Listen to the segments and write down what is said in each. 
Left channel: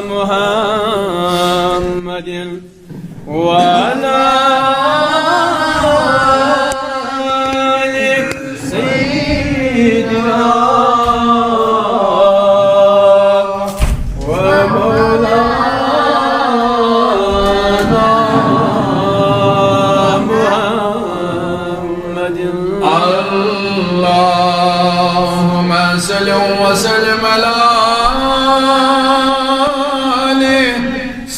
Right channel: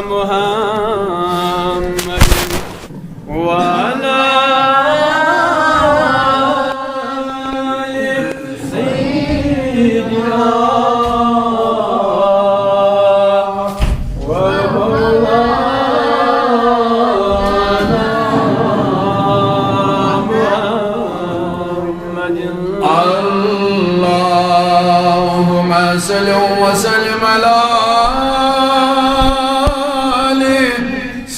محمد وعلى آل سيدنا ومولانا محمد. اللهم صل وسلم على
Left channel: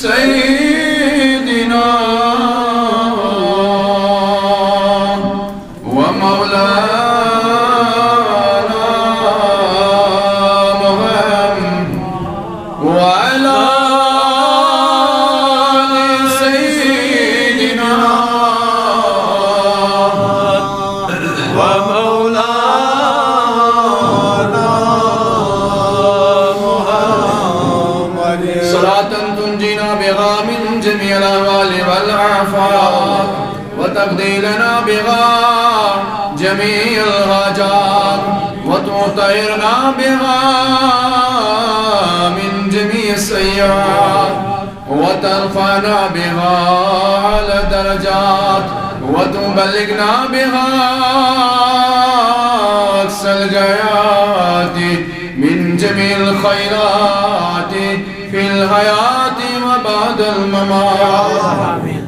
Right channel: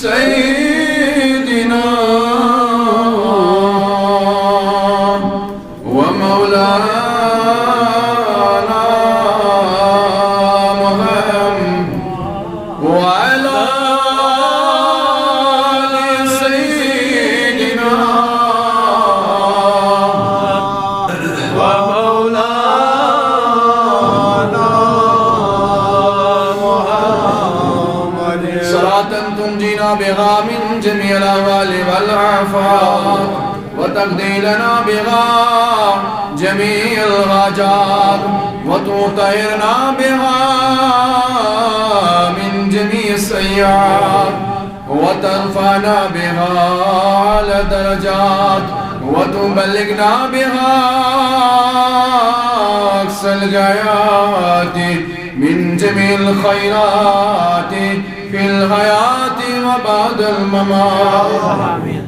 سيدنا ومولانا محمد وعلى آل سيدنا ومولانا محمد. صلاة تنجينا بها من جميع الأهوال والآفات وتقضي لنا بها جميع الحاجات وتطهرنا بها من جميع السيئات وترفعنا بها على درجات وتبلغنا بها أقصى الغايات من جميع الخيرات في الحياة وبعد الممات. آمين.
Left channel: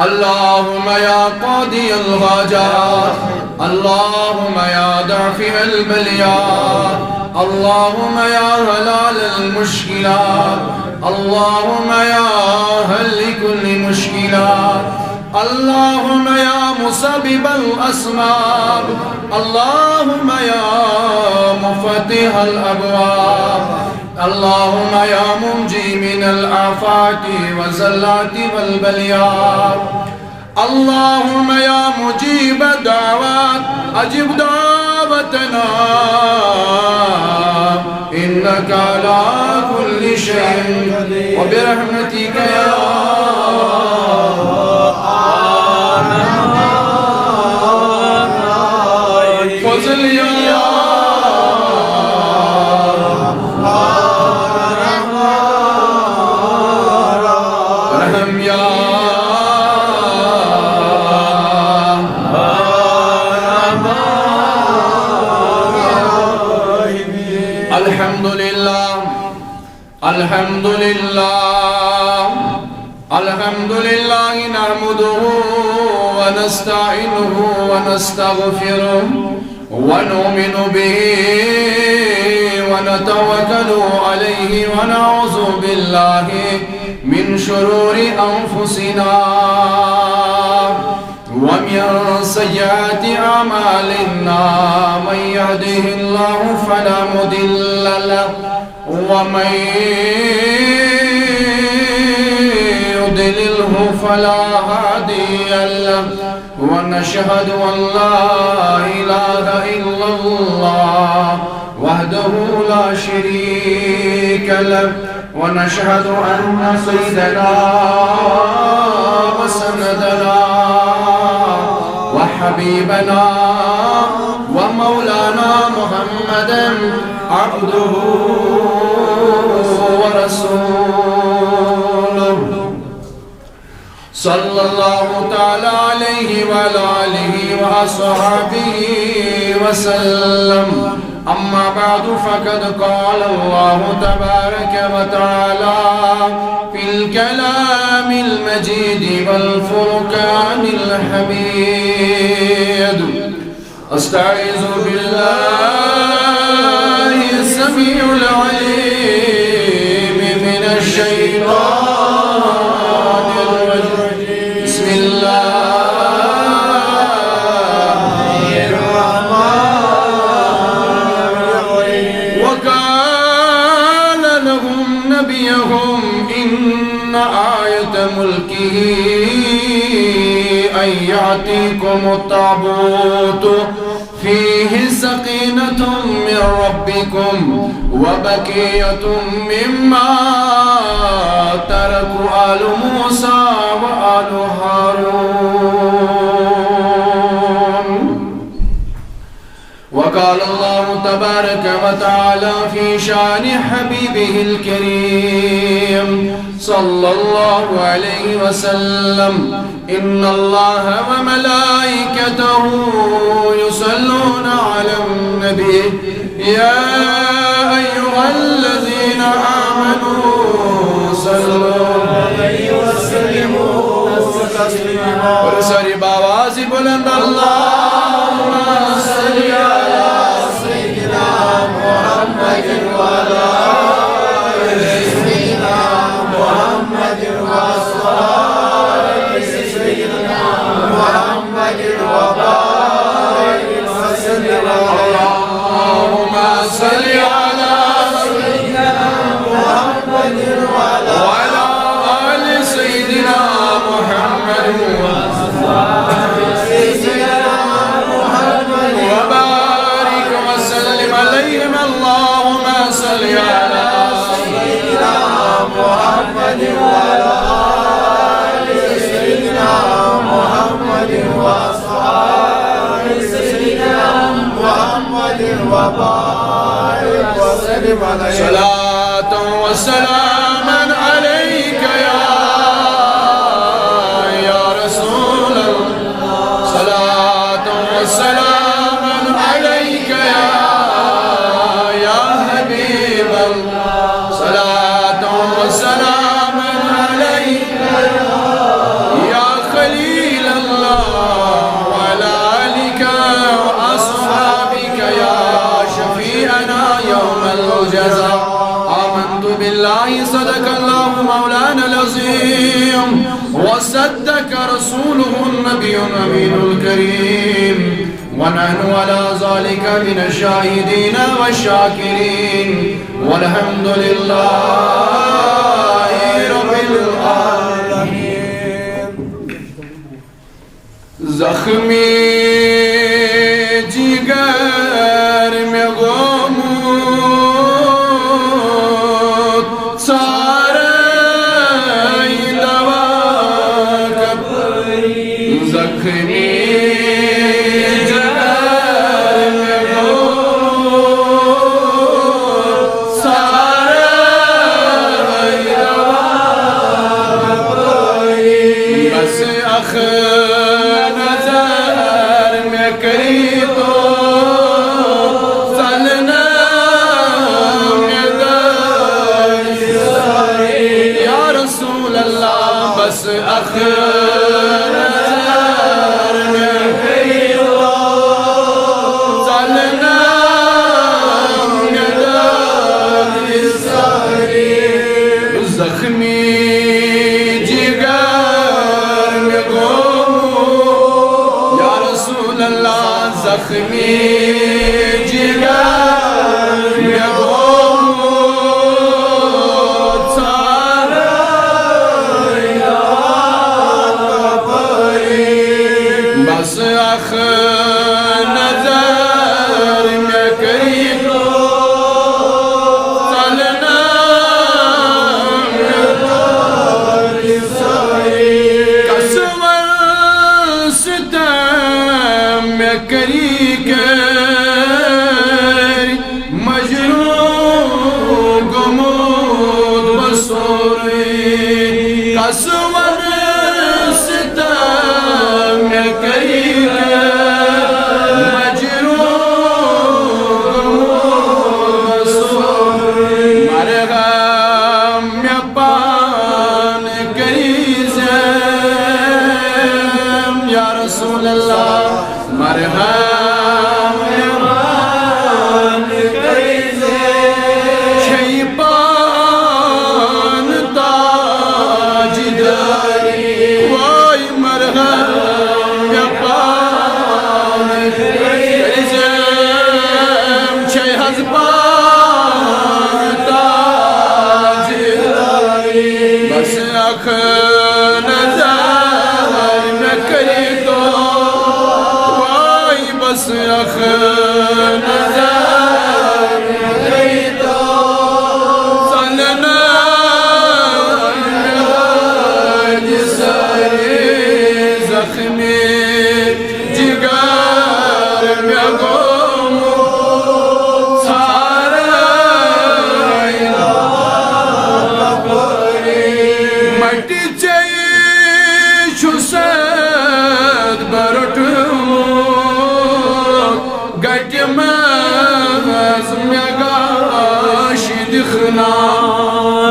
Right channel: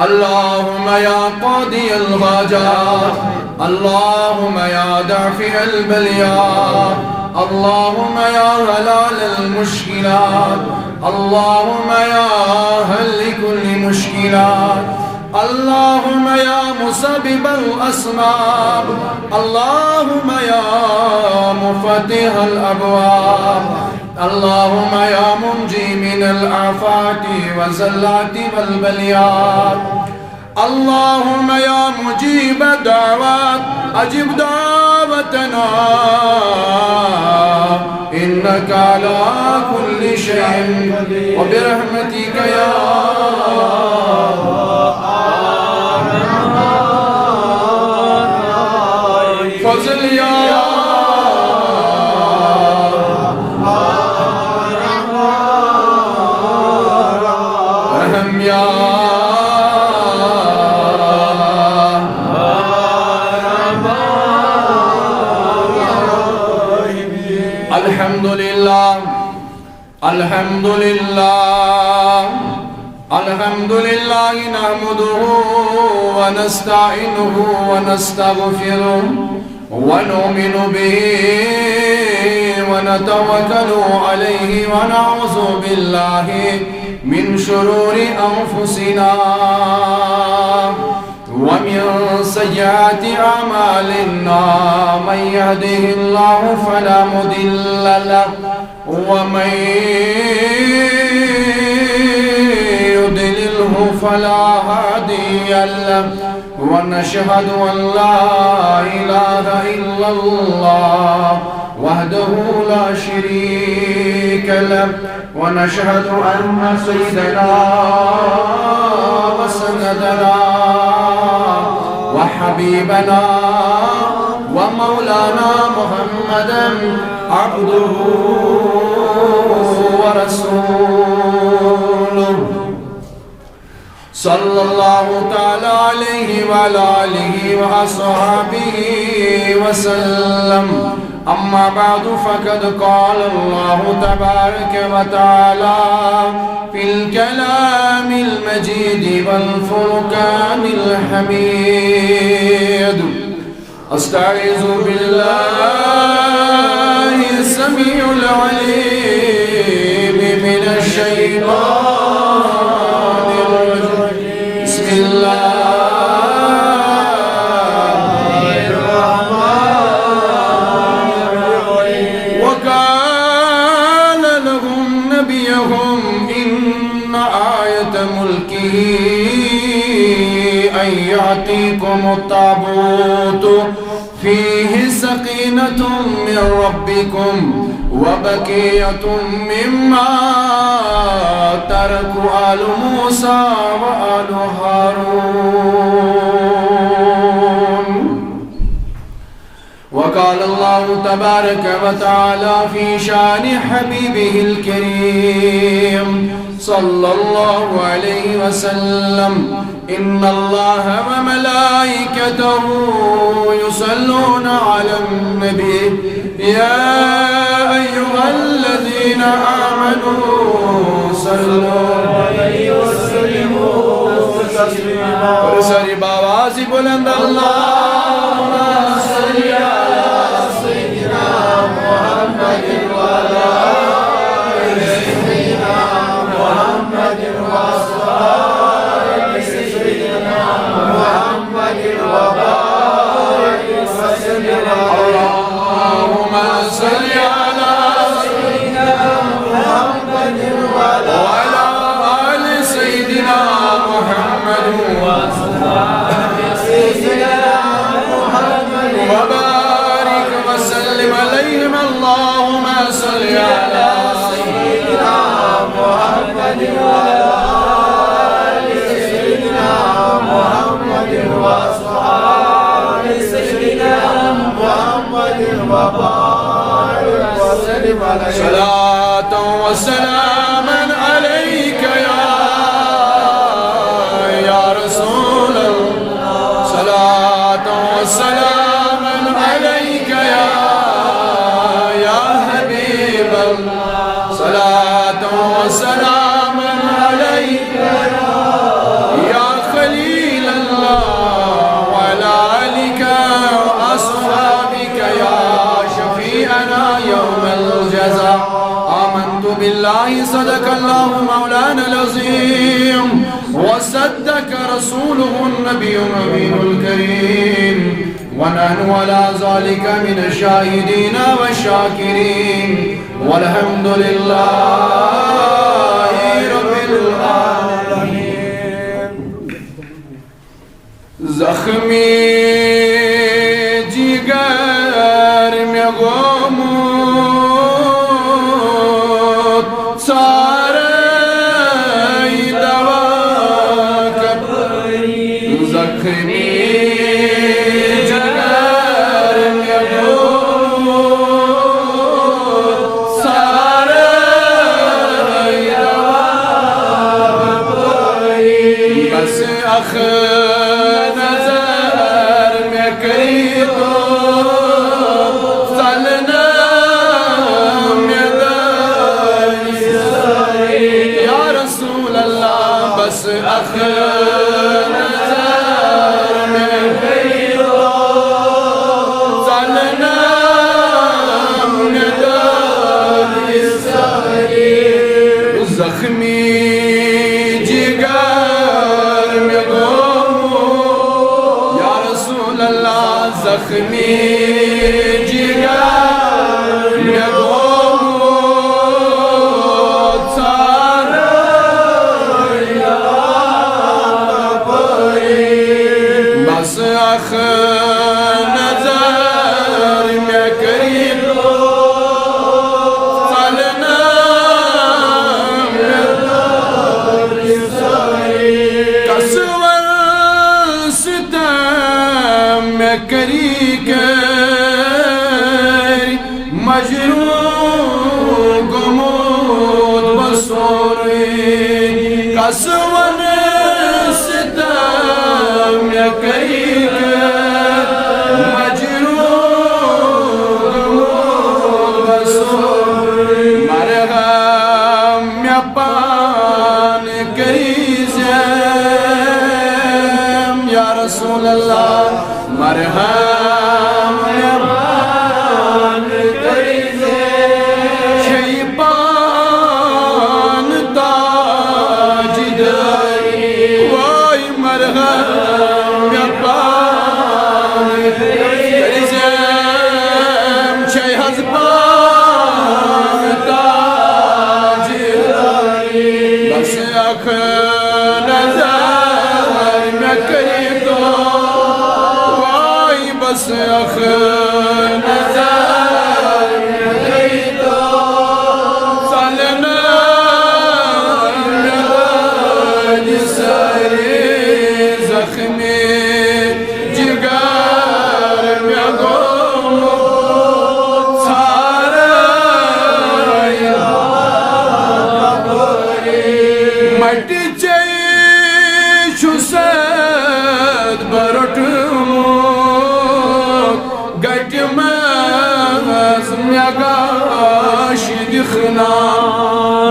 اللهم يا قاضي الحاجات، اللهم يا دافع البليات، اللهم يا حلال المشكلات، اللهم يا حل كل مشكلات، اللهم يا مسبب الأسباب، اللهم يا مفتح الأبواب، اللهم يا منجي من الآفات والزلات والبليات، اللهم يا مجيب الدعوات أجب دعوتنا إنك على كل شيء وبرحمتك يا فضل يا رحم يا الحمد لله الحمد لله الحمد لله نحمده ونستعينه ونستغفره ونؤمن به ونتوكل عليه ونعوذ بالله من شرور أنفسنا ومن سيئات أعمالنا من يهده الله فلا مضل له ومن يضلله فلا هادي له ونشهد أن لا إله إلا الله وحده لا شريك له ونشهد أن سيدنا وسندنا وحبيبنا ومولانا محمدا عبده ورسوله صلى الله تعالى عليه وعلى آله وأصحابه وسلم. أما بعد فقد قال الله تبارك وتعالى في الكلام المجيد والفرقان الحميد. أستعيذ بالله السميع العليم من الشيطان الرجيم. بسم الله إن آية ملكه أن يأتيكم التابوت فيه سكينة من ربكم وبقية مما ترك آل موسى وآل هارون وقال الله تبارك وتعالى في شان حبيبه الكريم صلى الله عليه وسلم إن الله وملائكته يصلون على النبي يا أيها الذين آمنوا صلوا عليه وسلموا تسليما اور ساری آواز بلند اللهم صل على سيدنا محمد وعلى آل سيدنا محمد وصحبه سيدنا محمد وبارك وسلم اللهم صل على سيدنا محمد وعلى آل سيدنا محمد سيدنا محمد وبارك وسلم عليهم اللهم صل على سيدنا محمد وعلى آل سيدنا محمد وصحبه سيدنا محمد وبارك وسلم عليه صلاة وسلاما عليك يا رسول الله صلاة وسلاما عليك يا حبيب الله صلاة وسلاما عليك يا خليل الله وعلى آلك وأصحابك يا شفيعنا يوم الجزاء آمنت بالله صدق الله مولانا العظيم وصدق رسوله النبي الأمين الكريم ونحن على ذلك من الشاهدين والشاكرين والحمد لله رب العالمين زخمی جگر میں غمود سارے دوا کبری زخمی نظر میں کری تو سلنا میں در یا رسول اللہ بس نظر میں کری تو سلنا میں در زخمی زخمی جگر میں غمود سارا پری بس نظر میں کری تو سلنا کسور ستم میں کری مجروح گمود بسوری کسور ستم میں کری مجروح گمود بسوری مرغم میں پان کری زیم یا رسول اللہ مرحم میں پان کری شیطان تاج داری وای مرحم میں پان کری شی حزبان تاج داری بس نظر میں کری تو بس نظر کری تو سلنا سارے زخمی جگر میں غمود مٹی چاہیے چھسد برٹموت گٹ مز مے گاش دکھنا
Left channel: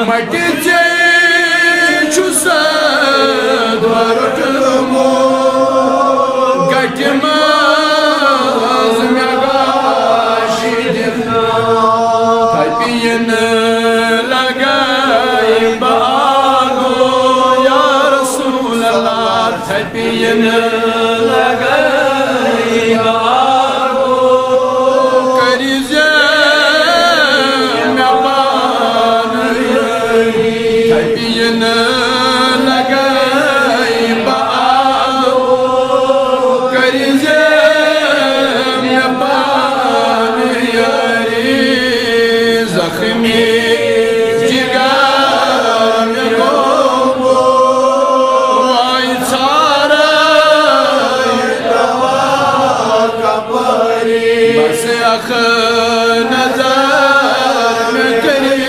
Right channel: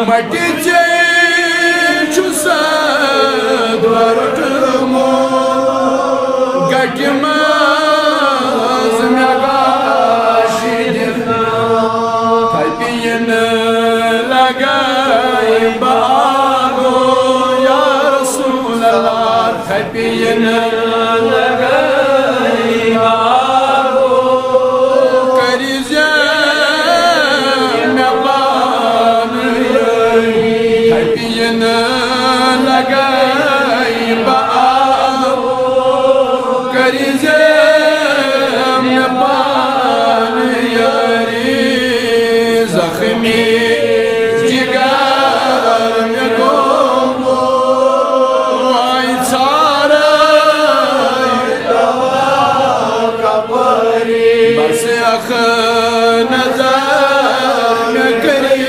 مٹی چاہیے چھسد برٹموت گٹ مز مے گاش دکھنا تھپین لگائی باغو یا رسول اللہ تھپین لگائی باغو کری میں پان تھپین لگائی باغو کری میں پان یاری زخمی اخ نظر میں کری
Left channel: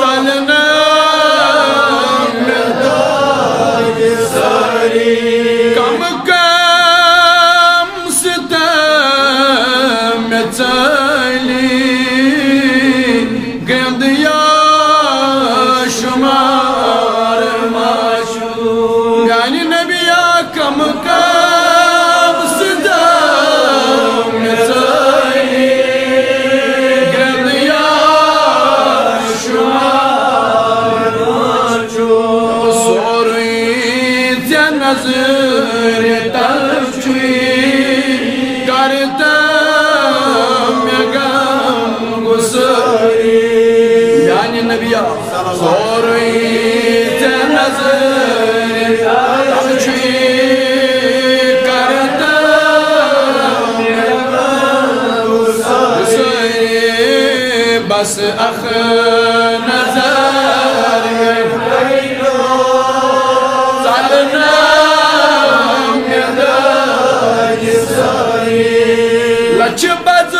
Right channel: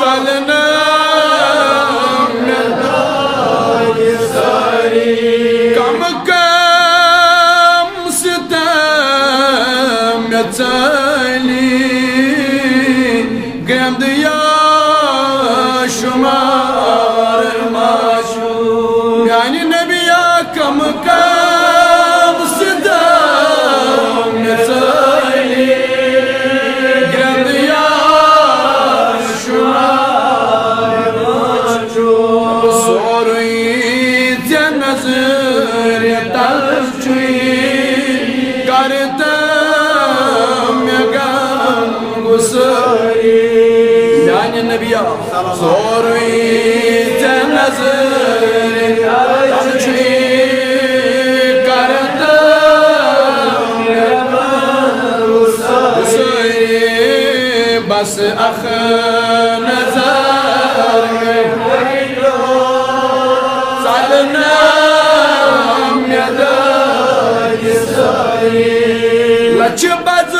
سالنا میں داج ساری کم کم ستم میں چلی گند یا شمار ماشو یعنی نبیا کم کم ستم میں چلی گند یا شمار ماشو سوری تے نظر طرف چوئی کرتا میں غم گساری یعنی نبیا سوری تے نظر طرف چوئی کرتا میں غم گساری بس اخ نظر میں سالنا میں داج ساری لچ بز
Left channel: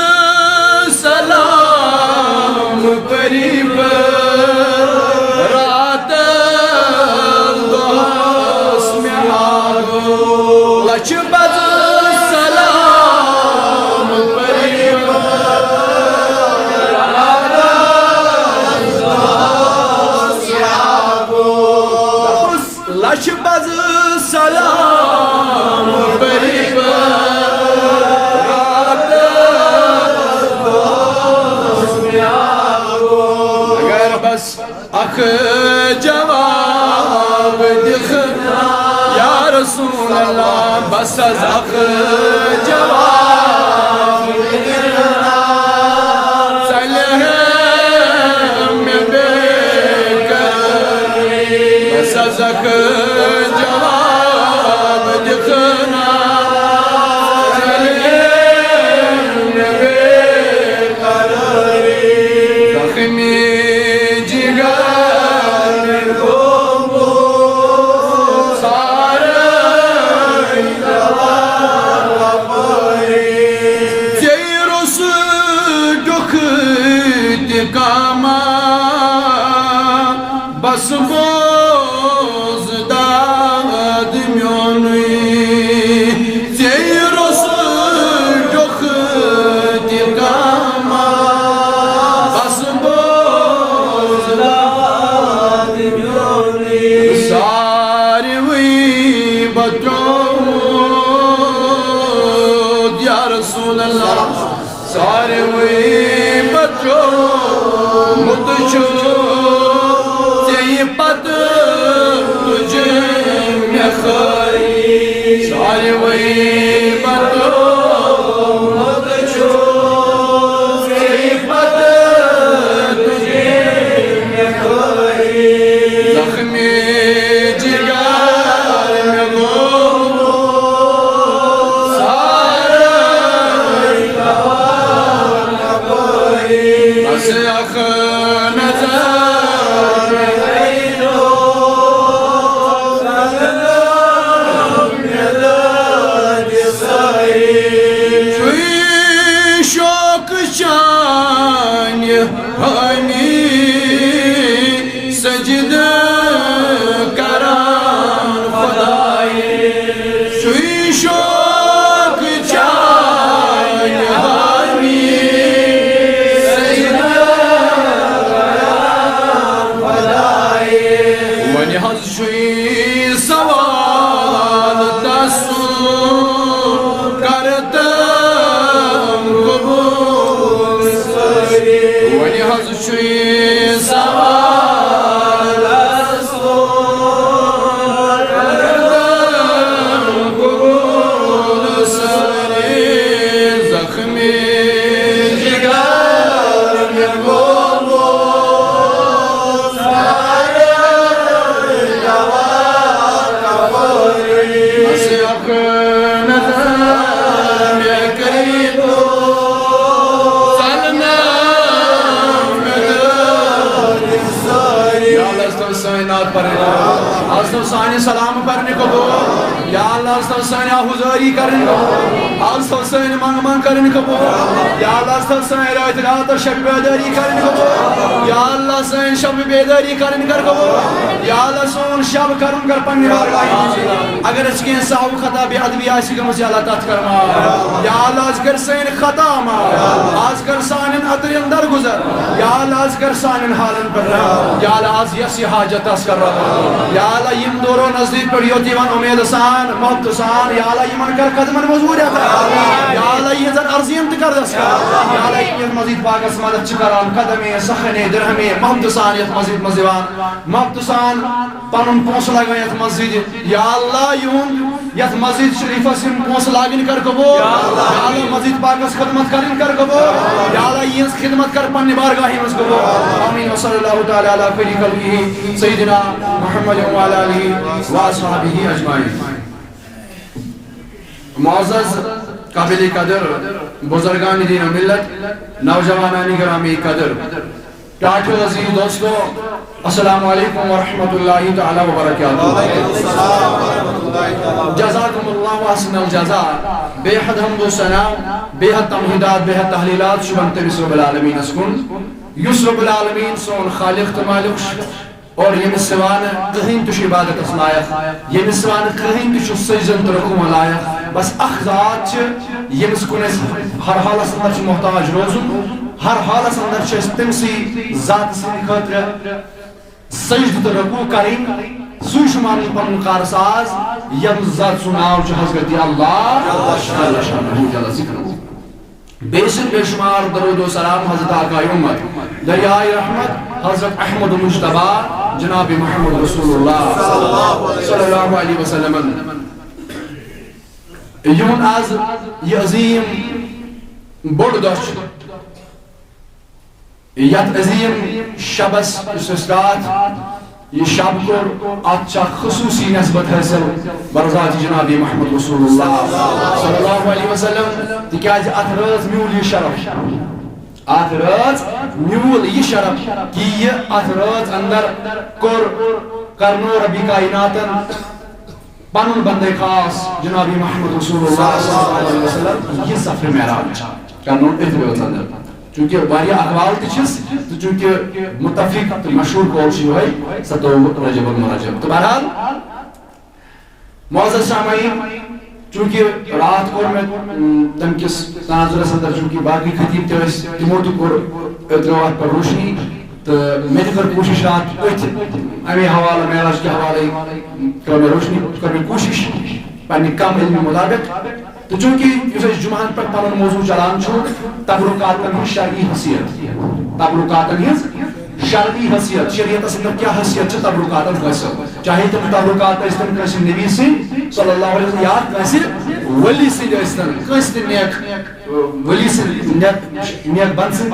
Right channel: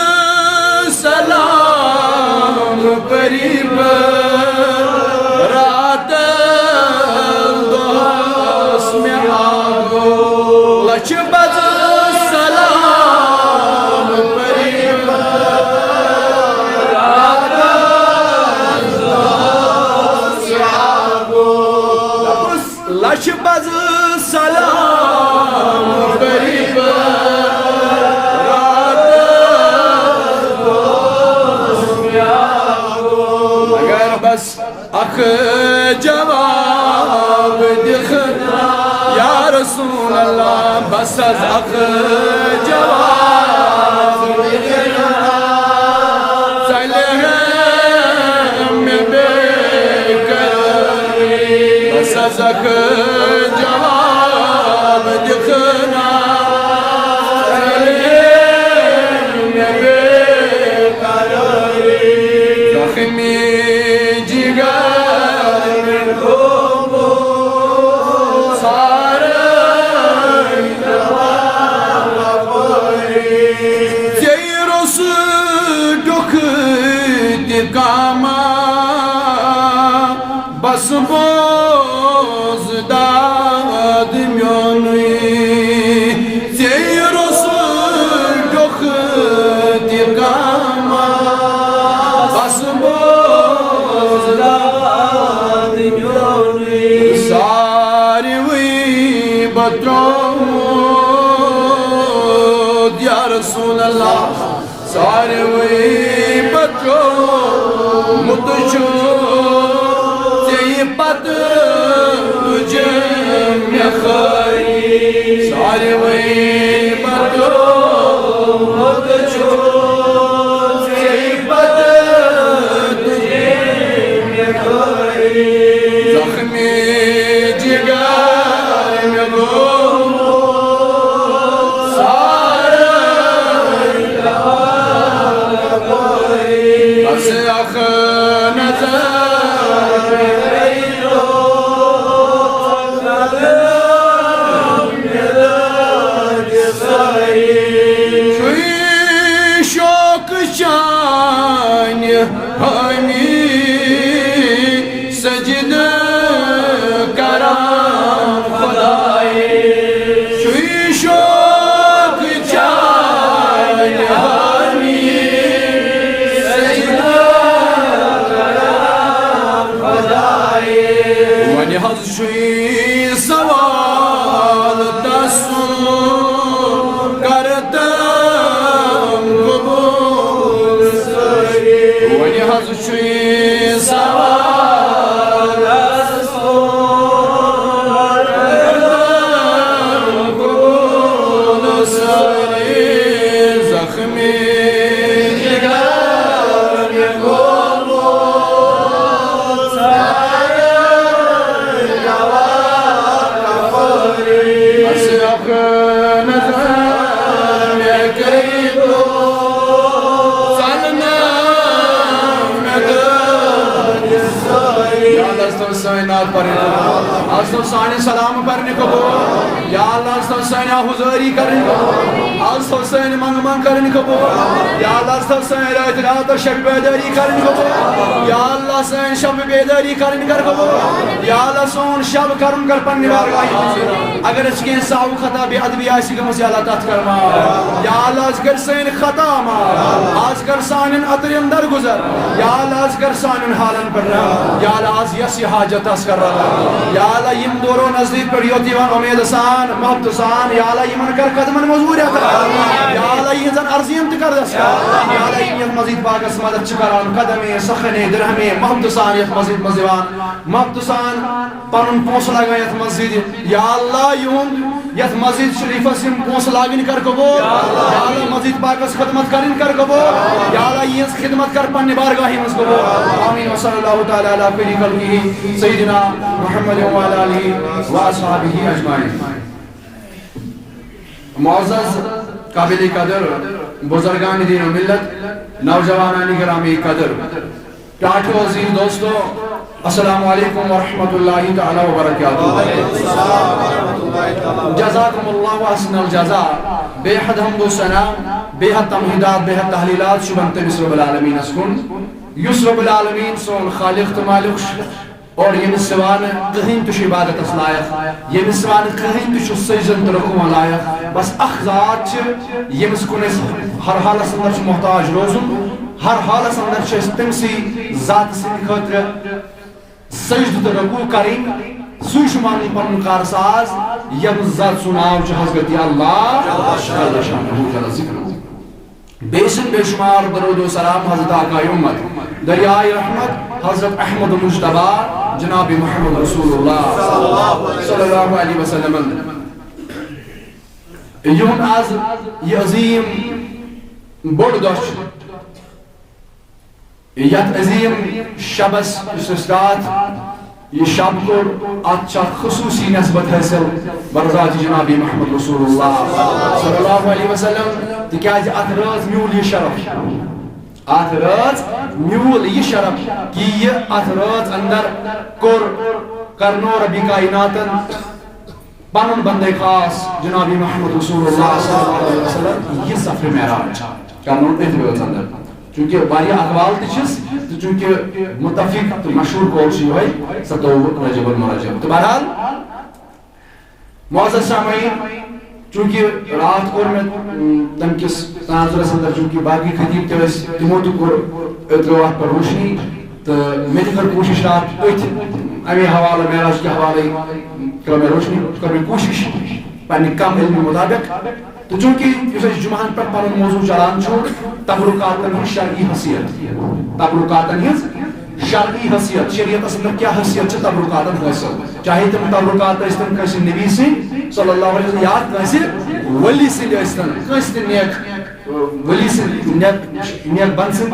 سلام قریب رات دوس میں آگو لچ بز سلام قریب رات دوس میں آگو لچ بز سلام قریب بس اخ جواب دکھنا یا رسول اللہ بس اخ جواب دکھنا صلح میں بے قراری بس اخ جواب دکھنا صلح میں بے قراری زخمی کاما بس بوز داد میونی سیروس جوخ دی کاما بس بوز داد میونی ساری وی بطرود یا رسول اللہ ساری وی بطرود متشو تی پت تجھے میں خاری ساری وی بطو متشو تی پت تجھے میں خاری زخمی جگر میں گومو ساری لہا بس اخ شان ہمیں سجد اللہ سائن نات پڑھیں اللہ سائن سلام پڑھنے قبول یا اللہ سائن حضوری کریں اللہ سائن منگ کریں قبول یا اللہ سائن رات رات اور شب بیداری کریں قبول یا اللہ سائن شب بیداری کریں کر قبول یا اللہ سون شب کرن کر پنی بارگاہی اگر اس کے انساو خطا بے ادبی آسی کا مجھے اللہ تات کرما یا اللہ از کر سین خطا ما آز کر سانن اترین در گزر یا اللہ از کر سانن حالن پر رہا یا اللہ از یسی حاجت اس کر رہا یا اللہ یم دورو نزدیک پر یوتیوان امید سان محبت سان یا اللہ یمن کر قدمن مزوریت یا اللہ یہ زن ارزیم تکر دس کر یا اللہ یم مزید باقس مدد چکران قدمی سخنی درہمی محبت سان یت مزید مزیوان محبت سان پانن پونس لگا یت مسجد یا اللہ یون یت مسجد شریف سم پونس لاگن کر قبول یا اللہ مسجد پاکس خدمت کرن کر قبول یا اللہ یہ خدمت کر پنی بارگاہ مز قبول آمین وصلی اللہ تعالی علی خیر خلقہ سیدنا محمد و علی آلہ و اصحابہ اجمعین. معزز قابل قدر بزرگان دین و ملت نوجوانان گرامی قدر پیارے عزیز دوستو السلام علیکم ورحمۃ اللہ تعالی وبرکاتہ. جزاکم اللہ احسن الجزاء. بے حد حمد و ثنا بے حد تمہیدات بے حد تحلیلات شبن تمس رب العالمین اسکن یس رب العالمین سون خالق تو مالک اور یمس سوان کہیں تش عبادت اس لائق یمس سوان کہیں تش سجدن تو رکوع لائق بس اخ ذات یمس کن ہر حالس اندر محتاج روزن ہر حالس اندر تمسی ذات سن خاطر سجد تو رکوع کریں سوی شمان پن کارساز یم ذات سناو چھ حضرت اللہ اللہ شانہ جل ذکر بیشن بے شمار درود و سلام حضرت آقا امت دریائے رحمت حضرت احمد مجتبی جناب محمد رسول اللہ صلی اللہ علیہ وسلم. یون آز یہ عظیم بڑ دش یت عظیم شبس استاد یہ شب کور اچھا خصوصی نسبت حاصل برزات جناب محمد رسول اللہ صلی اللہ علیہ وسلم تکیاز ات رات میول یہ شرف ات رات میول یہ شرف کہ یہ ات رات اندر کور کرنو ربی کائناتن پنن بندے خاص جناب محمد رسول اللہ صلی اللہ علیہ وسلم یہ سفر معراج کرنو اتر اندر چونکہ واریاہ اقوال تچس تو چونکہ متفق مشہور قول شو ہے 27 رجب المرجب. تو بہرحال معزز سامعین چونکہ رات کو میں تم کس تناظر اندر چونکہ باقی خطیب تھے تمو تہ کور اتروات پر روشنی تو میں تہ کر کوشش رات امی حوالہ معراج کے حوالے کر میں روشنی کر میں کوشش پنہ کم علم مطابق تو چونکہ اس جمعان پر پنن موضوع چلان چھو تبرکاتن ہی شرعی حیثیت تبرکاتن ہی شرعی حیثیت شریعت اندر کیا حیثیت چھ تبرکاتن حاصل چاہے تم تبرکات استن کسی نبی سے صلی اللہ علیہ وسلم یا کسی ولی سے استن کسی نیک ولی سے نیک بن سے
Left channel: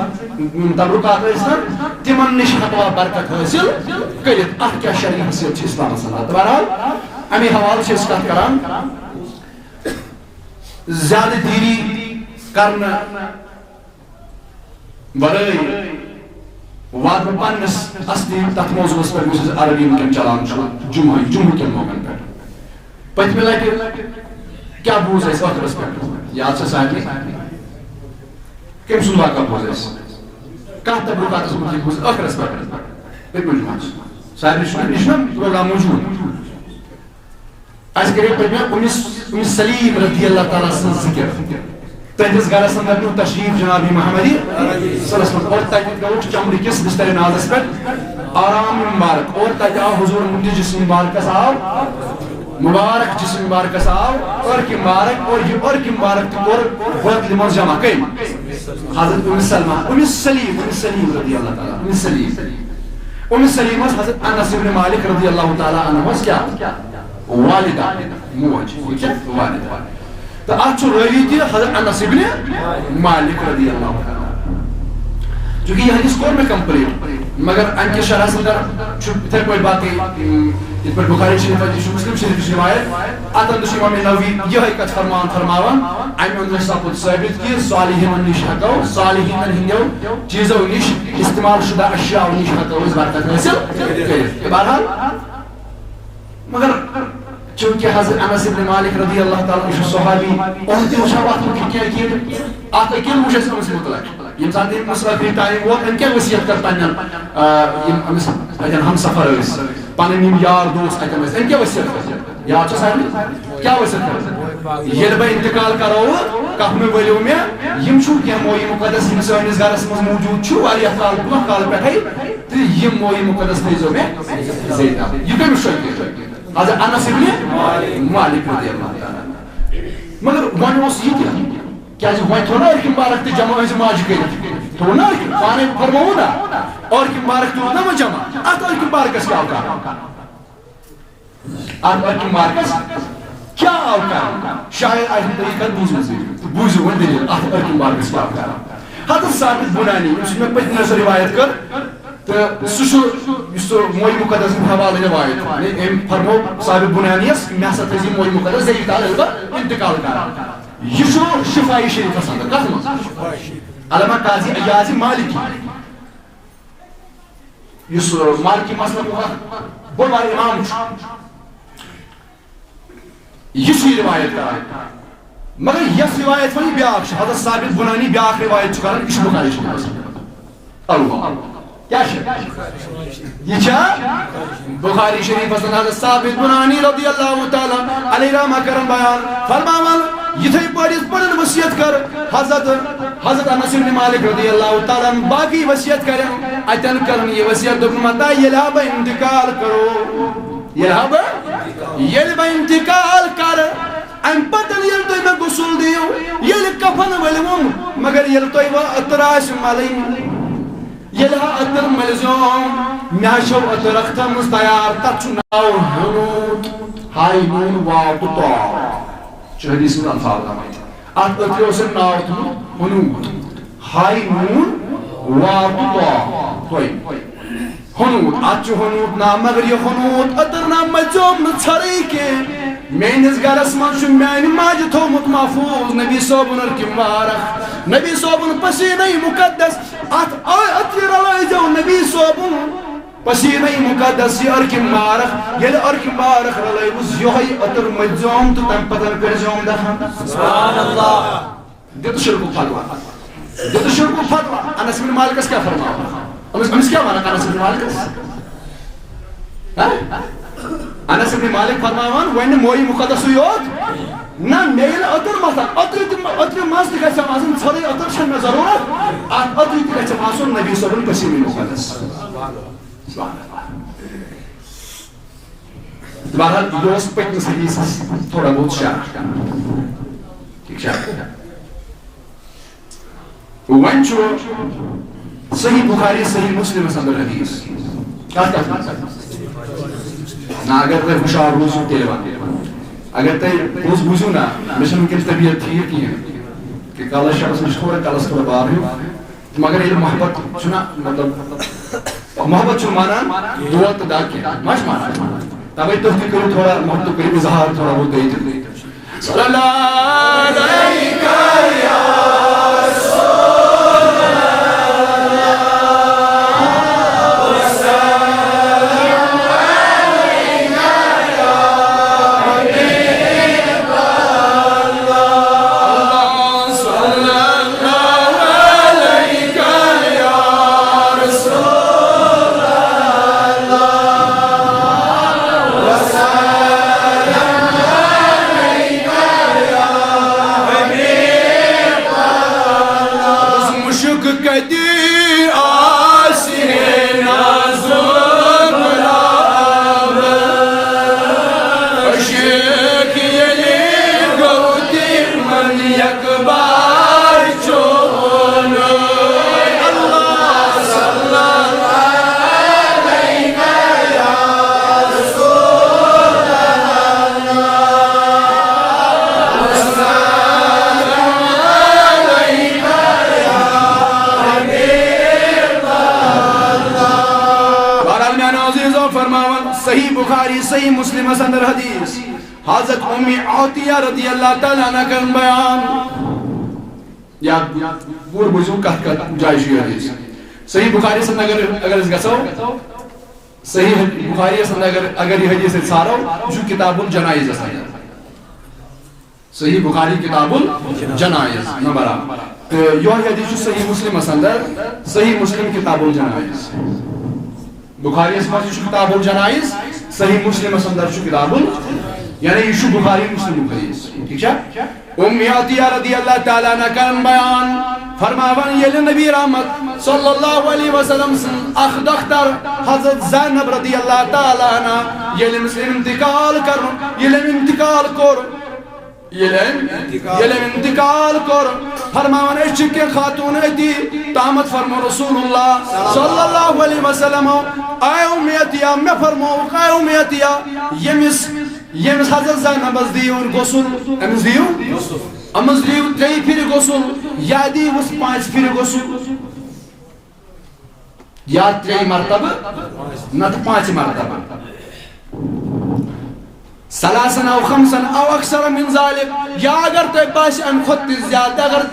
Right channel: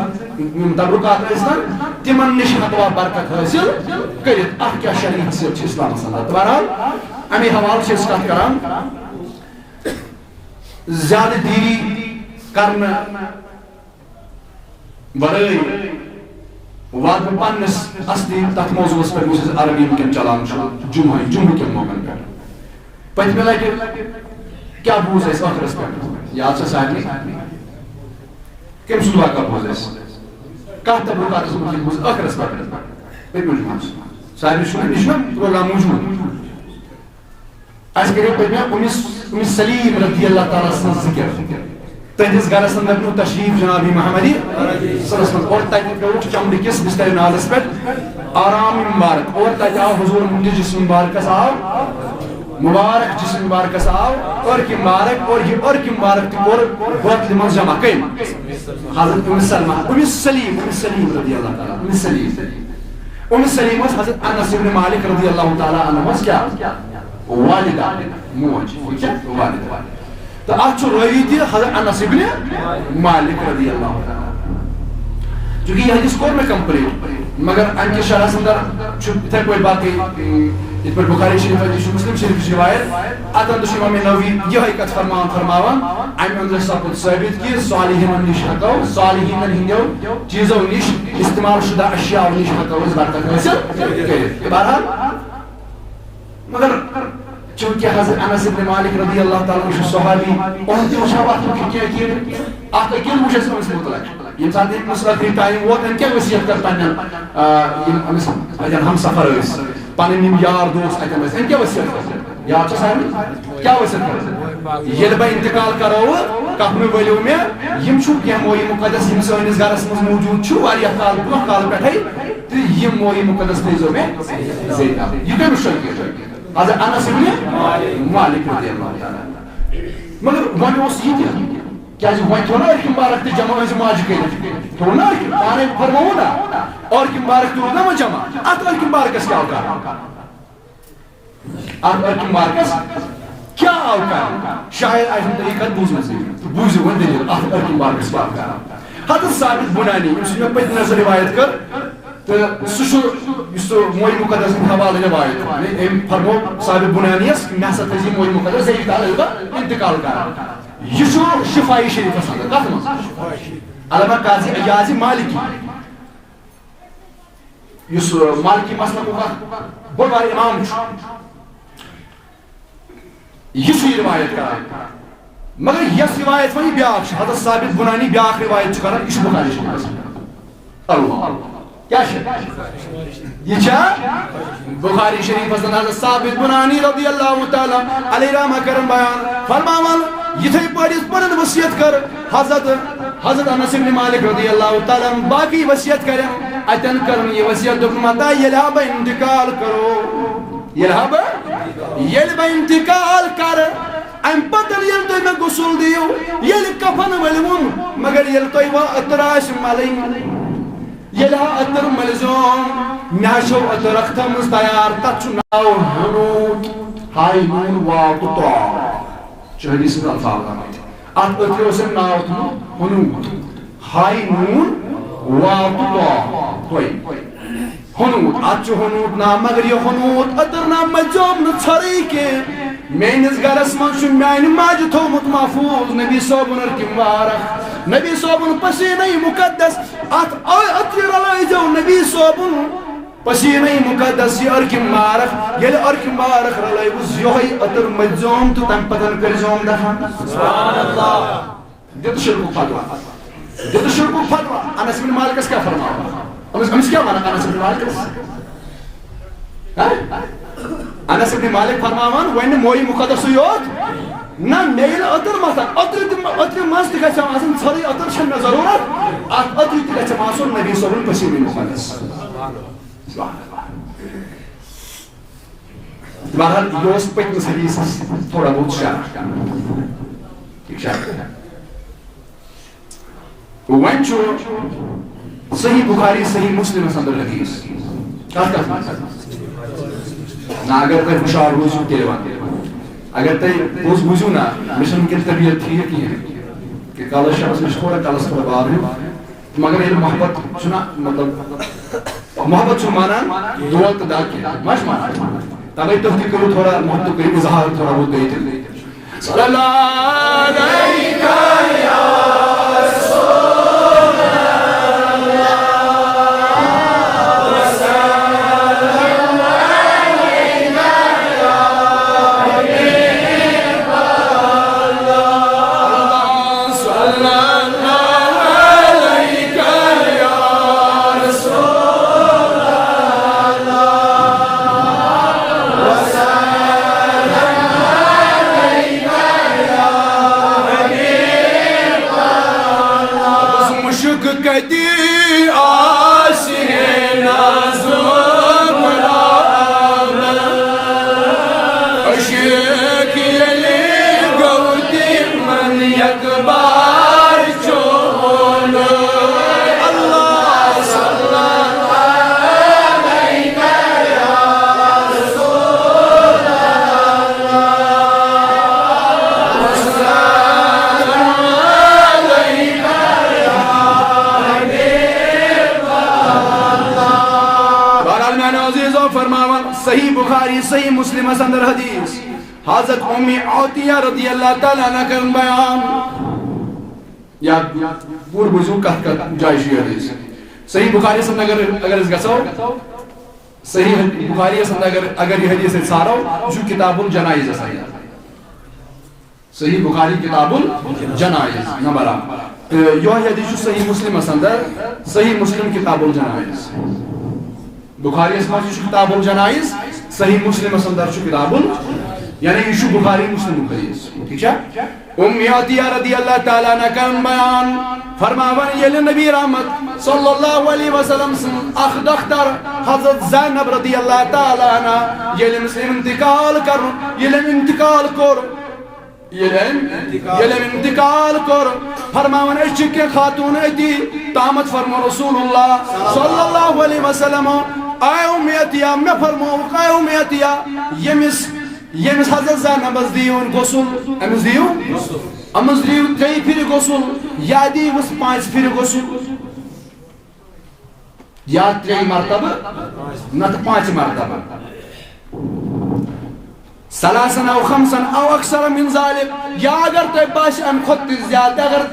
تبرکات استن تمن نش حقوا برکت حاصل کرت ات کیا شرعی حیثیت چھ اسلام اندر. بہرحال امی حوالہ چھ اسٹارٹ کران زیادہ دیری کرنا ورائے واد میں پانس اصلی تک موضوع اس پر یوسیز عربی مکن چلان شو جمعی کے مومن پر پہت میں لائے کیا بوز ہے اس آخر اس پر یاد سے صاحبی کم سنوا کا بوز ہے اس کہت تبرکات اس مجھے بوز آخر اس پر پہت میں جمعی صاحبی نشنا پروگرام موجود اس کرے پہت میں ام سلیم رضی اللہ تعالیٰ سن ذکر تہندس گھرس اندر نو تشریف جناب محمدی صلی اللہ علیہ وسلم اور تتہ گو چمڑی کس بستر نازس پہ آرام مبارک اور تتہ آو حضور جسم مبارک آو مبارک جسم مبارک آو ارک مبارک اور یہ ارک مبارک تک اور بوتل من جمع کئی حضرت ام سلمہ ام سلیم رضی اللہ تعالیٰ ام سلیم حضرت انس بن مالک رضی اللہ تعالیٰ عنہ کیا والدہ موج کیا والدہ تو اچھ راوی تھی حضرت انس بن مالک رضی اللہ تعالیٰ چونکہ یہ حدیث کور میں کمپلیٹ مگر ام کے شرح اندر اتھے پہ باقی یہ پہ بخاری شریف مسلم شریف روایت ات اندر امام نووی یہ کت فرماوان ام اندر سپد ثابت کہ صالحین نش ہکو صالحین ہندیو چیزوں نش استعمال شدہ اشیاء نش ہکو اس برکت حاصل کرت بہرحال مگر چونکہ حضرت انس بن مالک رضی اللہ تعالیٰ عنہ صحابی اہم تہ وچھا وقت کہ ات اکیل وچھ اس متعلق یم سات مسافر ٹائم ووت ام کیا وصیت کر پنن یم ہم سفر اس پنن یم یار دوست اتم ام کیا وصیت کر یار چھ سارے کیا وصیت کر یل بہ انتقال کرو کپ میں ولو میں یم چھو کہ موئی مقدس یم سانس گھرس مز موجود چھو واریاہ کال برونٛہہ کال پٮ۪ٹھے تہٕ یم موئی مقدس تھٲیزیو مےٚ زیٖٹھا یہ کٔمِس شٲگِرد حضرت انس بن مالک رضی اللہ تعالیٰ مگر ون اس یہ کیا ون تھو نا ارک مبارک تو جمع از ماج کرت تھو نا ارک پانے فرمو نا ارک مبارک تو نا جمع ات ارک مبارکس کیا کر ات ارک مبارکس کیا کر شاید آئی طریقہ بوزو ون دلیل ات ارک مبارکس کیا کر حضرت ثابت بنانی اس میں پتہ نظر روایت کر تو سہ موئی مقدس حوالہ روایت ام فرمو ثابت بنانیس مے ہسا تھزی موئی مقدس زی تعالی البت انتقال کران یہ شفائی شریف اندر کت من علامہ قاضی ایاز مالکی اس مالکی مسلک بڑ بار امام یہ روایت کران مگر یس روایت ونی بیاکھ حضرت ثابت بنانی بیاکھ روایت کران یہ بخاری شریف اللہ کیا یہ چھا بخاری شریف حضرت ثابت بنانی رضی اللہ تعالیٰ علیہ رحمہ کرن بیان فرماوان یتھے پڑھس پڑھن وصیت کر حضرت انس بن مالک رضی اللہ تعالیٰ باقی وصیت کرن اتن کرن یہ وصیت دبن متا یلہ با انتقال کرو یلہ با انتقال کر ام پتن یل تو میں غسل دیو یل کفن ولوم مگر یل تو اتراش ملین یلہ اتر ملزوم میاشو اتر اختم تیار تت ناو ہنوت ہائی نون واو تو تو حدیث میں الفاظ ات اتر سے ناو تم ہنوت ہائی نون واو تو تو کوئی ہنوت ات ہنوت نام مگر یہ ہنوت اتر نام ملزوم نہ چھری کے میانس گرس من چھ میانہ ماجہ تھومت محفوظ نبی صوبن ارک مبارک نبی صوبن پسینہ مقدس ات اتر رلائزو نبی صوبن پسینہ مقدس یہ ارک مبارک یل ارک مبارک رلائوز یہ اتر مجزوم تو تم پتن کرزوم دفن سبحان اللہ دیت شرک فتوہ انس بن مالکس کیا فرمایا امس کیا مانا انس بن مالکس انس بن مالک فرماوان وین موئی مقدس یوت نا میل اتر مثلا اتر ماس تہ گژھِ آسن ژھرٕے اتر چھنہٕ مےٚ ضروٗرت اتر تہ گژھِ آسُن نبی صٲبُن پسیٖنہٕ مقدس بہرحال یہ اوس پٔتمِس حدیٖثس تھوڑا بہت شرح ٹھیک چھا وۄنۍ چھُ صحیح بخاری صحیح مسلمس اندر حدیث کتھ نا اگر تُہۍ ہُشار روٗزِو تیٚلہِ وَنہٕ اگر تُہۍ پوٚز بوٗزِو نا مےٚ چھنہٕ وٕنکٮ۪س طبیعت ٹھیٖک کِہیٖنۍ کہ کلس شخص مےٚ چھُ تھوڑا کلس تھوڑا بار ہیوٗ مگر ییٚلہِ محبت چھُنا مطلب محبت چھُنہٕ مانان دود تہٕ دگ کینٛہہ ما چھُ مانان تَوَے تُہۍ تہِ کٔرِو تھوڑا محبت کٔرِو اظہار تھوڑا بہت بیٚیہِ تہِ صلی اللہ علیہ سالمیان عزیز و فرماون صحیح بخاری صحیح مسلم اندر حدیث حضرت ام عطیہ رضی اللہ تعالیٰ عنہ کرن بیان یا پور بوزو کت جائے شی حدیث صحیح بخاری سند اگر اس گسو صحیح بخاری سند اگر یہ حدیث سارو جو کتاب الجنائز اس صحیح بخاری کتاب الجنائز نمبر یہ حدیث صحیح مسلم اندر صحیح مسلم کتاب الجنائز بخاری اس میں کتاب الجنائز صحیح مسلم اندر کتاب یعنی یہ بخاری مسلم حدیث ٹھیک ہے ام عطیہ رضی اللہ تعالیٰ عنہ کرن بیان فرماون یلی نبی رحمت صلی اللہ علیہ وسلم اخ دختر حضرت زینب رضی اللہ تعالیٰ عنہ یلی مسلم انتقال کرن یلی انتقال کر یلی انتقال کر فرماون اشک خاتون ایتی تامت فرمو رسول اللہ صلی اللہ علیہ وسلم اے ام عطیہ میں فرمو اے ام عطیہ یمس حضرت زینب دیون غسل امس دیو امس دیو 3 پھر غسل یا دیوس 5 پھر غسل یا 3 مرتبہ نت 5 مرتبہ ثلاثا او خمسا او اکثر من ذلك یا اگر تو باش ام خود زیادہ اگر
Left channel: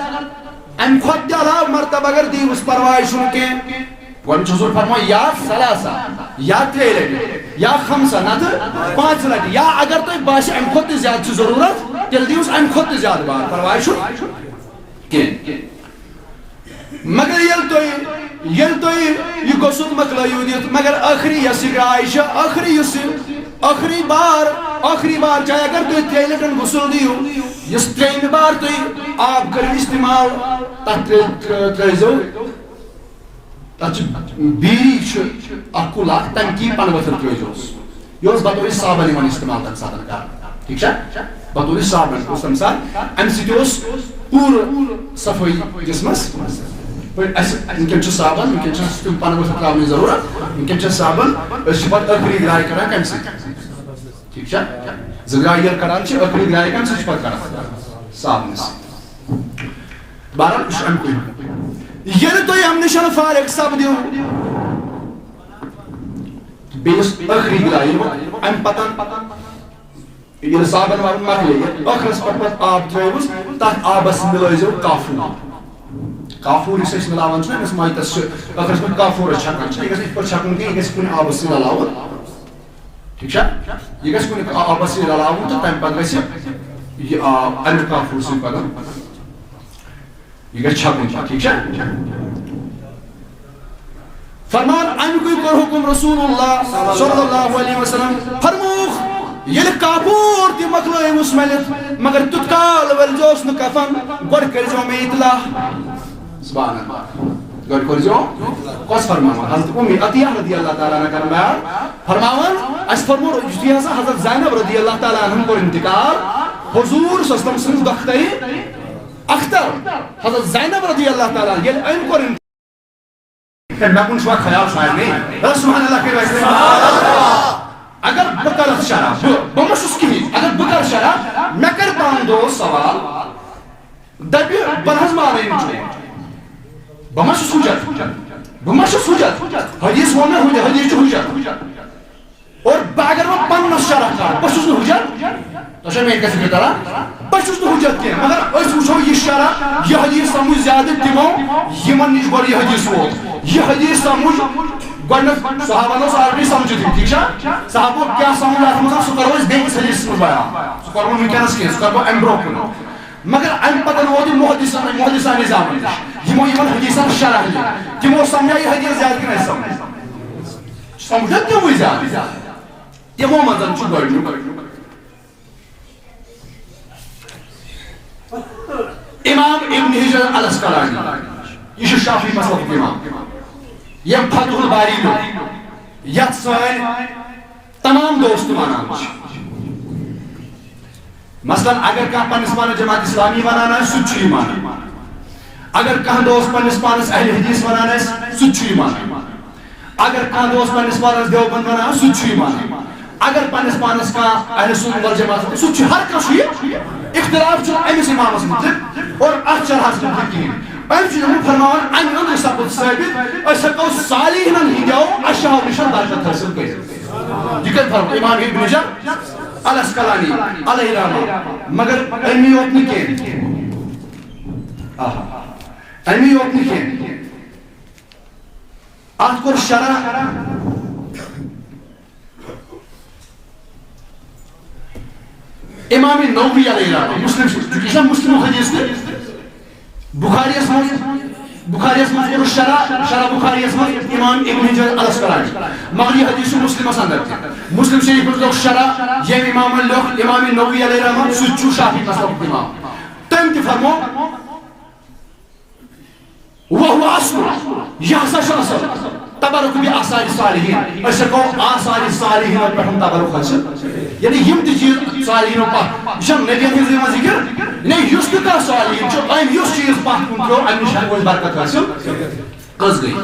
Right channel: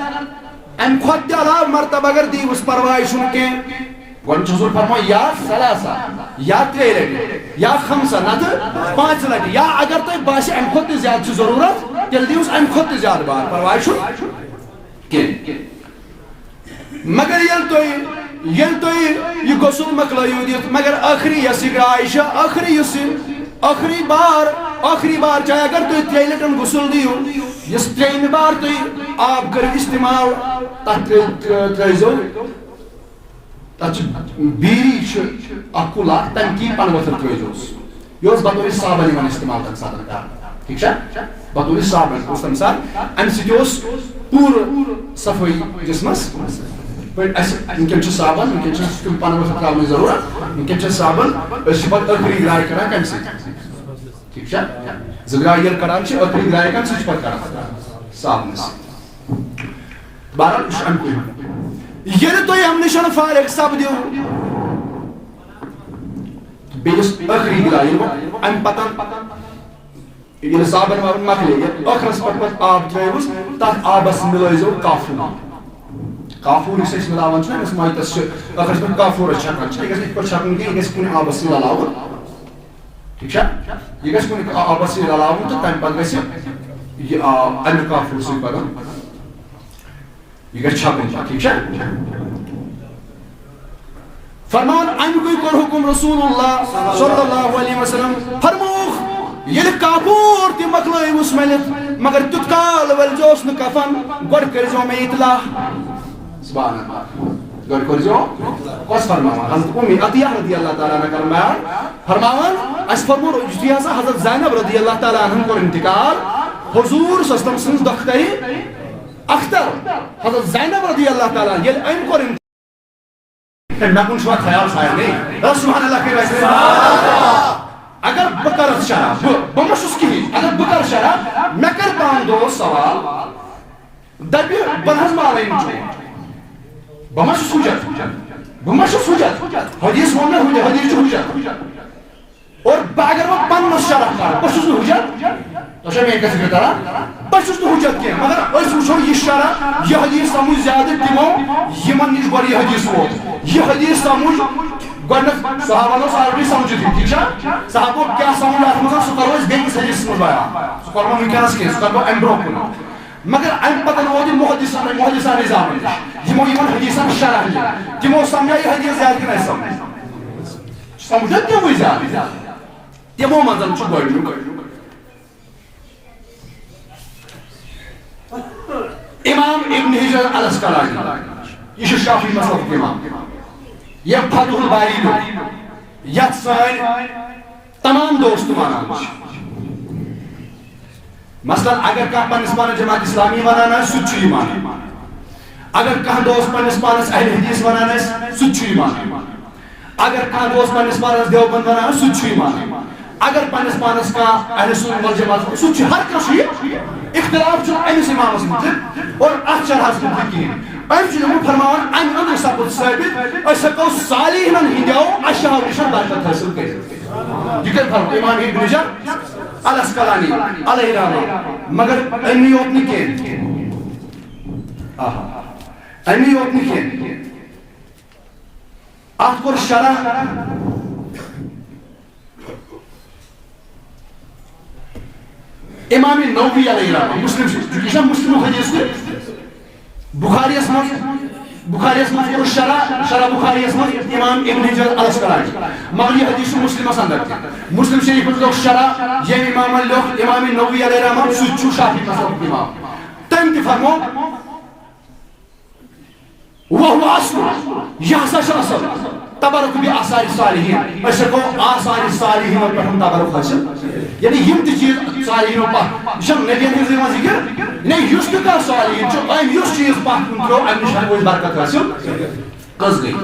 ام خود علاوہ مرتبہ اگر دیوس پرواہ چھن کے گوڑ حضور فرمائے یا ثلاثا یا 3 لٹی یا 5 نت 5 لٹی یا اگر تو باش ام خود زیادہ ضرورت تیل دیوس ام خود زیادہ بار پرواہ چھن کے مگر یل تو یہ غسل مکلائیو دیت مگر آخری یسک عائشہ آخری بار چاہے اگر تو 3 لٹن غسل دیو اس 3 بار تو آپ کر استعمال تک تریزو بیری اکل اخ تنکی پن وتر تریزوس یہ بطور صابن یوان استعمال تک ساتھ کر ٹھیک ہے بطور صابن اس مثال ام سیوس پور صفائی جسمس ونکن صابن ونکن تم پن وتر ترا ضرورت ونکن صابن پتہ ٲخری گراے کران کم سی ٹھیک ہے زگراے یل کران ٲخری گراے کم سی پتہ کران صابن بہرحال ام کوئی یل تو ہم نشان فارغ سپدیو بیس ٲخری گراے ام پتن یل صابن وابن مکلے ٲخرس پتہ آب ترٲیوس تتھ آبس ملٲیزو کافور اس ملاوان چھنا اس مایتس ٲخرس پتہ کافور چھکان چھ یہ گژھِ پتہ چھکن کہ یہ گژھِ کُنہِ آبس سۭتۍ رلاوُن ٹھیک چھا یہ گژھِ کُنہِ آبس سۭتۍ رلاوُن تہٕ تمہِ پتہٕ گژھِ یہ امیُک کافور سۭتۍ پتہٕ یہ گژھِ چھکُن ٹھیک چھا فرمان امیُکُے کوٚر حکم رسول اللہ صلی اللہ علیہ وسلم فرمووُکھ ییٚلہِ کافور تہِ مۄکلٲیوُس مٔلِتھ مگر تیُتھ کال ؤلزیوس نہٕ کفن گۄڈٕ کٔرزیو مےٚ اطلاع سبحان اللہ گۄڈٕ کٔرزیو کۄس فرماوان حضرت ام عطیہ رضی اللہ تعالیٰ عنہ کرن بیان فرماوان اَسہِ فرمو یُتھُے ہسا حضرت زینب رضی اللہ تعالیٰ عنہن کوٚر انتقال حضور سۄ ٲس تٔمۍ سٕنٛز دختری اختر حضرت زینب رضی اللہ تعالیٰ ییٚلہِ أمۍ کوٚر مےٚ کُن چھُوا خیال سارنٕے سبحان اللہ کٔرِو اَسہِ اگر بہٕ کَرٕ شرح بہٕ ما چھُس کِہیٖنۍ اگر بہٕ کَرٕ شرح مےٚ کَرِ پنُن دوست سوال دَپہِ بہٕ نہ حظ مانَے نہٕ چون بہٕ ما چھُس حجت حدیث ووٚن مےٚ حدیث چھُ حجت اور بہٕ اگر وۄنۍ پنٛنس شرح کَرٕ بہٕ چھُس نہٕ حجت تۄہہِ چھا میٛٲنۍ کَتھ فِکر تران بہٕ چھُس نہٕ حجت کینٛہہ مگر أسۍ وٕچھو یہِ شرح یہِ حدیث سمجھ زیادٕ تِمو یِمن نِش گۄڈٕ یہِ حدیث ووت یہِ حدیث سمجھ گۄڈنیٚتھ صحابن اوس آلریڈی سمجھِتھ ٹھیک چھا صحابو کیٛاہ سمجھ اتھ منٛز سُہ کرو أسۍ بیٚکِس حدیثس منٛز بیان سُہ کرو وٕنکیٚنس کینٛہہ سُہ کرو امہِ برونٛہہ کُن مگر امہِ پتہٕ ووت یہِ محدثان نظام نِش یِمو یِمن حدیثن شرح دِتھ تِمو سمجھا یہِ حدیث زیادٕ کِنہٕ اَسہِ سمجھ سمجھا تِموٕے زیادٕ تِمو منٛز چھُ گۄڈنیُک امام ابن حجر الاسقلانی یہ چھُ شافعی مسلکُک امام یم فتح الباری لیوٚکھ یتھ سٲنۍ تمام دوست مانان چھِ مثلاً اگر کانٛہہ پننِس پانس جماعت اسلامی ونان آسہِ سُہ تہِ چھُ یہِ مانان اگر کانٛہہ دوست پننِس پانس اہل حدیث ونان آسہِ سُہ تہِ چھُ یہِ مانان اگر کانٛہہ دوست پننِس پانس دیوبند ونان آسہِ سُہ تہِ چھُ یہِ مانان اگر پننِس پانس کانٛہہ اہل سنت والجماعت سُہ تہِ چھُ ہر کانٛہہ چھُ یہِ اختلاف چھُنہٕ أمِس امامس متعلق اور اتھ شرحس متعلق کِہیٖنۍ أمشي فرمان أن أندر سبب ثابت أشكو صالحين هنديو أشهر نشان بركة حاصل كده يكن فرمان إمام ابن جر الأسقلاني عليه رحمه مگر أمي يوتني كين أمي يوتني كين أذكر شرح إمام النووي عليه رحمه مسلم جو مسلم حدیث ده بخاری اسمه بخاری اسمه شرح بخاری اسمه امام ابن حجر الاسقلانی مگر یہ حدیث مسلم اندر مسلم شریف لوگ شرح یہ امام لوگ امام النووي علیہ رحمہ سچو شافعی مسلک امام تم تی فرمو وهو اصل یہ اصل تبرک بھی آثار صالحین اشکو آثار صالحین پر ہم تبرک حاصل یعنی یم تی چیز صالحین پر شم نبیین ہنزی ما ذکر نہیں یس تو کا صالحین چو ایم یس چیز پاک کنترو ایم نشان کوئی برکت حاصل قص گئی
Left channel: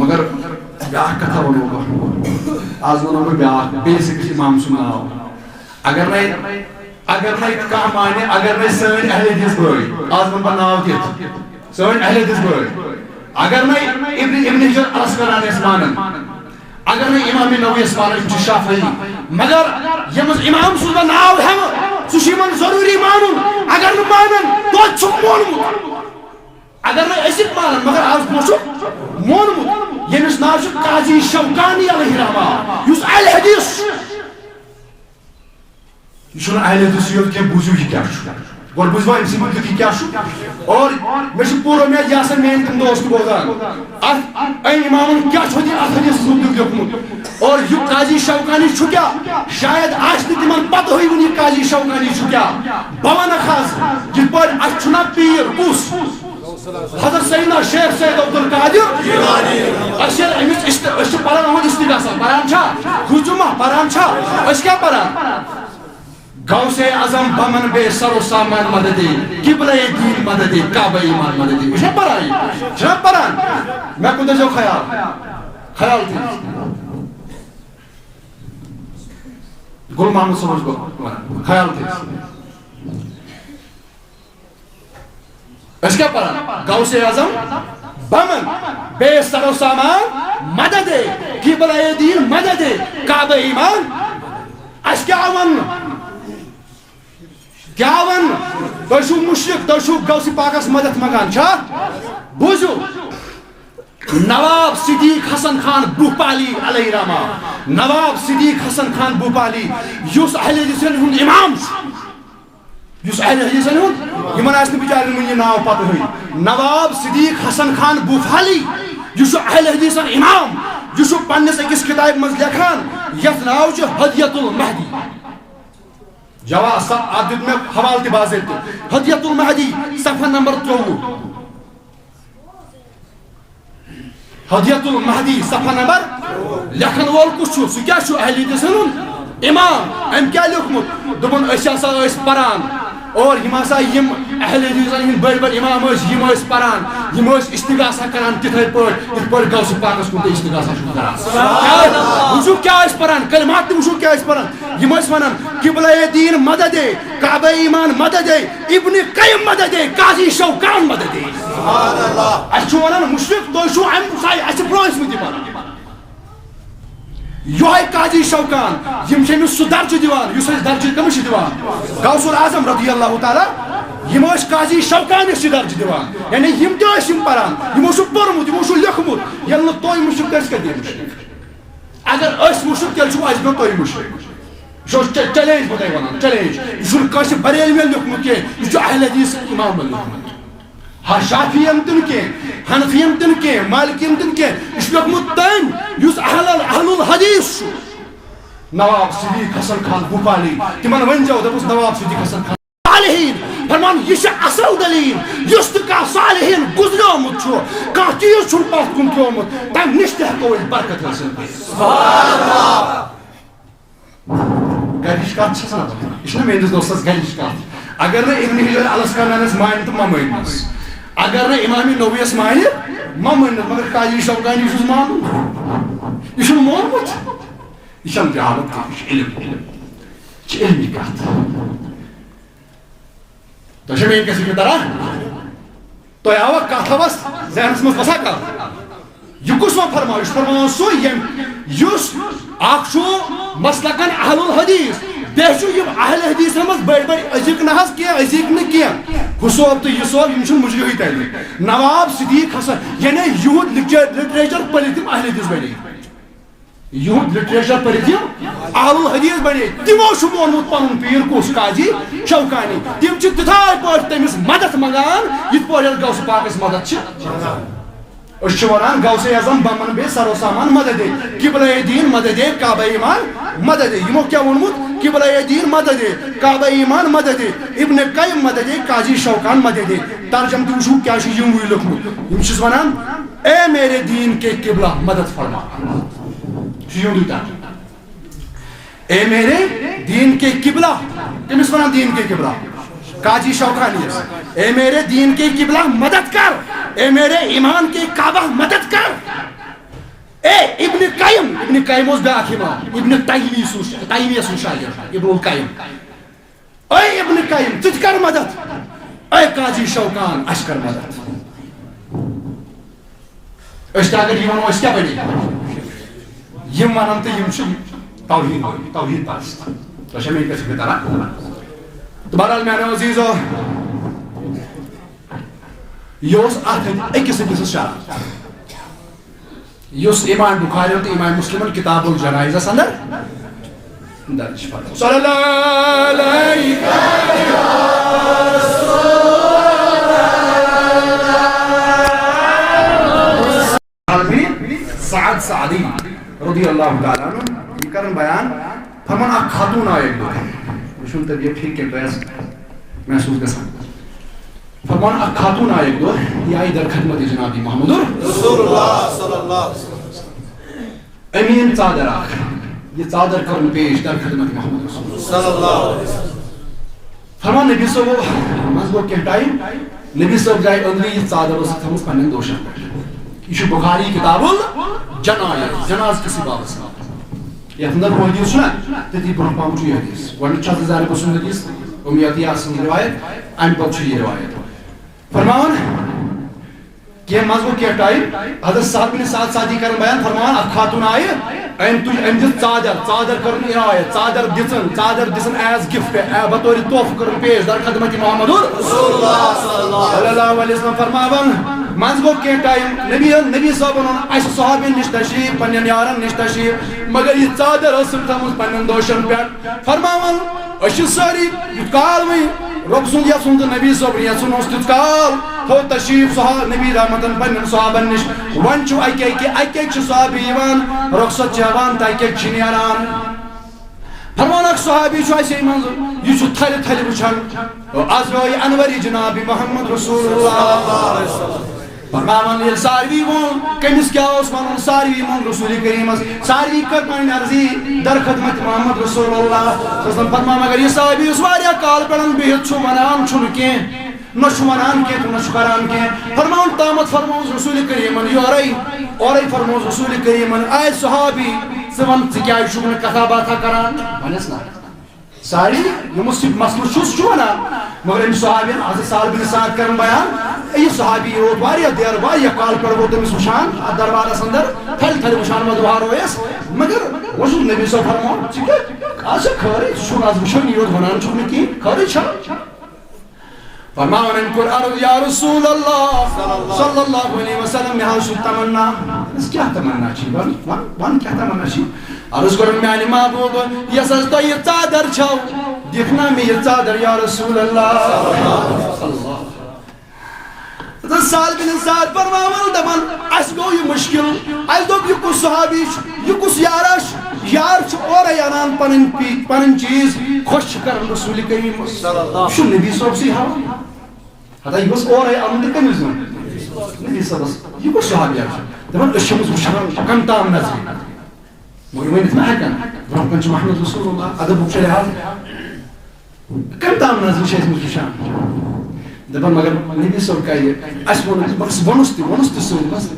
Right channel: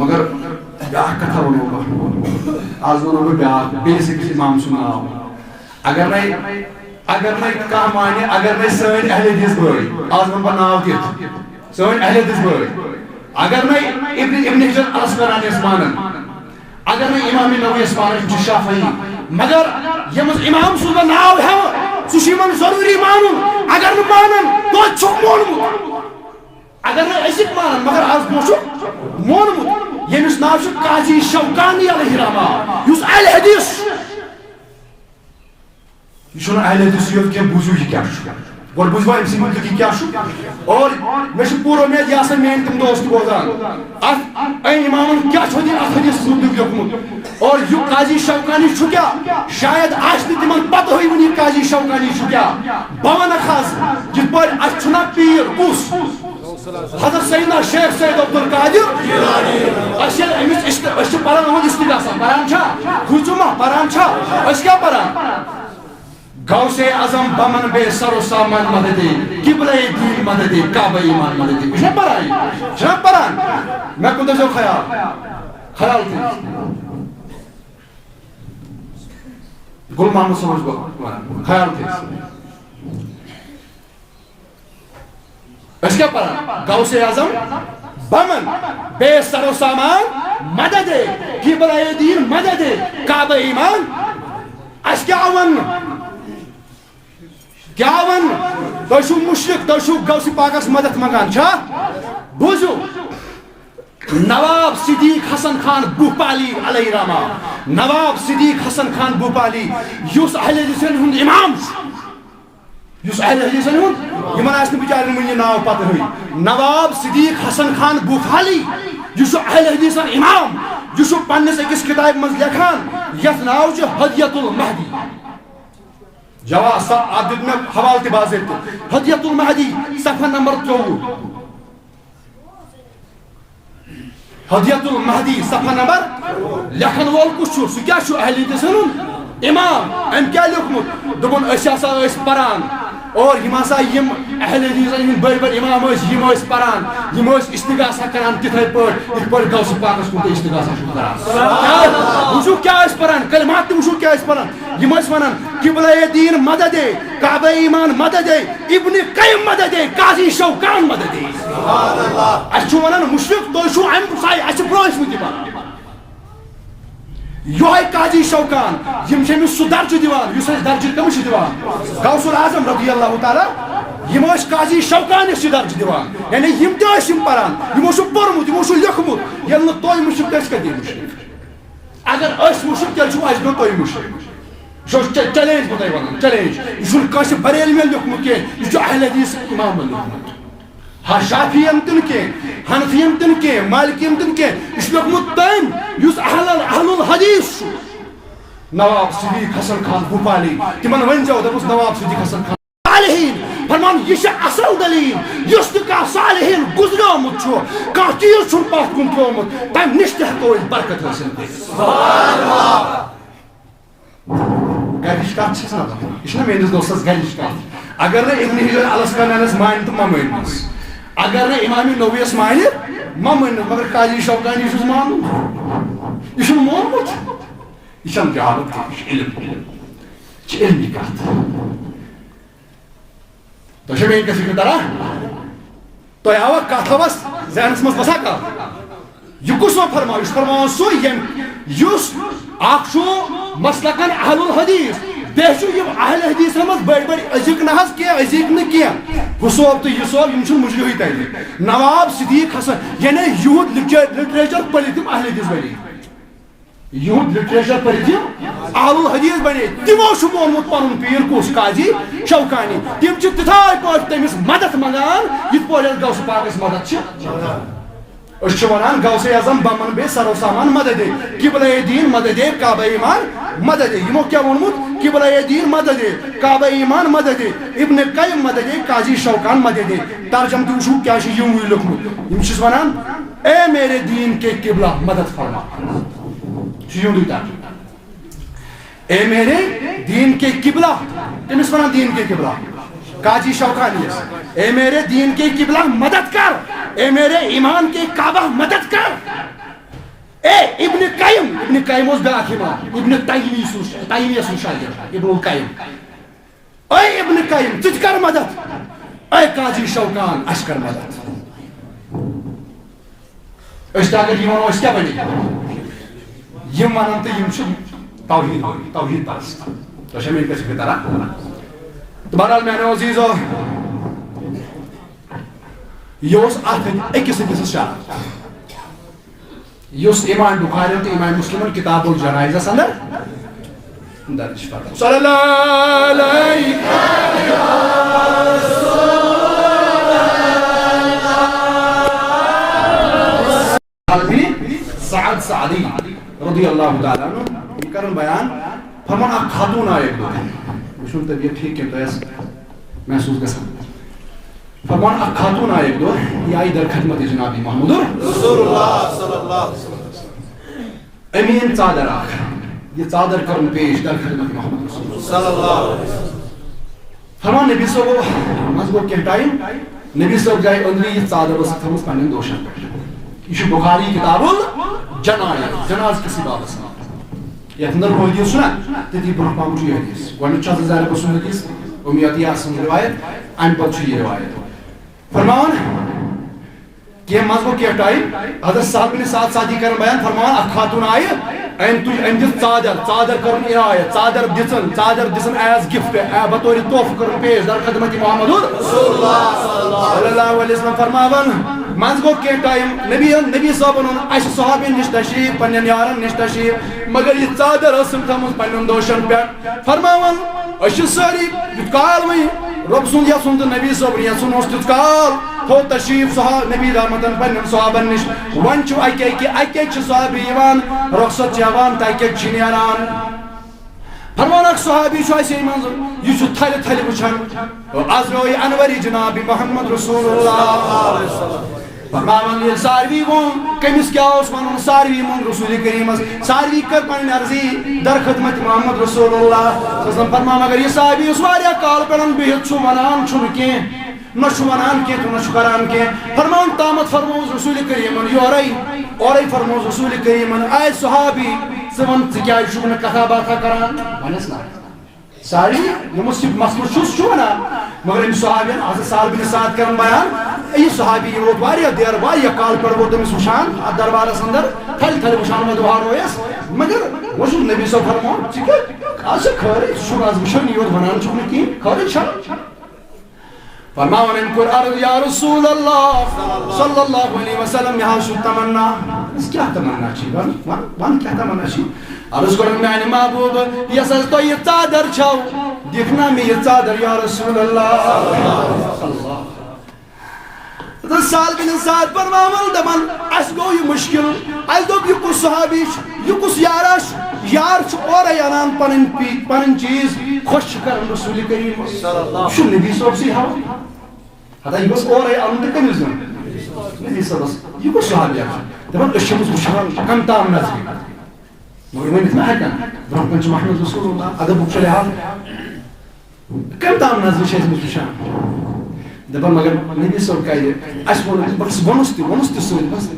مگر بیاہ کتھا ونو گا آز ونو گا بیاہ بیسک امام سناو اگر نہیں کہاں مانے اگر نہیں سین اہل حدیث بوئی آز ون بناو تیت سین اہل حدیث بوئی اگر نہیں ابن حجر الاسقلانی اسمانن اگر نہیں امام نووی اسمانن شافعی مگر یمز امام سن ناو ہے سشیمن ضروری مانن اگر نہ مانن تو چھک مونمت اگر نہ اسک مانن مگر آز موشو مونمت یمس ناو چھ قاضی شوکانی علیہ رحمہ یس اہل حدیث یہ چھن اہل حدیث یوت کہ بوزو یہ کیا چھو گوڑ بوزوا امسی مدد کی کیا چھو اور میں چھ پورو میں یاسر مین تم دوست بودان این امامن کیا چھو دی ات حدیث مدد لیکمت اور یہ قاضی شوکانی چھو کیا شاید آج تمن پتہ ہوئی ونی قاضی شوکانی چھو کیا بوان خاص جس پر اچ چھنا پیر کس حضرت سیدنا شیخ سید عبدالقادر اشیل امس اس پران احمد استغاثہ پران چھا خجمہ پران چھا اس کیا پران غوث اعظم بمن بے سر و سامان مددی قبلہ دین مددی کعبہ ایمان مددی یہ پران چھنا پران میں کن جو خیال تھی گل محمد سمجھ کو خیال تھی اس کیا پران غوث اعظم بمن بے سر و سامان مدد قبلہ دین مدد کعبہ ایمان اس کیا ون کیا ون تو مشرک تو غوث پاکس مدد مگان چھا بوزو نواب صدیق حسن خان بھوپالی علیہ رحمہ نواب صدیق حسن خان بھوپالی یس اہل حدیثن ہند امام یس اہل حدیثن ہند یمن آس بچارن من یہ ناو پتہ ہوئی نواب صدیق حسن خان بھوپالی یس اہل حدیثن امام یس پنس اکس کتاب مز لکھان یت ناو چھ ہدیت المہدی جواب آپ دیت میں حوالہ باضابطہ ہدیت المہدی صفحہ نمبر 24 ہدیت المہدی صفحہ نمبر لکھن وول کس چھو سہ کیا چھو اہل حدیث امام ام کیا لیوکھمت دپن اس ہسا اس پران اور یم ہسا یم اہل حدیثن ہند بڑ بڑ امام یم پران یم استغاثہ کران تتھے پٲٹھۍ یتھ پٲٹھۍ غوث پاکس کن استغاثہ چھُ کران وچھو کیا اس پران کلمات تہ وچھو کیا اس پران یم ونان قبلہ دین مدد کعبہ ایمان مدد ابن قیم مدد قاضی شوکان مدد سبحان اللہ اس چھو ونان مشرک تو چھو ام سائی اس پروس مت پران یہ قاضی شوکان یم چھ سہ درجہ دیوان یس درجہ کمس دیوان غوث الاعظم رضی اللہ تعالی یم قاضی شوکان اس درجہ دیوان یعنی یم تہ پران یمو چھ پورمت یمو چھ لیکھمت یل نہ توy مشرک کس کدی مشرک اگر اس مشرک تیل چھ اس نہ توy مشرک جو چیلنج بتائی ونان چیلنج یہ کس بریل میں لیکھمت کی یہ اہل حدیث امام لیکھمت شافعیم تن کی حنفیم تن کی مالکیم تن کی اس لیکھمت تم یس اہل الحدیث نواب صدیق حسن خان بھوپالی تمن ون جو دپس نواب صدیق حسن خان صالحین فرمان یہ اصل دلیل یس تہ صالحین گزریومت کھانا چیز چھ پتھ کن ترومت تم نش تہ ہیکو برکت حاصل کر سبحان اللہ گرچ کت چھ یہ میانس دوستس گرچ کت اگر نہ ابن حجر الاسقلانیس مان تو ما مانس اگر نہ امام نوویس مانہ ما مانس مگر قاضی شوکانی چھس مان یہ چھ مونمت یہ چھ جہالت یہ علم علمی کت تو میری کسی کی طرح تو آوا کتھوس ذہنس مز وسا کر یہ کس و فرماو یہ فرماوان سو یس اخ مسلکن اہل الحدیث بیچ اہل حدیث مز بڑ بڑ ازیک نہ ازیک نا کی صوب تو یہ صوب ہم مجرحی تیلے نواب صدیق حسن یعنی یہود لٹریچر پڑھ تم اہل حدیث بنے یہود لٹریچر پڑھ تم اہل الحدیث بنے تمو مونمت پن پیر کس قاضی شوکانی تم تتھائی پہ تمس مدد منگان یت پہ غوث پاکس مدد ونان غوث اعظم بمن بے سرو سامان مدد دے قبلہ دین مدد دے کعبہ ایمان مدد دے یمو کیا وونمت قبلہ دین مدد دے کعبہ ایمان مدد دے ابن قیم مدد دے قاضی شوکان مدد دے ترجم تہ وچھو کیا یم لکھمت یم چھس ونان اے میرے دین کے قبلہ مدد فرما اے میرے دین کے قبلہ تمس ونان دین کے قبلہ قاضی شوکانی اے میرے دین کے قبلہ مدد کر اے میرے ایمان کے کعبہ مدد کر اے ابن قیم اس بیاکھ امام ابن تیمیہ سن شاگرد ابن القیم اے ابن قیم تت کر مدد اے قاضی شوکان اس کر مدد اس اگر یہ ونو اس کیا بنے یم ونن تو یم توحید پرست تو شمین کس کی طرح تو بہرحال میانو عزیزو یہ اکس شرط اس امام بخاری تو امام مسلم کتاب الجنائز اندر درج فرمایا صلی اللہ علیہ سعد سعدی رضی اللہ تعالیٰ عنہ یہ کرن بیان فرمان اک خاتون آئے وچھن طبیعت ٹھیک کے پیس محسوس گژھان فرمان اک خاتون آئے یہ آئی در خدمت جناب محمد رسول اللہ صلی اللہ علیہ وسلم امین چادر آخ یہ چادر کرن پیش در خدمت محمد رسول اللہ صلی اللہ علیہ وسلم فرمان نبی صاحب مز گو کینٛہہ ٹائم نبی صاحب گئے اندری یہ چادر اس تھمس پنن دوشن پہ یہ بخاری کتاب الجنائز جناز کسی بابس یتھ اندر وہ حدیث سنا تتی برہ پام چھ حدیث گۄڈنیُک چھُ حضرت زینب سُنٛد حدیث امیہ سٕنٛز روایت امہِ پتہٕ چھُ یہ روایت فرمان کہ مزگو کیا ٹائم حضرت صاحب بن سعد سعدی کرن بیان فرمان اک خاتون آئے ام دس چادر کرن عنایت چادر دسن ایز گفٹ بطور تحفہ کرن پیش در خدمت محمد رسول اللہ صلی اللہ علیہ وسلم فرماون مزگو کیا ٹائم نبی صاحب اس صحابین نش تشریف پنن یارن نش تشریف مگر یہ چادر اسم تھمز پنن دوشن پہ فرماون اش ساری کال میں رب سن یا سن نبی صاحب یا سن اس کال تھو تشریف صحابہ نبی رحمتن پنن صحابن نش ون چھ اکی صحابی یوان رخصت چوان تاکہ چھنیران فرمان اک صحابی چھ اسی منظر یہ چھ تھل تھل وچھان ازروی انوری جناب محمد رسول اللہ فرمان یہ ساروی وون کمس کیا اس ونن ساروی مون رسول کریم ساروی کر پن عرضی در خدمت محمد رسول اللہ صلی اللہ علیہ وسلم فرمان اگر یہ صحابی اس واریا کال پڑن بہت چھ ونان چھن کی نہ چھ ونان کی تو نہ چھ کران کی فرمان تامت فرموز رسول کریم اورے فرموز رسول کریم اے صحابی سون کیا شبن کتھا باتھا کران ونس نا ساری یمس مسئلہ چھس چھ ونان مگر ام صحابین حضرت سعد بن سعد کرن بیان یہ صحابی روت واریاہ دیر واریاہ کال پر وہ تمس وشان دربارس اندر تھل تھل وشان مدوار ہویس مگر وہ نبی صاحب فرمو آج خیر چھ آز وشان یوت ونان چھن کی خیر چھ فرماون ان کر عرض یا رسول اللہ صلی اللہ علیہ وسلم میں ہاؤ تمنا اس کیا تمنا چھ ون کیا تمنا چھ عرض کرن میانی محبوب یس تو یہ چادر چھو دیکھنا میں یہ چادر یا رسول اللہ سال بن سعد فرماول دپان اس گو یہ مشکل اس دوپ یہ کس صحابی یہ کس یارش یار چھ اور یانان پنن چیز خوش کرن رسول کریم صلی اللہ علیہ وسلم نبی صاحب سی ہاو ہتا یہ بس اور ان کے کمیز نبی صاحب یہ کس صحابی دپان اشمس وشان کم تام نظر مگر ونت ما ہکن برم کنچ محمد رسول اللہ ادب بخش لحاظ کم تام نظر چھ اس وشان دپان مگر نبی صاحب کہے اس بس ونس تہ بس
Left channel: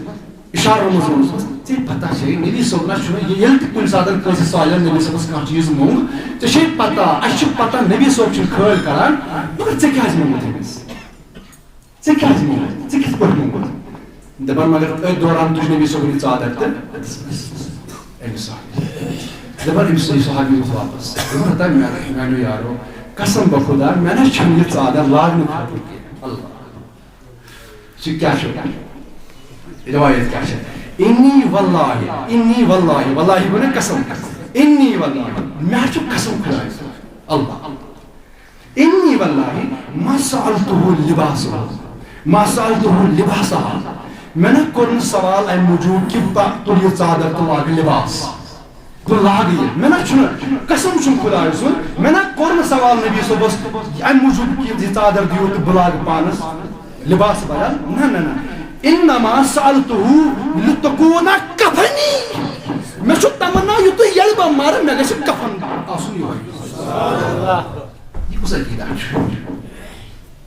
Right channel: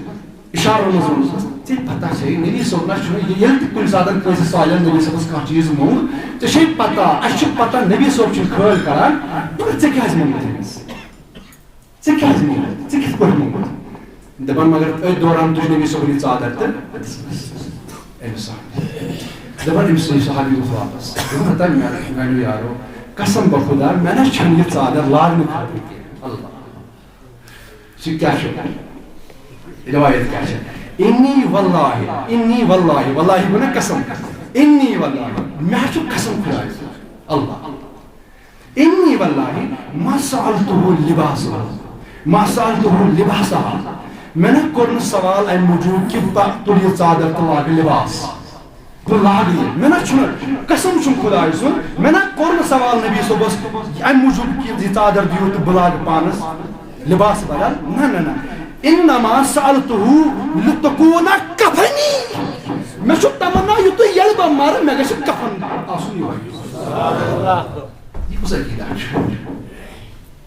اشارہ مز ونس ٹھیک پتہ چھ نبی صاحب نہ یل تہ کن ساتن کس سوالن نبی صاحب کانٛہہ چیز مونگ ژےٚ چھے پتہ اس چھ پتہ نبی صاحب چھ کھٲلۍ کران مگر ژےٚ کیازِ مونگُت ژےٚ کیٛازِ مونٛگُت ژےٚ کِتھ پٲٹھۍ مونٛگُت دَپان مگر أتھۍ دوران تُج نبی صٲبُن یہِ ژادر تہٕ أمِس دَپان أمِس صحابی اوس واپس دوٚپُن ہتا میٛانیو یارو قسم بہ خۄدا مےٚ نہ چھَنہٕ یہِ ژادر لاگنہٕ خٲطرٕ کینٛہہ اللہ سُہ کیٛاہ چھُ رِوایت کیٛاہ چھِ اِنی واللہ واللہ گوٚو نا قسم اِنی واللہ مےٚ چھُ قسم خۄدایَس اللہ اِنی واللہ ما سألتُہ لباسا مےٚ نہ کوٚر نہٕ سوال اَمہِ موٗجوٗب کہِ بہٕ تُلہٕ یہِ ژادر تہٕ لاگہٕ لباس بہٕ لاگہٕ یہِ مےٚ نہ چھُنہٕ قسم چھُم خۄداے سُنٛد مےٚ نہ کوٚر نہٕ سوال نبی صٲبس اَمہِ موٗجوٗب کہِ یہِ ژادر دِیِو تہٕ بہٕ لاگہٕ پانس لباس بدل نہ انما سألتُہ لتکوٗنَ کفنی مےٚ چھُ تمنا یُتُے ییٚلہِ بہٕ مرٕ مےٚ گژھِ کفن آسُن یِہوے یہِ کُس عقیٖدہ چھُ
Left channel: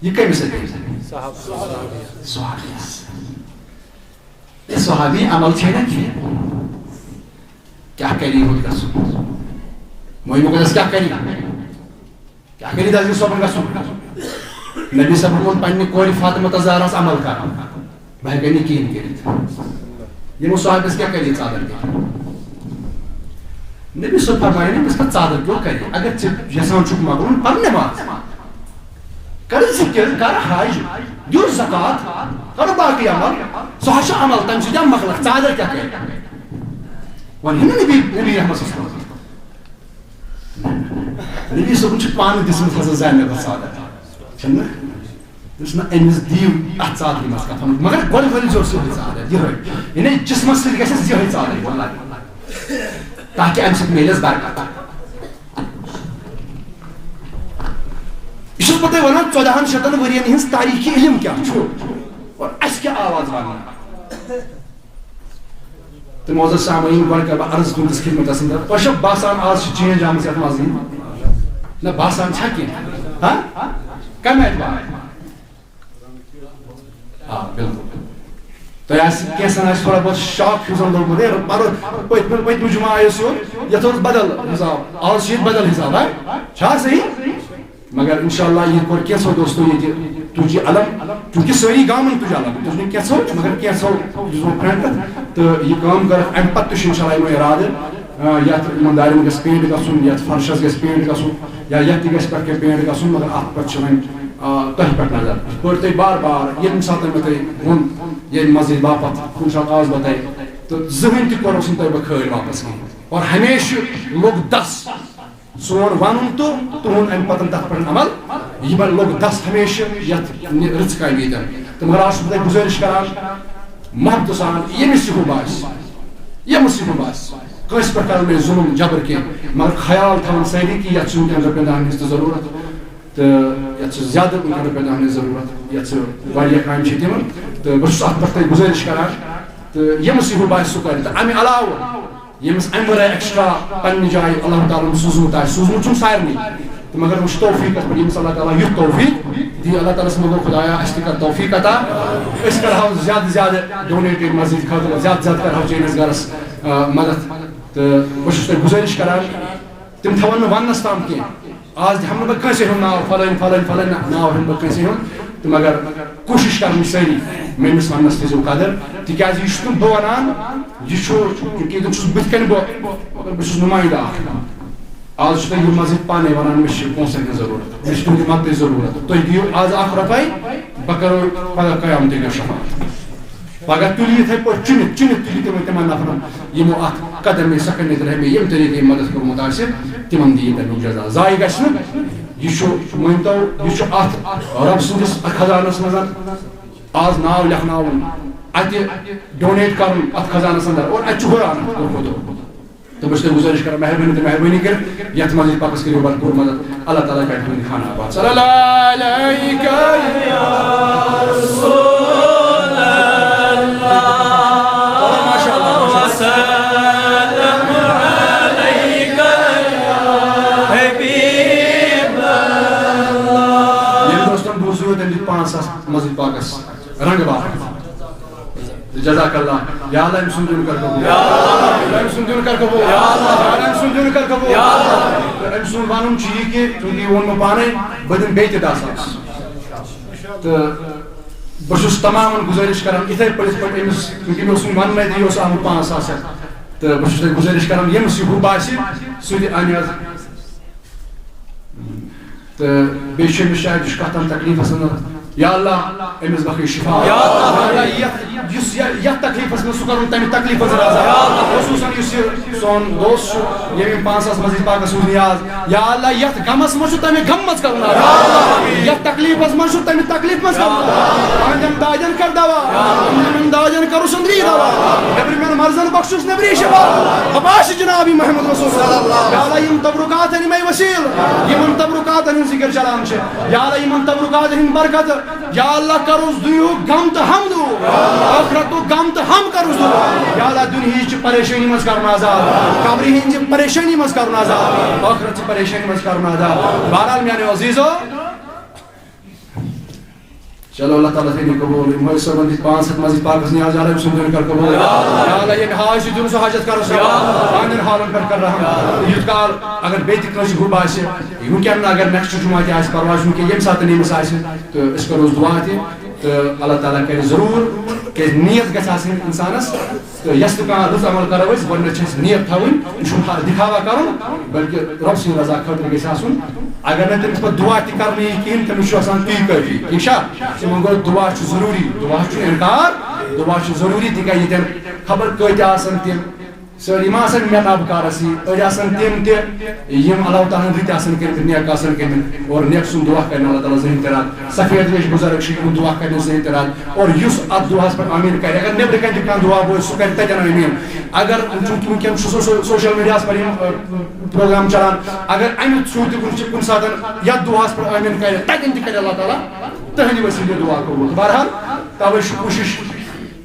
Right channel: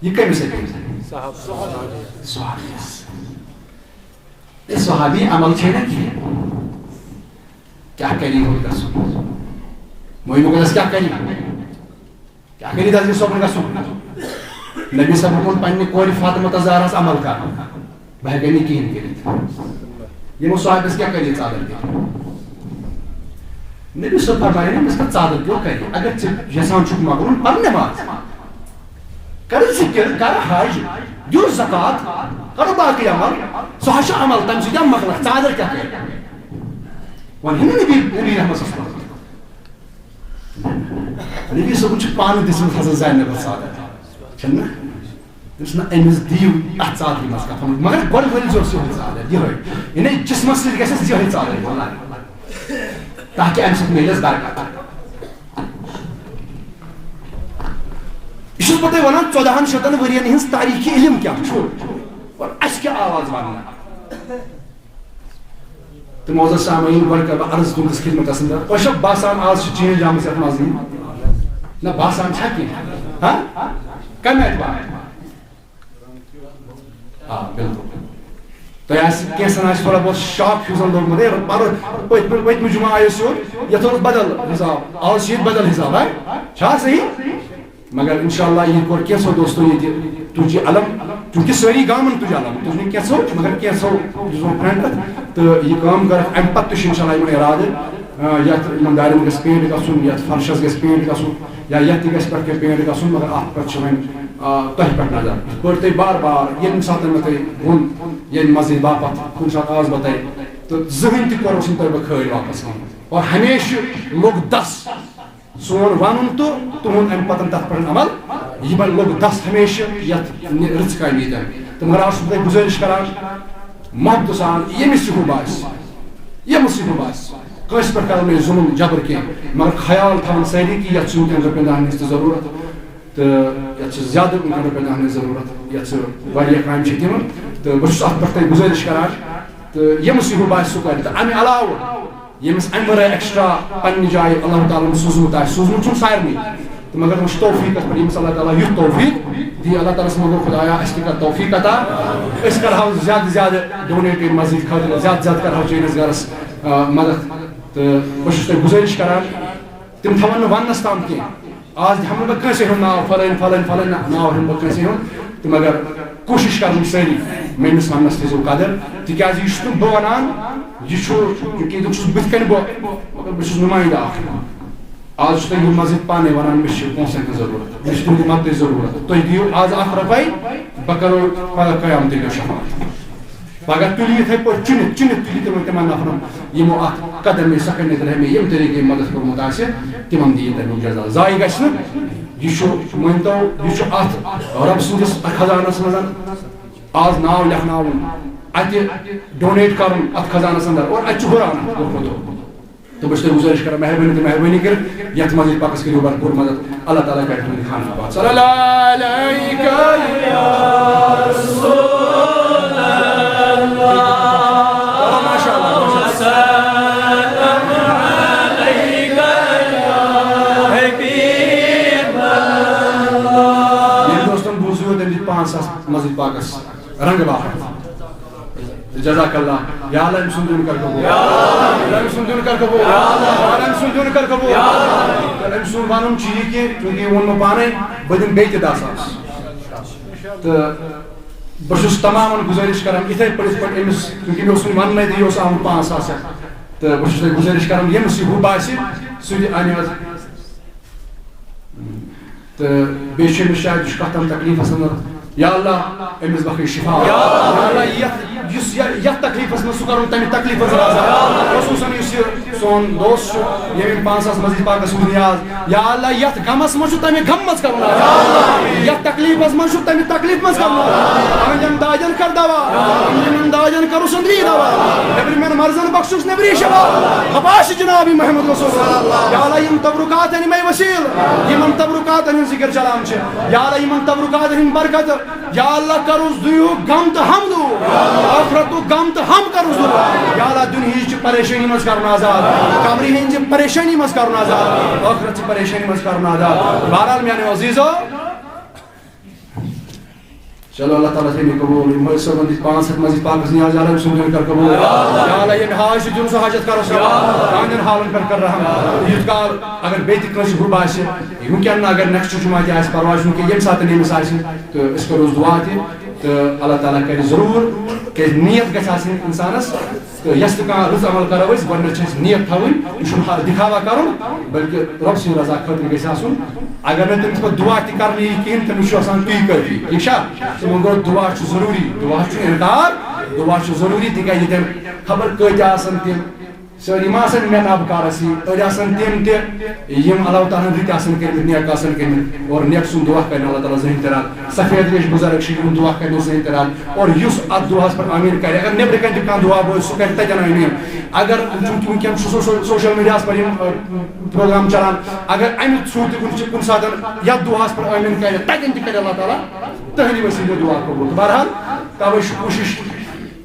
یہِ کٔمِس عقیٖدہ صحابی عمل چھے نہ کینٛہہ کیٛاہ کری ہوت گژھُن موہی مقدس کیٛاہ کری دلجی صٲبُن گژھُن نبی صٲبن ووٚن پننہِ کورِ فاطمہ زہراہس عمل کرُن بہٕ ہٮ۪کے نہٕ کِہیٖنۍ کٔرِتھ یِمو صحابس کیٛاہ کری ژادر دِتھ نبی صٲب فرمایے نہٕ أمِس کتھ ژادر کیٛاہ کری اگر ژٕ یژھان چھُکھ مۄکلُن پر نٮ۪ماز کر ذِکر کر حج دِیُن زکات کر باقٕے عمل سُہ حظ چھُ عمل تمہِ سۭتۍ مۄکلکھ ژادر کیٛاہ کرِ وۄنۍ ہٮ۪نہٕ نبی رحمت نبی صٲبن چھُ پانہٕ دِژمٕژ حضرت زینبس ژادر چھُنہ دِژ نہٕ أمِس دِیِو اتھ ژادرِ منٛز کفن مگر گۄڈٕ ؤلۍزیوس یِہوٚے ژادر یِہوٚے یعنی جسمس سۭتۍ گژھٮ۪س یِہوٚے ژادر تاکہِ امہِ سۭتۍ میلٮ۪س برکت یہِ چھُس بہٕ تۄہہِ ونان 1400 ؤرین ہٕنٛز تاریٖخی علم کیٛاہ چھُ اور اَسہِ کیٛاہ آواز وننہٕ تہٕ معزز سامعیٖن گۄڈٕ کرٕ بہٕ عرض تُہنٛدِس خدمتس انٛدر تۄہہِ چھا باسان آز چھِ چینج آمٕژ یتھ منٛز نہ باسان چھا کینٛہہ کمہِ اعتبار آ بِلکُل تۄہہِ آسہِ کینٛژھن آسہِ تھوڑا بہت شاک ہیوٗ زن لوٚگمُت ہے پٔتمہِ جُمعہ آیہِ أسۍ یور یتھ اوس بدل حساب آز چھُ ییٚتہِ بدل حساب چھا صحیح مگر انشاء اللہ ییٚتہِ کوٚر کینٛژھو دوستو ییٚتہِ تُج یہِ علم چوٗنٛکہِ سٲری گامن تُج علم تُج نہٕ کینٛژھو مگر کینٛژھو یُس زن فرنٹ تہٕ یہِ کٲم کٔرٕکھ امہِ پتہٕ تہِ چھُ انشاء اللہ یِمن ارادٕ یتھ یِمن دارٮ۪ن گژھِ پینٹ گژھُن یتھ فرشس گژھِ پینٹ گژھُن یا یتھ تہِ گژھِ پٮ۪ٹھ کینٛہہ پینٹ گژھُن مگر اتھ پٮ۪ٹھ چھِ وۄنۍ تۄہہِ پٮ۪ٹھ نظر یِتھ پٲٹھۍ تۄہہِ بار بار ییٚمہِ ساتہٕ مےٚ تۄہہِ ووٚن ییٚمہِ مسجد باپتھ کُنہِ ساتہٕ آس بہٕ تۄہہِ تہٕ زٕہٕنۍ تہِ کوٚروس نہٕ تۄہہِ بہٕ کھٲلۍ واپس کِہیٖنۍ اور ہمیشہٕ لوٚگ دس سون ونُن تہٕ تُہُنٛد امہِ پتہٕ تتھ پٮ۪ٹھ عمل یِمن لوٚگ دس ہمیشہٕ یتھ رٕژ کامہِ ییٚتٮ۪ن تہٕ مگر آز چھُس بہٕ تۄہہِ گُزٲرِش کران محبتہٕ سان ییٚمِس یہِ ہُہ باسہِ کٲنٛسہِ پٮ۪ٹھ کرو نہٕ ظُلم جبر کینٛہہ مگر خیال تھاوُن سٲری کہِ یتھ چھُ وٕنکٮ۪ن رۄپین دہن ہٕنٛز تہِ ضروٗرت تہٕ یتھ چھِ زیادٕ وٕنکٮ۪ن رۄپین دہن ہٕنٛز ضروٗرت یتھ چھِ واریاہ کامہِ چھِ تِمن تہٕ بہٕ چھُس اتھ پٮ۪ٹھ تۄہہِ گُزٲرِش کران تہٕ ییٚمِس یہِ ہُہ باسہِ سُہ کرِ تہٕ امہِ علاوٕ ییٚمِس امہِ ورٲے ایکسٹرا پننہِ جایہِ اللہ تعالیٰ ہن سوٗزمُت آسہِ سوٗزمُت چھُنہٕ سارنٕے تہٕ مگر وۄنۍ چھُ توفیٖقس پٮ۪ٹھ ییٚمِس اللہ تعالیٰ یُتھ توفیٖق دی اللہ تعالیٰ ہس منٛگو خۄدایا اَسہِ تہِ کر توفیٖق عطا أسۍ کرہاو زیادٕ زیادٕ ڈونیٹ ییٚتہِ مسجد خٲطرٕ زیادٕ زیادٕ کرہاو چٲنِس گرس مدد تہٕ بہٕ چھُس تۄہہِ گُزٲرِش کران تِم تھاون نہٕ وننس تام کینٛہہ آز دِمہٕ نہٕ بہٕ کٲنٛسے ہُنٛد ناو فلٲنۍ ناو ہٮ۪مہٕ بہٕ کٲنٛسے ہُنٛد تہٕ مگر کوٗشِش کرٕنۍ سٲری میٲنِس وننس تھٲیزیو قدر تِکیازِ یہِ چھُس نہٕ بہٕ ونان یہِ چھُ ییٚتٮ۪ن چھُس بٕتھِ کَنہِ بہٕ مگر بہٕ چھُس نُمٲیندٕ اکھ آز چھُ تۄہہِ یہِ مسجد پانے ونان مےٚ چھِ پونٛسن ہٕنٛز ضروٗرت مےٚ چھِ تُہنٛدِ مدتٕچ ضروٗرت تُہۍ دِیِو آز 1 رۄپے بہٕ کرو پگہہ قیامتٕکۍ دۄہ شفاعت پگہہ تُلہِ یِتھٕے پٲٹھۍ چُنِتھ تُلہِ تِمن نفرن یِمو اتھ قدم میں سکن نظر ہمیں ییٚمہِ طریٖقہٕ مدد کوٚرمُت آسہِ تِمن دِیِو تمیُک جزا ضایہِ گژھِ نہٕ یہِ چھُ مٲنۍتو یہِ چھُ اتھ رۄب سٕنٛدِس خزانس منٛز آز ناو لیکھناوُن اتہِ ڈونیٹ کرُن اتھ خزانس انٛدر اور اتہِ چھُ ہُران دۄہ کھۄتہٕ دۄہ تہٕ بہٕ چھُس تۄہہِ گُزٲرِش کران مہربٲنی تہٕ مہربٲنی کٔرِتھ یتھ مسجد پاکس کٔرِو بھرپوٗر مدد اللہ تعالیٰ کرِ تُہُنٛد خانہ آباد صلی اللہ علیکہ یا رسول اللہ ماشاء اللہ مسجد پاکس رنگ باہر جزاک اللہ یا اللہ أمۍ سُنٛد دیُن کر قبوٗل أمۍ سُنٛد دیُن کر قبوٗل أمۍ سُنٛد دیُن کر قبوٗل تہٕ أمۍ سُنٛد وَنُن چھُ یہِ کہِ چوٗنٛکہِ یہِ ووٚن مےٚ پانے بہٕ دِمہٕ بیٚیہِ تہِ 10,000 تہٕ بہت تمام گزارش کران اتھے پٲٹھۍ أمِس کیونکہ مےٚ اوس نہٕ وننٕے تہِ یہِ اوس آمُت 5,000 ہٮ۪تھ تہٕ بہٕ چھُس تۄہہِ گُزٲرِش کران ییٚمِس یہِ ہُہ باسہِ سُہ تہِ اَنہِ حظ تہٕ بیٚیہِ چھُ أمِس شاید یہِ چھُ کتھ تام تکلیٖفس انٛدر یا اللہ أمِس بخٲے شفا یا اللہ یتھ تکلیٖفس منٛز سُہ کرُن تمہِ تکلیٖف منٛز آزاد خصوٗصن یُس یہِ سون دوست چھُ ییٚمۍ 5,000 مزیٖد پاکس سوٗز نیاز یا اللہ یتھ غمس منٛز چھُ تمہِ غم منٛز کرُن آزاد یتھ تکلیٖفس منٛز چھُ تمہِ تکلیٖف منٛز کرُن تہنٛدٮ۪ن دادٮ۪ن کر دوا یِمن دادٮ۪ن کرُس أنٛدری دوا نیبرِمٮ۪ن مرضن بخشُس نیبری شفا حباش جنابی محمد رسول یا اللہ یِم تبرکاتن یِمے وسیٖل یِمن تبرکاتن ہٕنٛز ذِکر چلان چھِ یا اللہ یِمن تبرکاتن ہٕنٛدۍ برکت یا اللہ کرُس دُنیُک غم تہٕ ہم دوٗر ٲخرتُک غم تہٕ ہم کرُس دوٗر یا اللہ دُنہِچ پریشٲنی منٛز کرُن آزاد قبرِ ہٕنٛزِ پریشٲنی منٛز کرُن آزاد ٲخرتچہِ پریشٲنی منٛز کرُن آزاد بہرحال میانیو عزیٖزو چلو اللہ تعالیٰ تھٲینو قبوٗل یِم مٲلۍ صٲبن دِتۍ 500 مزیٖد پاکس نیاز یا اللہ أمۍ سُنٛد دیُن کر قبوٗل یا اللہ ییٚمہِ حاج چھُ دیُن سُہ حاجت کرُس روا تہنٛدٮ۪ن حالن پٮ۪ٹھ کر رحم تہٕ یُتھ کال اگر بیٚیہِ تہِ کٲنٛسہِ ہُہ باسہِ وٕنکٮ۪ن نہٕ اگر نیکسٹ جمعہ تہِ آسہِ پرواے چھُنہٕ کینٛہہ ییٚمہِ ساتہٕ أمِس آسہِ تہٕ أسۍ کروس دعا تہِ تہٕ اللہ تعالیٰ کرِ ضروٗر کیازِ نیت گژھِ آسٕنۍ اِنسانس تہٕ یۄس تہِ کانٛہہ رٕژ عمل کرو أسۍ گۄڈٕنیتھ چھِ اَسہِ نیت تھاوٕنۍ یہِ چھُنہٕ دِکھاوا کرُن بلکہِ رۄب سٕنٛدِ رضا خٲطرٕ گژھِ آسُن اگر نہٕ تٔمِس پتہٕ دعا تہِ کرنہٕ یی کِہیٖنۍ تٔمِس چھُ آسان تی کٲفی ٹھیٖک چھا تِمن گوٚو دعا چھُ ضروٗری دعا چھُنہٕ اِنکار دعا چھُ ضروٗری تِکیازِ ییٚتٮ۪ن خبر کۭتیاہ آسن تِم سٲری ما آسن مےٚ نابکارسٕے أڑۍ آسن تِم تہِ یِم اللہ تعالیٰ ہن رٕتۍ آسن کٔرمٕتۍ نیک آسن کٔرمٕتۍ اور نیک سُنٛد دعا کرِ اللہ تعالیٰ زٕہٕنۍ تہِ رد سفید ریش بُزرگ چھِ یِمن دعا کرِ نہٕ زٕہٕنۍ تہِ رد اور یُس اتھ دعاہس پٮ۪ٹھ آمیٖن کرِ اگر نیبرٕ کنہِ تہِ کانٛہہ دعا بوزِ سُہ کرِ تتٮ۪ن آمیٖن اگر چوٗنٛکہِ وٕنکٮ۪ن چھُ سوشل میٖڈیاہس پٮ۪ٹھ یِم پروگرام چلان اگر امہِ تھروٗ تہِ کُنہِ ساتہٕ یتھ دعاہس پٮ۪ٹھ آمیٖن کرِ تتٮ۪ن تہِ کرِ اللہ تعالیٰ تٕہنٛدِ وسیٖلہٕ دعا قبوٗل بہرحال توے چھُ کوٗشش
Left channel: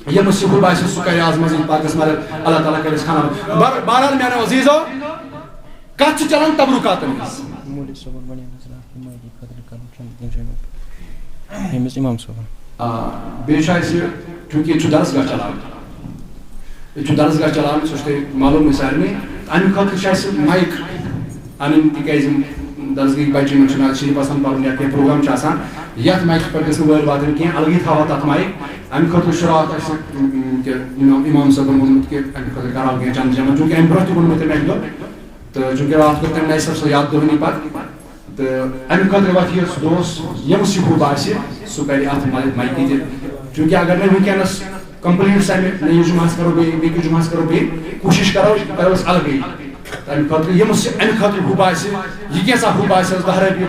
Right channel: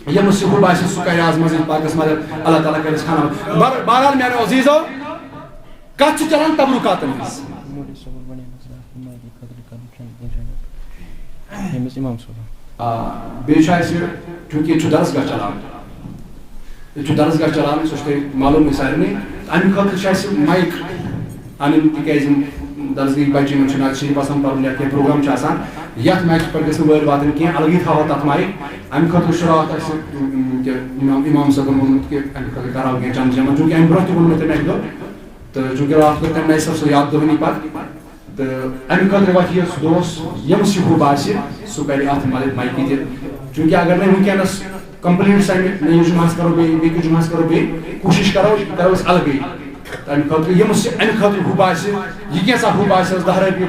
ییٚمِس یہِ ہُہ باسہِ سُہ کرِ آز مزیٖد پاکس مدد اللہ تعالیٰ کرٮ۪س کھانا بہرحال میانیو عزیٖزو کتھ چھِ چلان تبرکاتن ہٕنٛز بیٚیہِ چھُ اَسہِ چوٗنٛکہِ ییٚتہِ چھُ درسگاہ چلان ییٚتہِ چھُ درسگاہ چلان سُہ چھُ تۄہہِ معلوٗمٕے سارنٕے اَمہِ خٲطرٕ چھُ اَسہِ مایِک اَنٕنۍ تِکیازِ یِم درسگاہٕکۍ بچہِ یِمن چھُنہٕ شریٖف آسان پرُن یا کینٛہہ پروگرام چھُ آسان یتھ مایکہِ پٮ۪ٹھ گژھِ نہٕ وٲرۍ واتٕنۍ کینٛہہ الگٕے تھاوو تتھ مایِک امہِ خٲطرٕ چھُ راتھ اَسہِ اِمام صٲبن ووٚنمُت کہِ امہِ خٲطرٕ کرہاو کینٛہہ چند جمع چوٗنٛکہِ امہِ برونٛہہ تہِ ووٚن مےٚ تٔمۍ اکہِ دۄہ تہٕ چوٗنٛکہِ راتھ کٔر تٔمۍ نَیہِ سر سۄ یاد دۄہنی پتہٕ تہٕ امہِ خٲطرٕ وۄتھِ یہِ سُہ دوس ییٚمِس یہِ ہُہ باسہِ سُہ کرِ اتھ مایکہِ تہِ چوٗنٛکہِ اگر نہٕ وٕنکٮ۪نس کمپلیٖٹ سانہِ نٔیِس جُمعس کرو بیٚیہِ بیٚکِس جُمعس کرو بیٚیہِ کوٗشش کرو أسۍ الگٕے تمہِ خٲطرٕ ییٚمِس امہِ خٲطرٕ ہُہ باسہِ یہِ کینٛژھا ہُہ باسہِ حظ 10 رۄپیہِ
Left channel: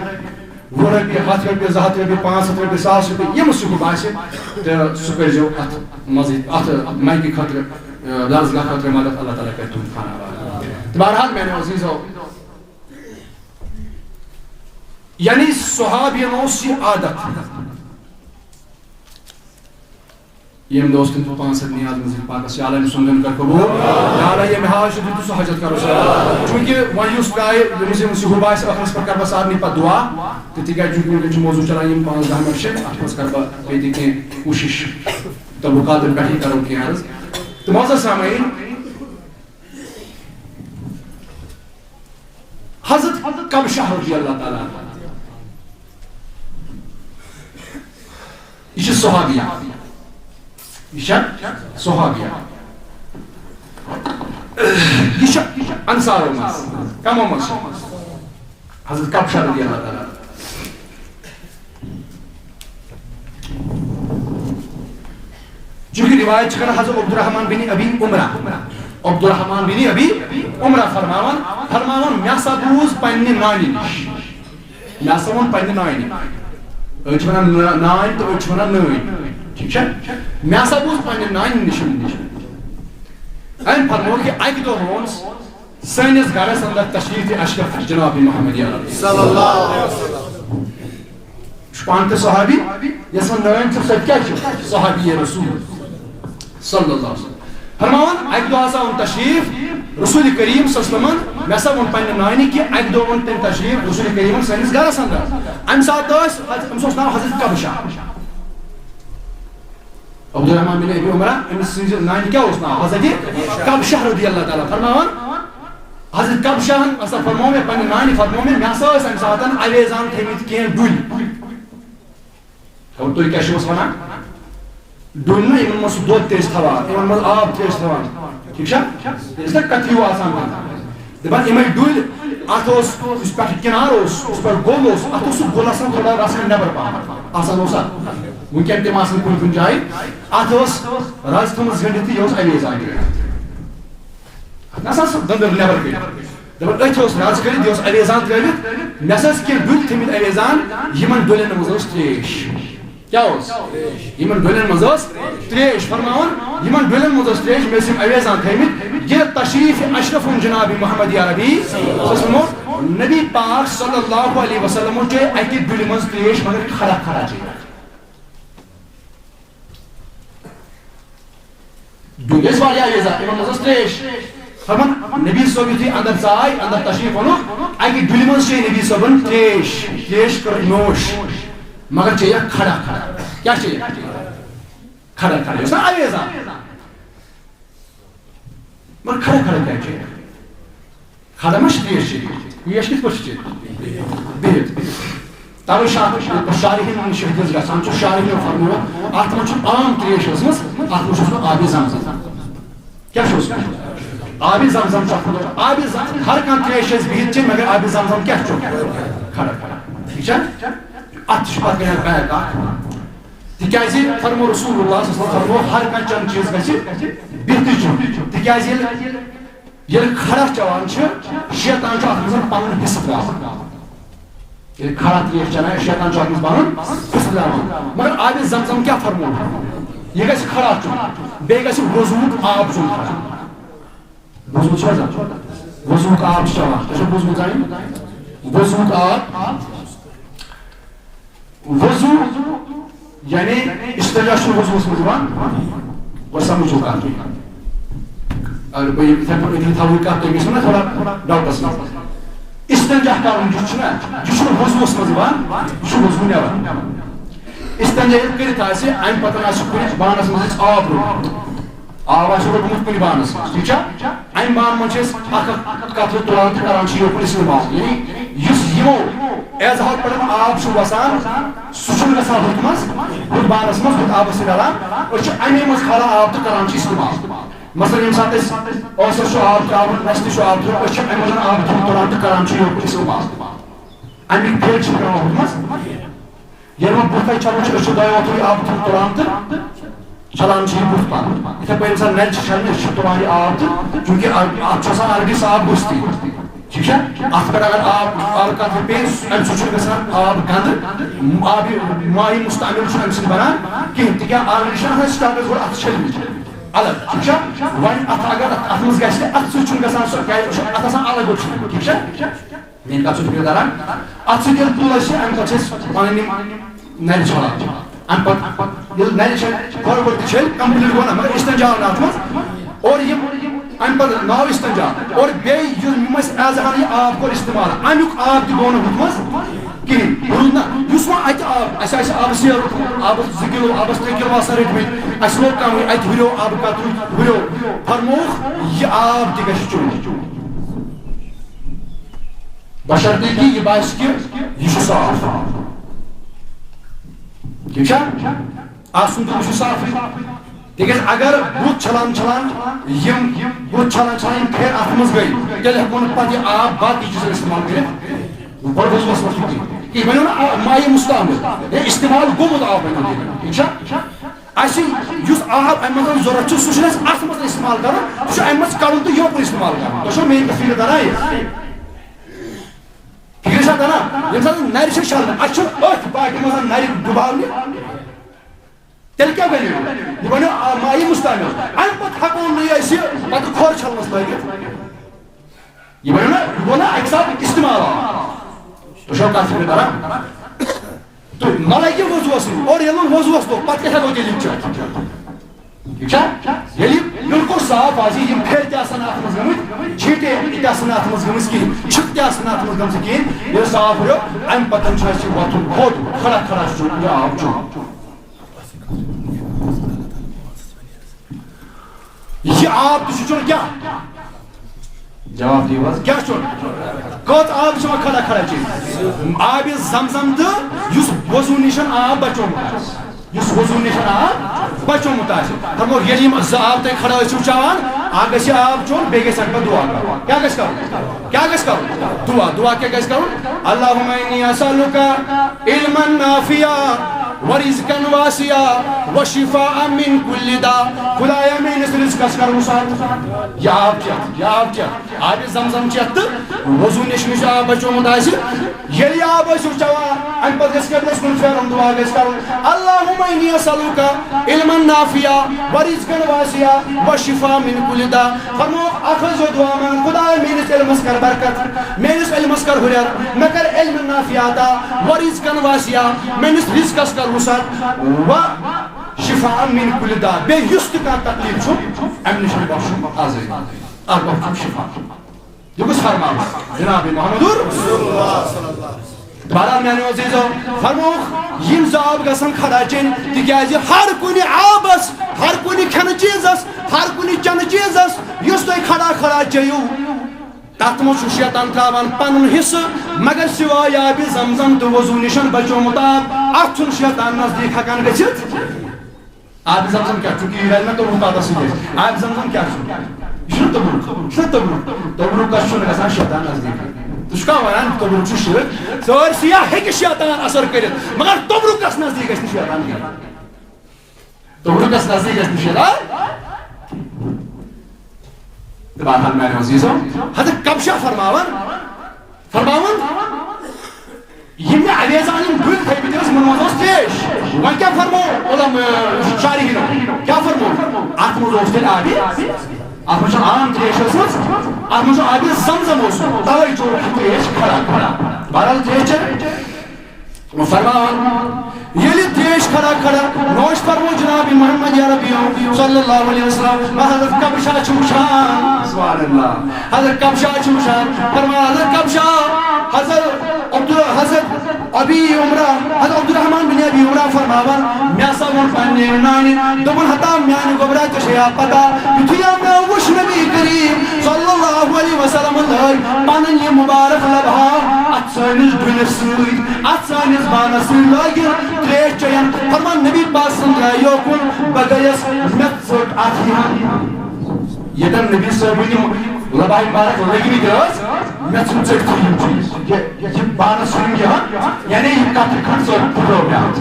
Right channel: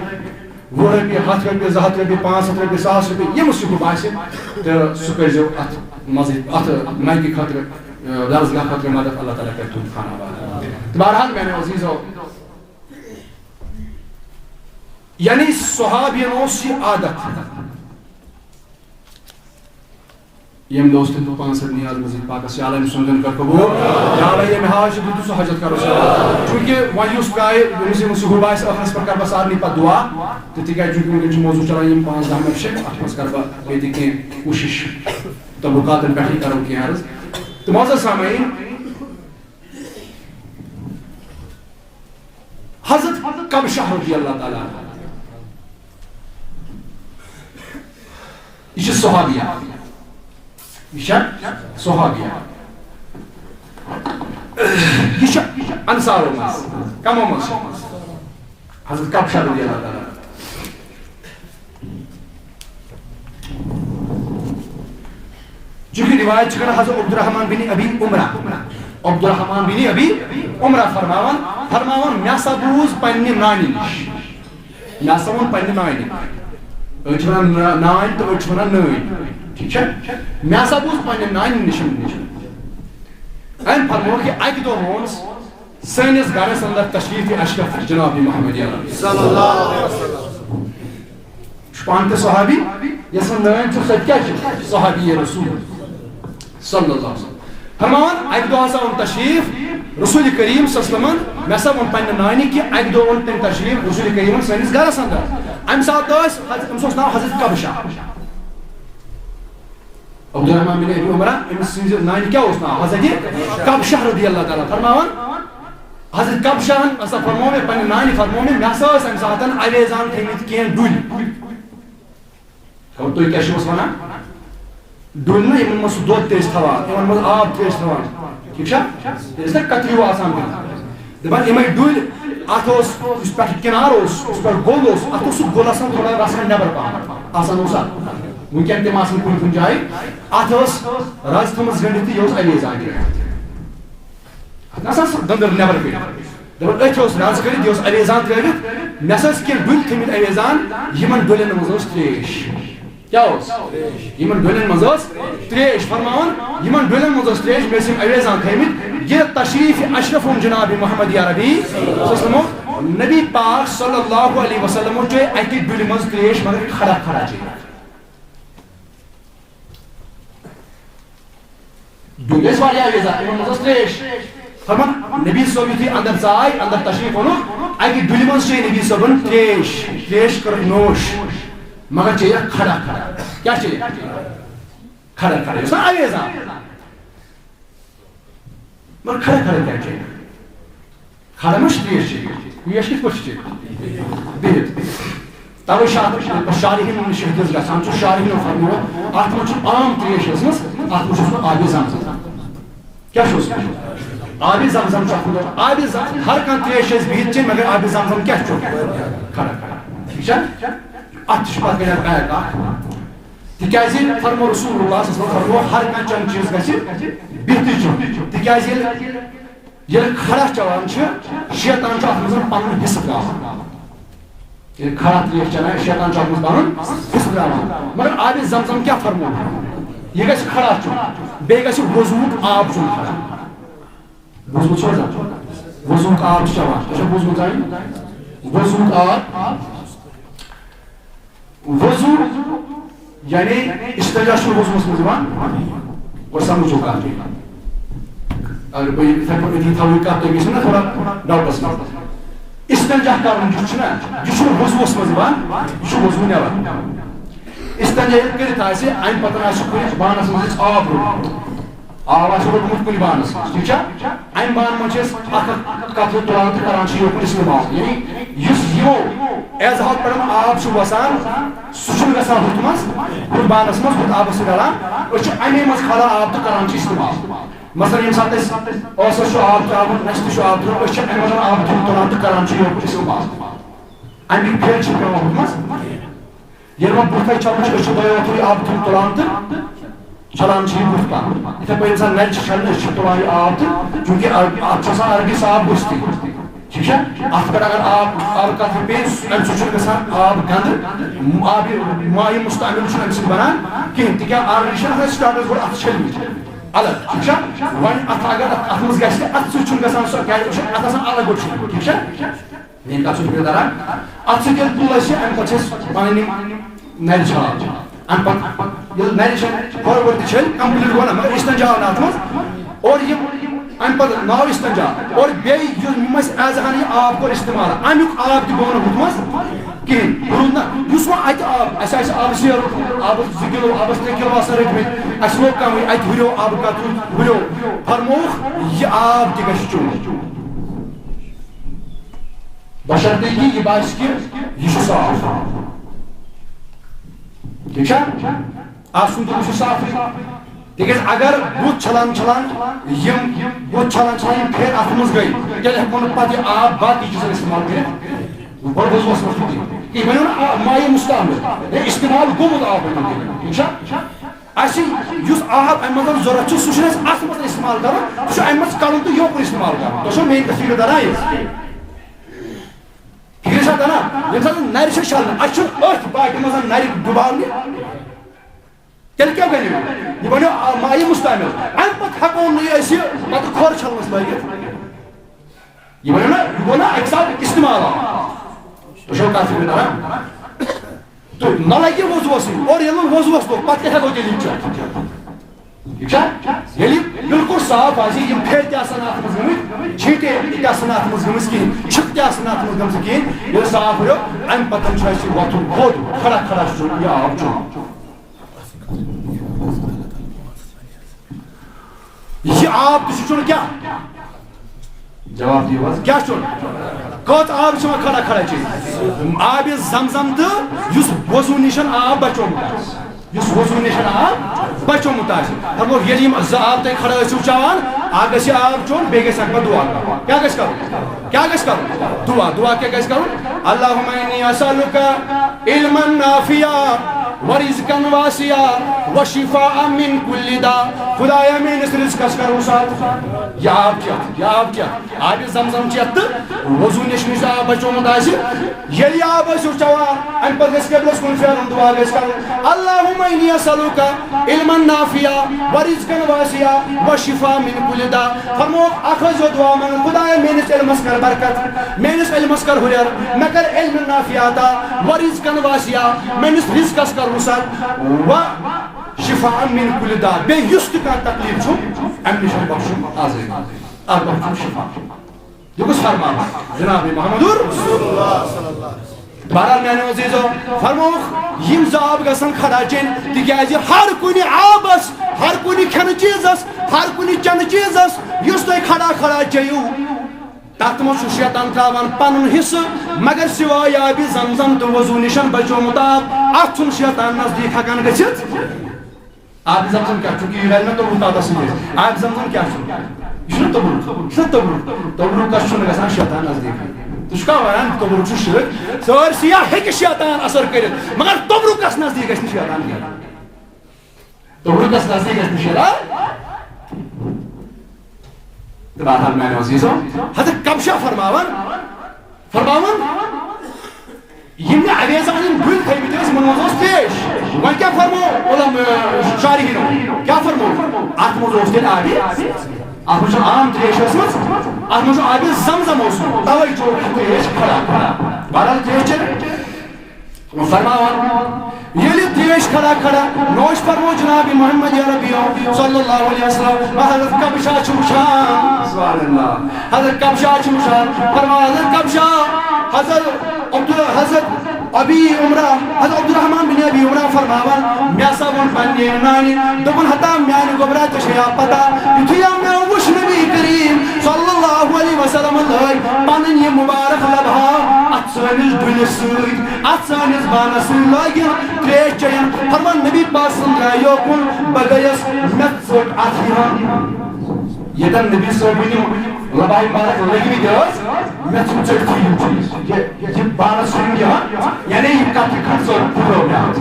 100 رۄپیہِ 100 رۄپیہِ 200 رۄپیہِ 500 رۄپیہِ 1000 رۄپیہِ ییٚمِس یہِ ہُہ باسہِ تہٕ سُہ کٔرۍزیو اتھ مزیٖد اتھ مایکہِ خٲطرٕ درسگاہ خٲطرٕ مدد اللہ تعالیٰ کرِ تُہُنٛد خانہ آباد تہٕ بہرحال میانیو عزیٖزو یعنی صحابین اوس یہِ عادت ییٚمہِ دۄہ اوس تٔمۍ 500 نیاز مزیٖد پاکس یا اللہ أمۍ سُنٛد دیُن کر قبوٗل یا اللہ ییٚمہِ حاج چھُ دیُت سُہ حجت کرو چوٗنٛکہِ وۄنۍ یُس ترٛایہِ ییٚمِس یہِ ہُہ باسہِ ٲخرس پٮ۪ٹھ کرٕ بہٕ سارنٕے پتہٕ دعا تہٕ تِکیازِ چوٗنٛکہِ وٕنکٮ۪ن چھُ موضوٗع چلان یِم 5-10 مِنٹ چھِ اتھ منٛز کرٕ بہٕ بیٚیہِ تہِ کینٛہہ کوٗشش تبرکاتن پٮ۪ٹھٕے کرو کینٛہہ عرض تہٕ معزز سامعیٖن حضرت کبشہ رضی اللہ تعالیٰ یہِ چھِ صحابیہ یہِ چھےٚ صحابیہ یہِ چھِ انصارو منٛز کمو منٛز چھِ حضرت کبشہ رضی اللہ تعالیٰ چونکہ روایت چھِ کران حضرت عبدالرحمان بن ابی عمرہ عبدالرحمان بن ابی عمرہ فرماوان مےٚ ہسا بوٗز پننہِ نانہِ نِش مےٚ ہسا ووٚن پننہِ نانہِ أڑۍ چھِ ونان نانۍ تہٕ أڑۍ چھِ ونان نٲنۍ ٹھیٖک چھا مےٚ ہسا بوٗز پننہِ نانہِ نِش أمۍ فرموو کہِ اکہِ دۄہ ووٚن سٲنِس گرس انٛدر تشریٖف اشرف جناب محمد صلی اللہ علیہ وسلم چھُ پانہٕ تہِ صحابی یۄس وۄنۍ نٲنۍ چھِ سۄ تہِ کیٛاہ چھِ صحابی رسول صلی اللہ علیہ وسلم فرماوان اکہِ دۄہ ہسا اوٚن تشریٖف رسول کریم صلی اللہ علیہ وسلمن مےٚ ہسا ووٚن پننہِ نانہِ کہِ اکہِ دۄہ اوٚن تٔمۍ تشریٖف رسول کریٖمن سٲنِس گرس انٛدر امہِ ساتہٕ أمِس اوس ناو حضرت کبشہ عبدالرحمان بن ابی عمرہ أمِس سٕنٛزِ نانہِ کیٛاہ اوس ناو حضرت کبشہ رضی اللہ تعالیٰ فرماوان حضرت کبشہن ہسا فرموو مےٚ پننہِ نانہِ فرموو مےٚ ٲسۍ امہِ ساتہٕ اویزان تھٲیمٕتۍ کینٛہہ ڈُلۍ خبر تُہۍ کیٛاہ چھِوس ونان ڈولنا یمن مز دود تیز تھوان یمن مز آب تیز تھوان ٹھیک چھا اس لیے کتریو آسان دپان یمے ڈول ات اس پہ کنار اس پہ گول ات سہ گول آسان تھوڑا گژھان نبر پہن آسان اوسا ونکین تم آسان کن کن جائیں ات رز تھمز گنڈتھ یہ اویزان نسا سہ دندر نبر کڑ دپان اتھ رز کڑ یہ اویزان ترٛٲوِتھ مےٚ ہسا کی ڈُلۍ تھٔمٕتۍ اویزان یمن ڈولین مز تریش کیا یمن ڈولین مز تریش فرماون یمن ڈولین مز تریش مے یم اویزان تھٔمٕتۍ یہ تشریف اشرف جناب محمد عربی نبی پاک صلی اللہ علیہ وسلم چے اکہ ڈُلہِ مز تریش مگر کھڑا کھڑا چے ڈُلۍ ٲسۍ واریاہ اویزان یمن مز تریش فرمان نبی صٲب یُتھُے اندر ژاے اندر تشریف اوٚنُکھ اکہ ڈُلہِ مز چے نبی صٲبن تریش کر نوش مگر چاہیے کھڑا کھڑا کیا چاہیے کھڑا کھڑا یہ اویزان مگر کھڑا کھڑا کیا چاہیے کھڑا مش تریش چاہیے یہ کت پہ بہت توے شارحین شہدس گھان شارحین فرموت ات من عام تریش ٲسمٕژ ات من آبِ زمزم کیا آبِ زمزم آبِ ہر کانٛہہ تریش بہت چیٚنۍ مگر آبِ زمزم کیا کھڑا کھڑا ٹھیک چھا ات پتہ گٔے بیک تکیازِ فرمو رسول اللہ صلی اللہ علیہ وسلم فرمو ہر کانٛہہ چند چیز گژھِ بہتر چون تکیازِ ییٚلہِ کھڑا چوان شیطان اتھ منٛز پنُن حصہٕ تراوان ییٚلہِ کھڑا تریش چٮ۪وان شیطان اتھ منٛز پنُن حصہٕ تراوان مگر آبِ زمزم کیا فرمو یہ گژھِ کھڑا چون بیٚیہِ گژھِ وضوُک آب چون کھڑا وضو چھا وضوُک آب چھُ چٮ۪وان تۄہہِ چھا بوٗزمُت زانہِ وضوُک آب وضو یعنی استنجا وضوس من اور سمجھو کات اگر بہت اتھے پہ تھو یہ کت تم نا تھوڑا ڈاؤٹس مز استنجا کرن یہ وضوس من یہ وضو نبر استنجا کرت ام پتہ کن بانس مز آب روٹ آب روٹمت کن بانس ٹھیک ام بان من قطر تلان تو کران یوکن استعمال یعنی یمو ایز ہاؤ پڑھن آب وسان سہ گھان ہُتھ مز ہُتھ بانس مز ہُتھ آبس ڈلان امی مز کھالان آب تو کران استعمال مثلا یم سات ٲسس آب ترٛاوُن رستہِ چھُ آب ترٛاوُن أسۍ چھِ امی منٛز آب تلان تو کران یوکن استعمال امیُک پھیٚر چھُ پیٚوان ہُتھ مز ییٚلہِ وۄنۍ بُتھ چھلان أسۍ چھِ دۄیو اَتھو آب تلان تو چھلان یہ بُتھ پن اتھے پٲٹھۍ انسان نرِ چھلنہِ أسۍ چھِ تُلان یہ آب تو چوٗنٛکہِ اتھ چھُ آسان الگٕے صاف بُستہِ ٹھیک ہے ات پہ اگر آب قطر پے ام سان آب گند آب مائع مستعمل ام سب بنان کہین تک آلریڈی سٹارٹس گو ات چھلمت الگ ٹھیک ہے وۄنۍ ات اگر ات مز گژھِ ات سۭتۍ گژھان سُہ ات آسان الگ گۄڈٕ چھلمت ٹھیک ہے میٲنۍ کتھ چھُ داران ات سۭتۍ ییٚلہِ تُل أسۍ امہِ پتہٕ چھِ أسۍ پنٕنۍ یِم نرِ چھلان امہِ پتہٕ ییٚلہِ نرِ چھلہِ ہورٕ یورٕ تہِ چھلہِ کمپلیٹ گوٚو نا مگر استنجا آو نہٕ اتھ منٛز اور یم ام پتہ ناو استنجا اور بیٚیہِ یم ایز یہ آب کوٚر استعمال امیُک آب تہِ گوٚو نہٕ ہُتھ منٛز کہیٖنۍ روٗد نہ یُس وۄنۍ اتہِ آب اسہِ آسہِ آبس سیرُن آبس 2 کِلوٗ آبس 3 کِلوٗ آسان رٔٹمٕتۍ اسہِ لوگ کمٕے اتہِ ہُریو آبہٕ قطرٕ ہُریو فرمووُکھ یہِ آب تہِ گژھِ چیوٚن بشرطے کہ یہ باسہِ کہ یہ چھُ صاف ٹھیک چھا آسُن تہِ چھُ صافٕے تکیاز اگر بُتھ چھلان چھلان یم بُتھ چھلان چھلان یم پھیٚر اتھ منٛز گٔے تیٚلہِ ہیٚکو نہٕ پتہٕ یہِ آب باقٕے چیٖزن استعمال کٔرِتھ گۄڈٕ وضوٗوس منٛز چھُ یہِ بنیو نہ مائع مستعمل استعمال گوٚمُت آب بنیو ٹھیک چھا اَسہِ یُس آب امہِ منٛز ضروٗرت چھُ سُہ چھُنہٕ اَسہِ اتھ منٛز استعمال کرُن سُہ چھُ امہِ منٛز کڑُن تہٕ یوکُن استعمال کرُن تۄہہِ چھو میٲنۍ کتھ فکر تران فکر چھا تران ییٚمہِ ساتہٕ نرِ چھِ چھلنہِ اَسہِ چھُنہٕ أتھۍ باقین منٛز نرِ ڈُباونہِ تیٚلہِ کیٛاہ بنیو یہِ بنیو مائع مستعمل امہِ پتہٕ ہٮ۪کو نہٕ أسۍ یہِ پتہٕ کھۄر چھلنس لٲگِتھ یہِ بنیو نہ یہِ گوٚو نہ اکہِ ساتہٕ استعمال تۄہہِ چھو کتھ فکر تران تہٕ نہ لگہِ وضوٗوس اور ییٚلہِ نہٕ وضوٗوس لوٚگ پتہٕ کیٛاہ ہٮ۪کو تیٚلہِ یہِ چٮ۪تھ ٹھیک چھا ییٚلہِ یہِ بالکل صاف آسہِ یِم پھیٚر تہِ آسن اتھ منٛز گٔمٕتۍ چھِٹہِ تہِ آسن اتھ منٛز گٔمٕژ کِہیٖنۍ چھِکھ تہِ آسن اتھ منٛز گٔمژٕ کِہیٖنۍ ییٚلہِ صاف ہُریو امہِ پتہٕ چھُ اَسہِ وۄتھُن تھوٚد کھڑا کھڑا چھُ چیوٚن یہِ آب چیوٚن یہ آب تہِ چھُ چیوٚن کیٛاہ جواب دیو حظ کیٛاہ چیوٚن کٔژ آب چھُ کھڑا کھڑا چیٚنۍ آبِ زمزم تہٕ یُس وضوٗ نِش آب بچومُت آسہِ یُس وضوٗ نِش آب بچوں متاثر فرمو یلیم زاب تے کھڑا چھو چاوان آگے سے آپ چون بیگے سک پر دعا کرو کیا گش کرو دعا کیا گش کرو اللہم انی اسألک علما نافعا ورزقا واسعا وشفاء من كل داء خدایا میں نے رزق کس کرو ساتھ یا آپ کیا آب زمزم چیت وضو نش آب بچو متاثر یلی آب چھو چاوان ان پر اس قبلس کن پھیرن دعا گش کرو اللہم انی اسألک علما نافعا ورزقا واسعا وشفاء من كل داء فرمو اخذ دعا من خدایا میں نے علم کر برکت میں نے علم کر ہجر میں کر علم نافعا عطا ورزقا واسعا میں نے رزق کس کر وسعت و شفاء من كل داء بے یست کا تکلیف چھو ام نشان بخشم آزاد بخشم شفا یہ کچھ فرمان جناب محمد رسول اللہ صلی اللہ علیہ وسلم بہرحال میانے عزیزو فرموک یم زاب گسن کھڑا چین تکیازِ ہر کنی آبس ہر کنی کھن چیزس ہر کنی چن چیزس یس تُہۍ کھڑا چیو تات مو شیطان تراوان پنن حصہ مگر سوائے آب زمزم تو وضو نشن بچومت آب ات چھن شیطان نزدیک ہکان گژھِتھ آب زمزم کیا چونکہ یہ میں تو پتہ سی آب زمزم کیا یہ تبرک کس چھن گژھان شیطان نزدیک تُہۍ چھُکھا ونان تبرک چھُ شرک سٲرسٕے ہیٚکہِ شیطان اثر کٔرِتھ مگر تبرکس نزدیک گژھِ نہٕ شیطان کینٛہہ تبرکس نزدیک گژھِ نہٕ شیطان بہرحال میانے عزیزو حضرت کبشہ فرماون یم اویزان یم گل تھیمت ٲسۍ یمن منٛز اوس تریش وۄنۍ کیٛاہ فرمو شارحینو کیٛاہ فرمو اتھ منٛز اوس تیٚلہِ آبِ اتھ منٛز چھُ عام تریش ٲسمٕژ اتھ منٛز چھُ آبِ زمزم اوسمُت توے چوک تریش کھڑا بہرحال تریش چیٚن فرماون یلی تریش کھڑا نوش فرمو جناب محمد عربیوں صلی اللہ علیہ وسلم حضرت کبشہ چھوشان سبحان اللہ حضرت کبشہ چھوشان فرمان حضرت کبشہ حضرت ابی عمرہ حضرت عبدالرحمن بن ابی عمرہ فرماون میاسا ون پننی نانی دبن ہتا میان گبرا چشیا پتا یتھیا میں وش نبی کریم صلی اللہ علیہ وسلم لای پنن یہ مبارک لبھا ات سانس دنس سۭتۍ ات سانس بانس سۭتۍ لٲگِو تریش چیٚین فرمان نبی پاک سُنٛد درٛاے یوکُن بہٕ گٔیَس مےٚ ژٔٹ اتھ ییٚتٮ۪ن نبی صٲبٕنۍ یِم لبھاے مبارک لٔگمٕتۍ ٲسۍ مےٚ ژھُن ژٔٹتھٕے یِم چیٖز یہِ بانس ژھُنُم یِہن یعنی یہِ کترِ کھنٛڈ ژٔٹ پھٕٹرٲو مےٚ اتھ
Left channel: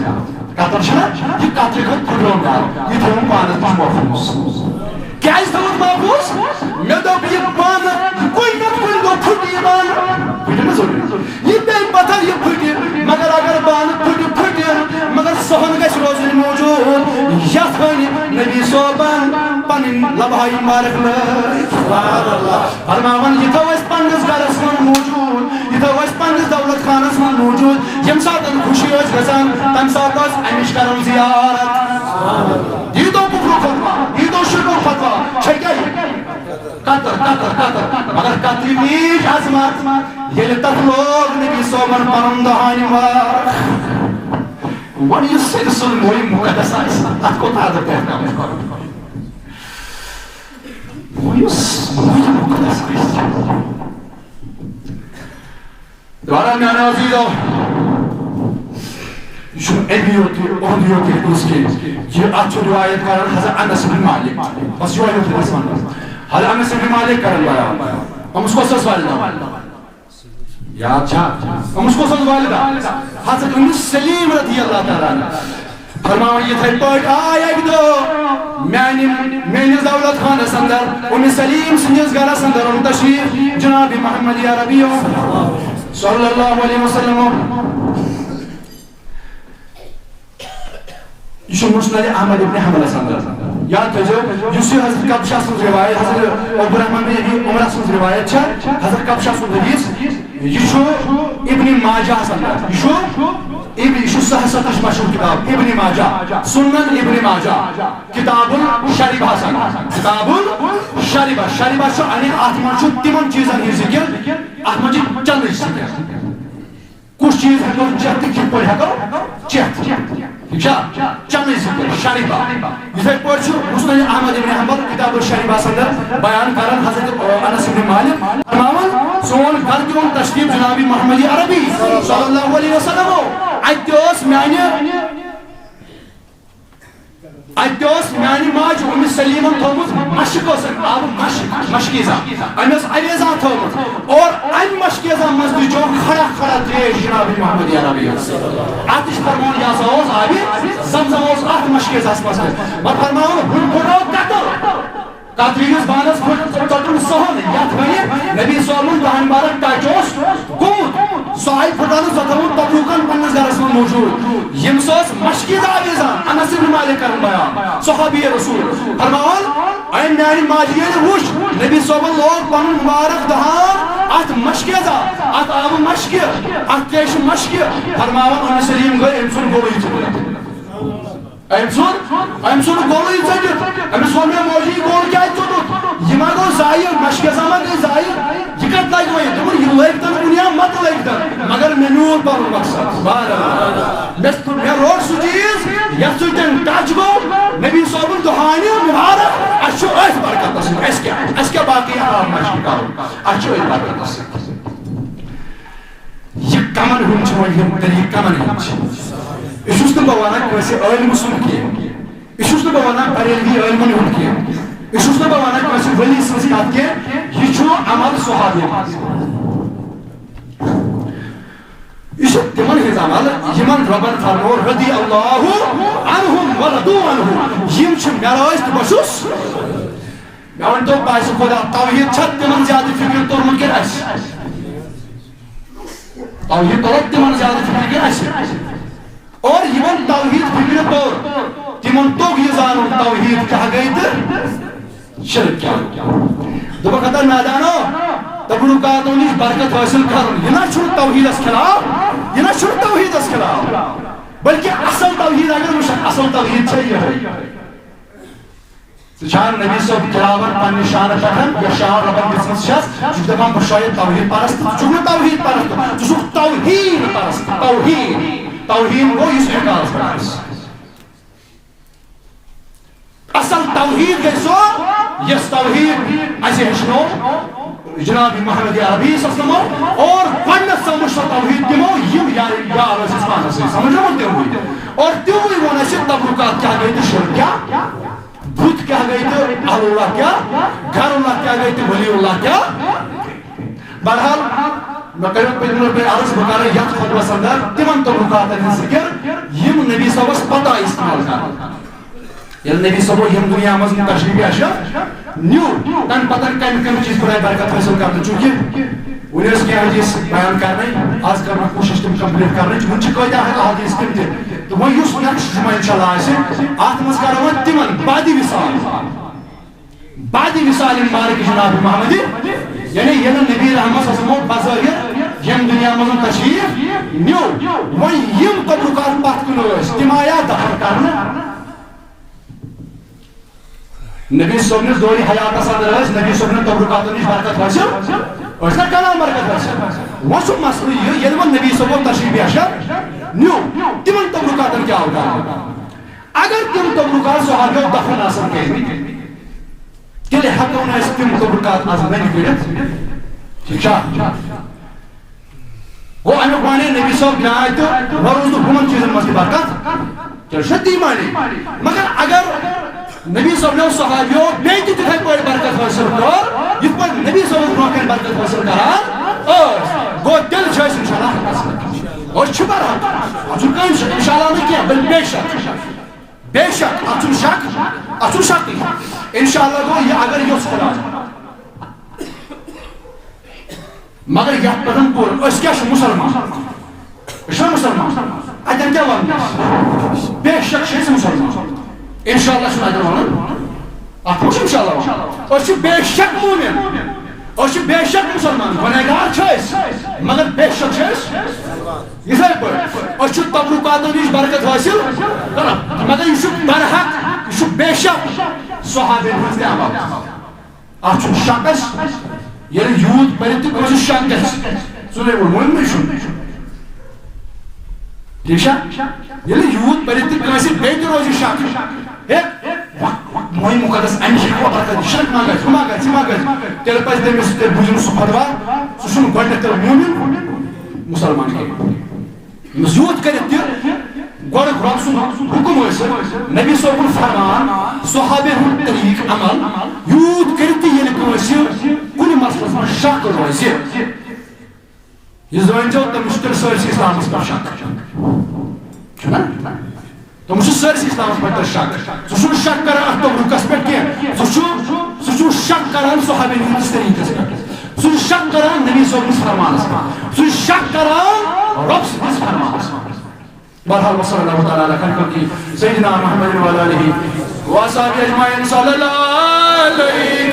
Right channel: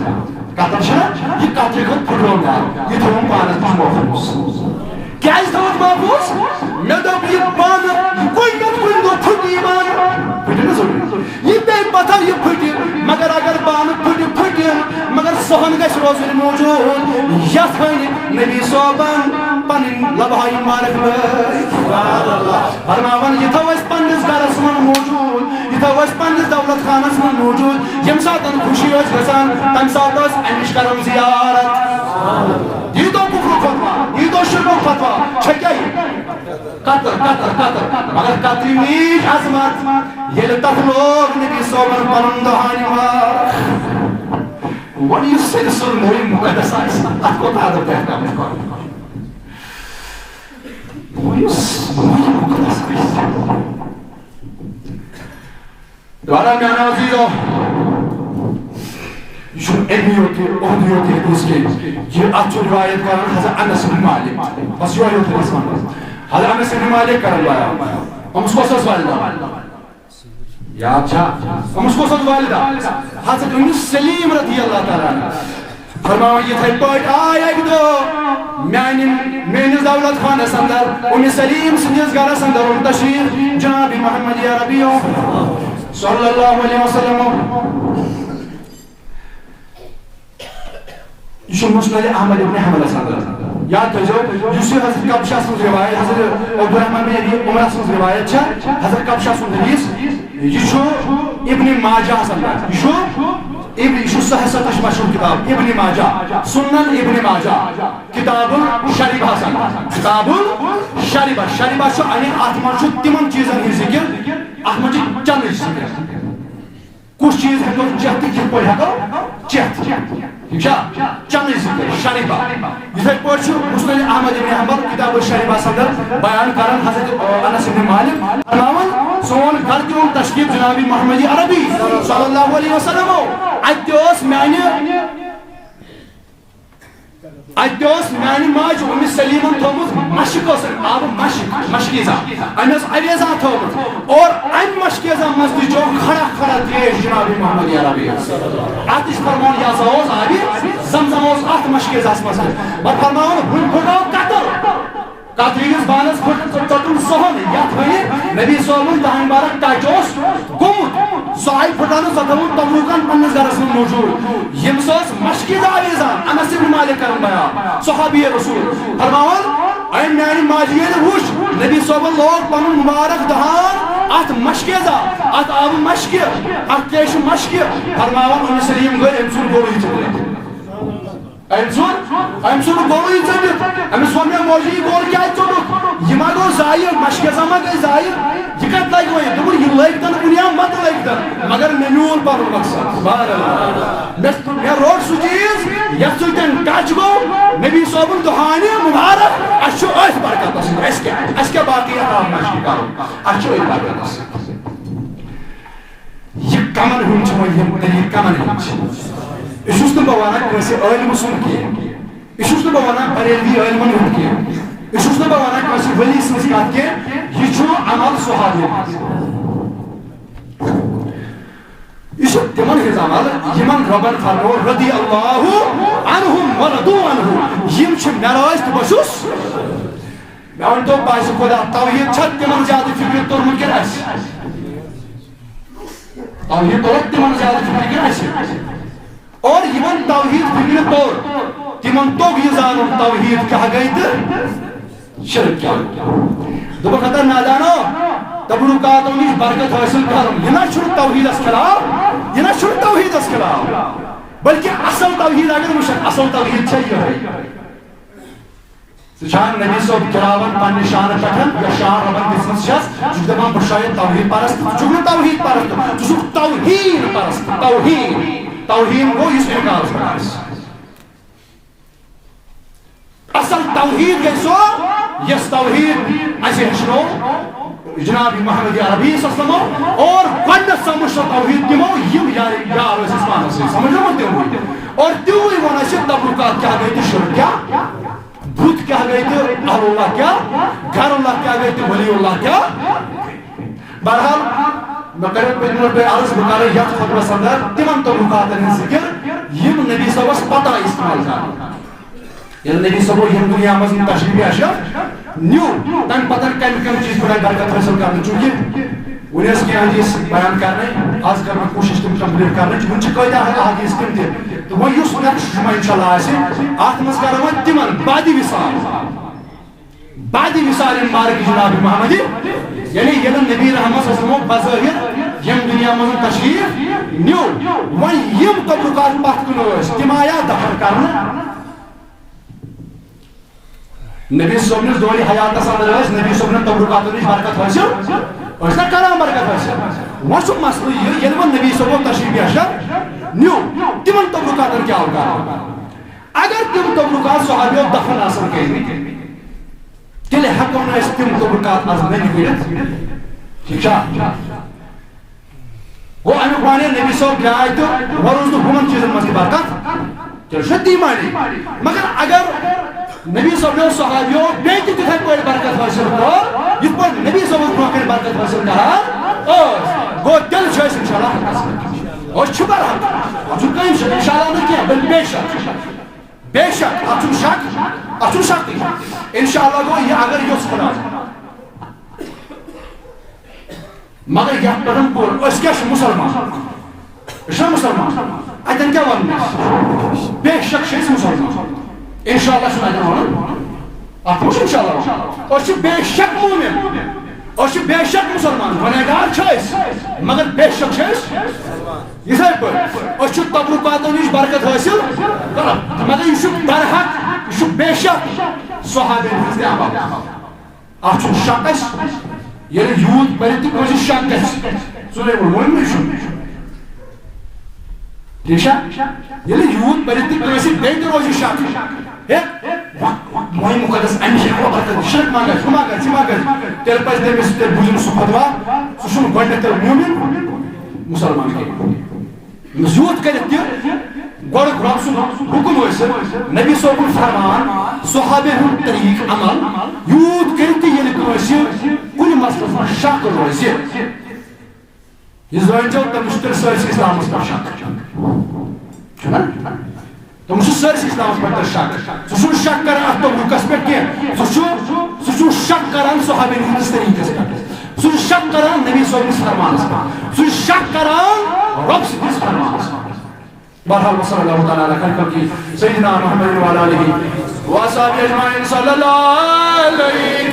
کتٕر چھنا یہِ کترِ کھنٛڈ پھٕٹرٲو مےٚ اتھ یہِ تھوٚوُم پانس نِش محفوٗظ کیٛازِ تھوٚوُتھ محفوٗظ مےٚ دوٚپ یہِ بانہٕ کُنہِ نتہٕ کُنہِ دۄہ پھٕٹہِ یہِ بانہٕ پھٕٹہِ نہٕ ضروٗری یہِ پیٚیہِ پتہ یہِ پھٕٹہِ مگر اگر بانہٕ پھٕٹہِ مگر صحن گژھِ روزٕنۍ موجوٗد یتھ ہنہِ نبی صٲبن پنٕنۍ لبھاے مبارک لٲج فرماون یہِ تھاو أسۍ پننِس گرس منٛز موجوٗد یہِ تھاو أسۍ پننِس دولت خانس منٛز موجوٗد ییٚمہِ ساتہٕ خوشی ٲس گژھان تمہِ ساتہٕ ٲس امِچ کران زیارت یہِ دو کفرُک فتوا یہِ دو شرکُک فتوا چھےٚ کیٛاہ یہِ قطر مگر قطرِ نیٖج عظمت ییٚلہِ تتھ لوگ نبی صٲبن پنُن دہانہِ مار وۄنۍ یُس سیٚدِ سُنٛد مویہِ مُقدس آسہِ اتھ کوتاہ ادب احترام چھُ کرُن دوبارہ میانے عزیزو یہ چھُنہٕ امی یوت اُہُنٛد یوت حدیث کینٛہہ یہِ اتھ چھُ روایت کران حضرت انس بن مالک بس یہوے یوت حدیث ونان حضرت انس بن مالک کران بیان أمس کۄس ٲس والدہ یاد چھا أمس کۄس ٲس والدہ حضرت ام سلیم رضی اللہ تعالیٰ عنہ فرماوان یِتھے پٲٹھۍ آے اکہِ دۄہ میٲنِس دولت خانس اندر ام سلیم سٕنٛدِس گرس اندر اوٚن تشریف جناب محمد عربیو صلی اللہ علیہ وسلم یہ چھُ مسند احمد ابن حنبلس اندر یاد تھٲیزیو یُس یہِ حضرت کبشہ سٕنٛز روایت حضرت عبدالرحمن بن ابی عمرہ سٕنٛز روایت چھےٚ حضرت کبشہ سُنٛد حدیث یہ چھُ ابن ماجہس اندر یہ چھُ سہستٕچ مشہوٗر کتاب ابن ماجہ سنن ابن ماجہ کتاب الشریبہس اندر کتاب الشریبہ شریبہ چھُ یعنی اتھ منٛز چھُ تِمن چیٖزن ہُنٛد ذکر اتھ منٛز چھِ چنٕچ ذکر کُس چیٖز ہٮ۪کو چٮ۪تھ تہٕ کِتھ پٲٹھۍ ہٮ۪کو چٮ۪تھ ٹھیٖک چھا چنٕچ ذکر شریبہ یِتھے پٲٹھۍ چھُ مسند احمد ابن حنبل کتاب الشریبہس اندر بیان کران حضرت انس بن مالک فرماوان سون گھر تہِ اوٚن تشریف جناب محمد عربی صلی اللہ علیہ وسلم اتہِ اوس میانہِ اتوس میانی ماج ام سلیمن تھومت مشک آب مشکیزا امس عویزا تھومت اور ام مشکیزا مزدی جو کھڑا کھڑا تریش جناب محمد عربی آتش فرمان یا سوز آبی زمزم اوس ات مشکیزا مزدی بر فرمان ہن پھٹاو قطر قطریس بانس ژٹن سہل یت ونی نبی صوبن دہن بارک تاچوس گومت سہی پھٹان ژٹون تبروکن پنس گرس من موجود یم سوس مشکیزا عویزان انس بن مالک کرن بیان صحابی رسول فرمان اے میانی ماجین وش نبی صوبن لوگ پنن مبارک دہان ات مشکیزا ات آب مشکی ات تریش مشکی فرمان ام سلیم گئی ام سن گوئی چکر ام سن گوئی چکر امس ون میں موجی گول کیا چلو یہ ما گو زائر مشکیزا ما گئی زائر یہ کت لگ گئی دبن یہ لگ تن کنیا مت لگ تن مگر میں میون پر مقصد سبحان اللہ میں روڈ سو چیز یت سوتن ٹچ گو نبی صوبن دہانی مبارک اچھو اس برکت اس کیا باقی اقام مشکی کرو اچھو اس برکت اس یہ کمن ہن چھ یم طریق کمن ہن اس تو بوانا کیسے علم سن کے اس تو بوانا بریلوی علم ہن کے اس تو بوانا کیسے ولی سن کات کے یہ چھو عمل صحابی اس تمن ہز عمل یمن ربن فرمو رضی اللہ عنہم ورضوا عنہ یم چھ معراج تو بسوس میں ان تو باش خدا توحید چھت تمن زیادہ فکر تورن کے اس توحید تو تمن زیادہ فکر کے اس اور یمن توحید فکر طور تمن تو یہ زانو توحید کیا گئی تو شرک کیا دبا خطر نادانو تبرکاتوں نش برکت حاصل کرن یہ نہ چھڑ توحید اس خلاف یہ نہ چھڑ توحید اس خلاف بلکہ اصل توحید اگر مشک اصل توحید چاہیے شان نبی صاحب کراون پن شان پٹھن یا شان ربن قسمت شخص جو دپان بشاید توحید پرست چھو توحید پرست چھو توحید پرست توحید وہ اس نکاس پرست اصل توحید گئی سو یس توحید ایسے ہشنو جناب محمد عربی صلی اللہ علیہ وسلم اور گۄڈنیٚتھ سمجھ توحید دمو یم یار اس اسمان سے سمجھ مت توحید اور تیوی ون اسے تبرکات کیا گئی تو شرک کیا بت کیا گئی تو اہل اللہ کیا گھر اللہ کیا گئی تو ولی اللہ کیا بہرحال میں کروں پہ عرض بکارے یک فتوہ صدر تمن تبرکات نے ذکر یم نبی صلی اللہ علیہ وسلم پتہ استعمال کر یل نبی صلی اللہ علیہ وسلم دنیا مزن تشریف اشرف نیو تن پتہ کم چیز برائے برکت حاصل کرنا چونکہ ونس کی حدیث بیان کرنے آج کرنا کوشش تم کمپلیٹ کرنے ون چھ قاعدہ ہے حدیث تم تہ تو وہ یس نیکسٹ جمعہ انشاءاللہ آسے ات مز کرو تمن بعدی وصال مبارک جناب محمد یعنی یہ نبی رحمت صلی اللہ علیہ وسلم بظاہر یم دنیا مزن تشریف نیو ون یم تبرکات پتھ کن تم آیا دفن کرنا نبی صاحب نے دور حیات اندر نبی صاحب نے تبرکاتوں نش برکت حاصل اس نے کلام برکت حاصل وہ سب مسئلہ یہ یل نبی صاحب تشریف اشرف نیو تمن تبرکاتن کیا ہوگا اگر تم تبرکات صحابیوں دفن حاصل کریں تیلے حقوں نے تم تبرکات حاصل نہیں کریں ٹھیک ہے وہ امیک مانے نبی صاحب جائے تو وروز ہمن چیزن مستی برکت تیل شدی مانی مگر اگر نبی صاحب نے صحابیوں بیٹی تتھائی پڑھ برکت حاصل کر یہ پڑھ نبی صاحب برکت برکت حاصل کران گو دل چھوئس انشاءاللہ اور چھپر حق چونکہ انشاءاللہ نہیں کیا بل بے شک اتن شک انشاءاللہ گو یہ اگر یہ خدا مگر یہ پتن پور اس کیا مسلمان اتن کیا ون بے شک شیس مسلمان انشاءاللہ شنو ادھر ونن اتھ انشاءاللہ اور بے شک مومن اور بے شک مسلمان گنہگار چھس مگر بے شک چھس یہ سر پر اور تبرکاتوں نش برکت حاصل مگر یہ برحق یہ بے شک صحابین ہنز دعوت اتھ شک یل یوت پرت تہ شک گژھِ ژٕ ون ٹھیک یل یوت پرت تہ بیٚیہِ تہِ روزِ شک موہی مقدس شرک ما گژھِ تیٚلہِ پزِ تٔمِس تیٚلہِ بوٗزُن سُہ فتوا سُہ چھُنہٕ گۄڈنٮ۪تھ تیٚلہِ مومن مسلمان کینٛہہ ییٚمِس یوٗت کٔرِتھ تہِ گوڑ رب سن حکم حاصل نبی صاحب فرمان صحابہ ہند طریق عمل یوت کرتی یل کنس کن مسلس من شک روز یہ زن جو تم تر سرس اسلام پہ شک تم سرس اسلام پہ شک ثہ شک کران ات تبرکس پہ کی ثہ شک کران صحابہ ہندس طریقس پہ ثہ شک کران نبی صاحب فرمانس پہ ثہ شک کران رب سندس فرمانس پہ بہرحال وصلی اللہ تعالی علیہ خلقہ سیدنا محمد وعلی آلہ وصحبہ اجمعین صلی اللہ علیہ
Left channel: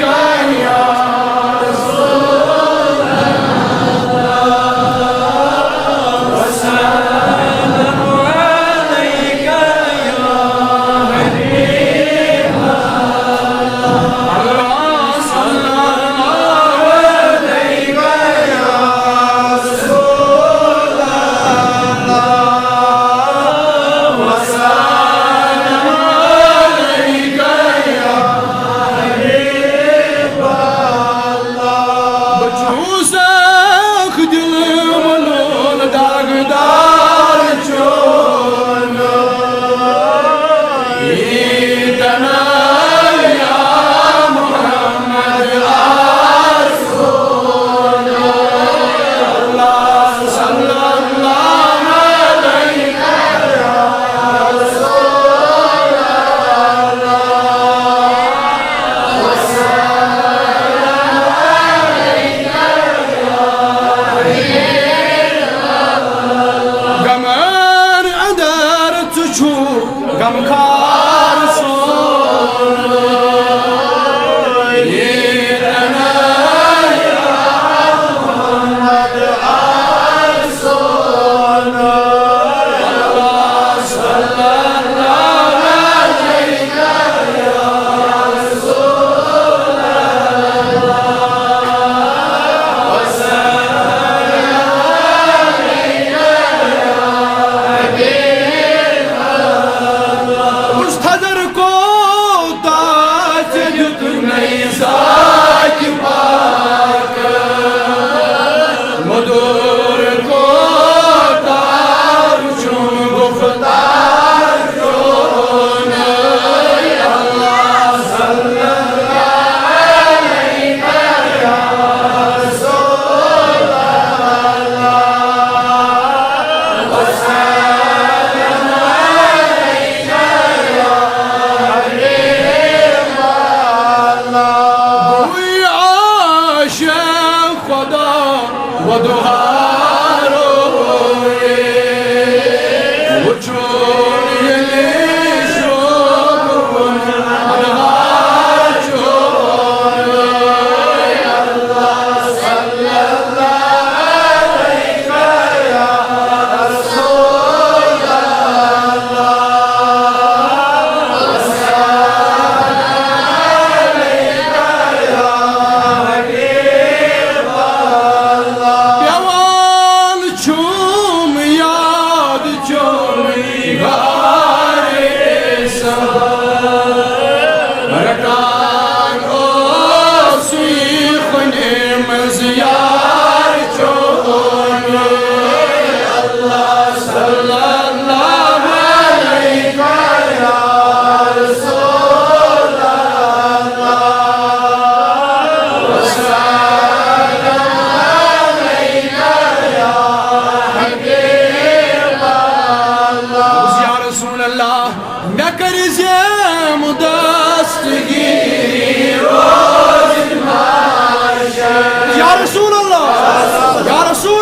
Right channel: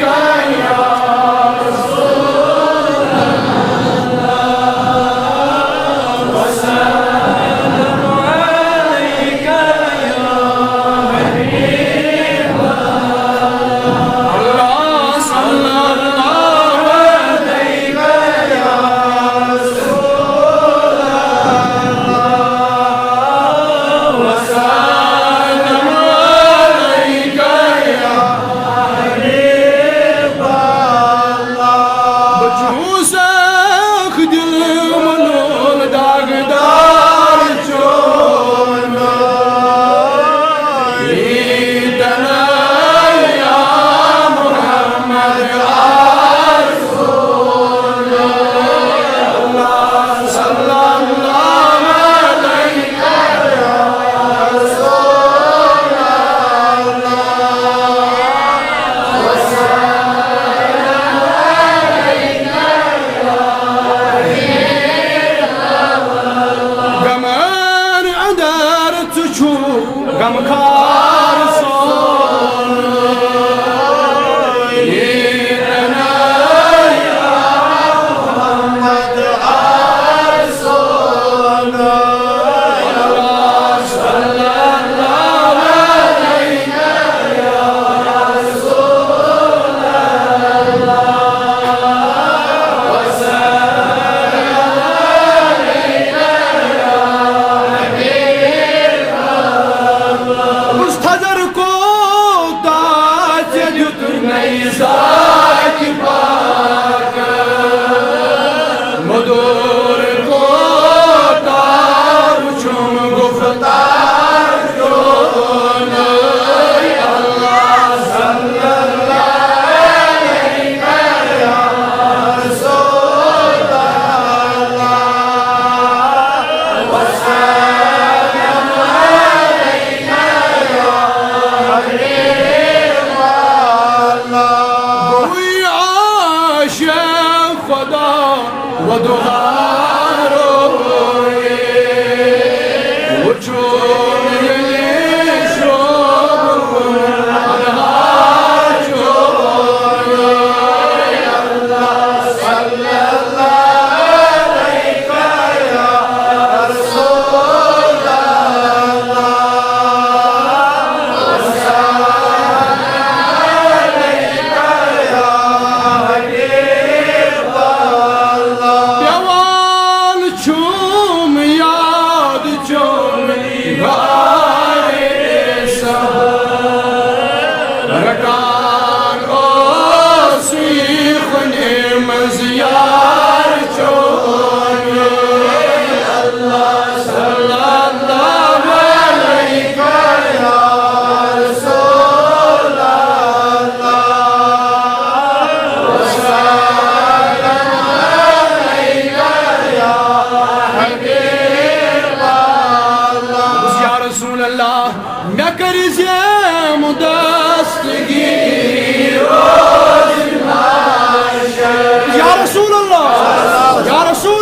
یا رسول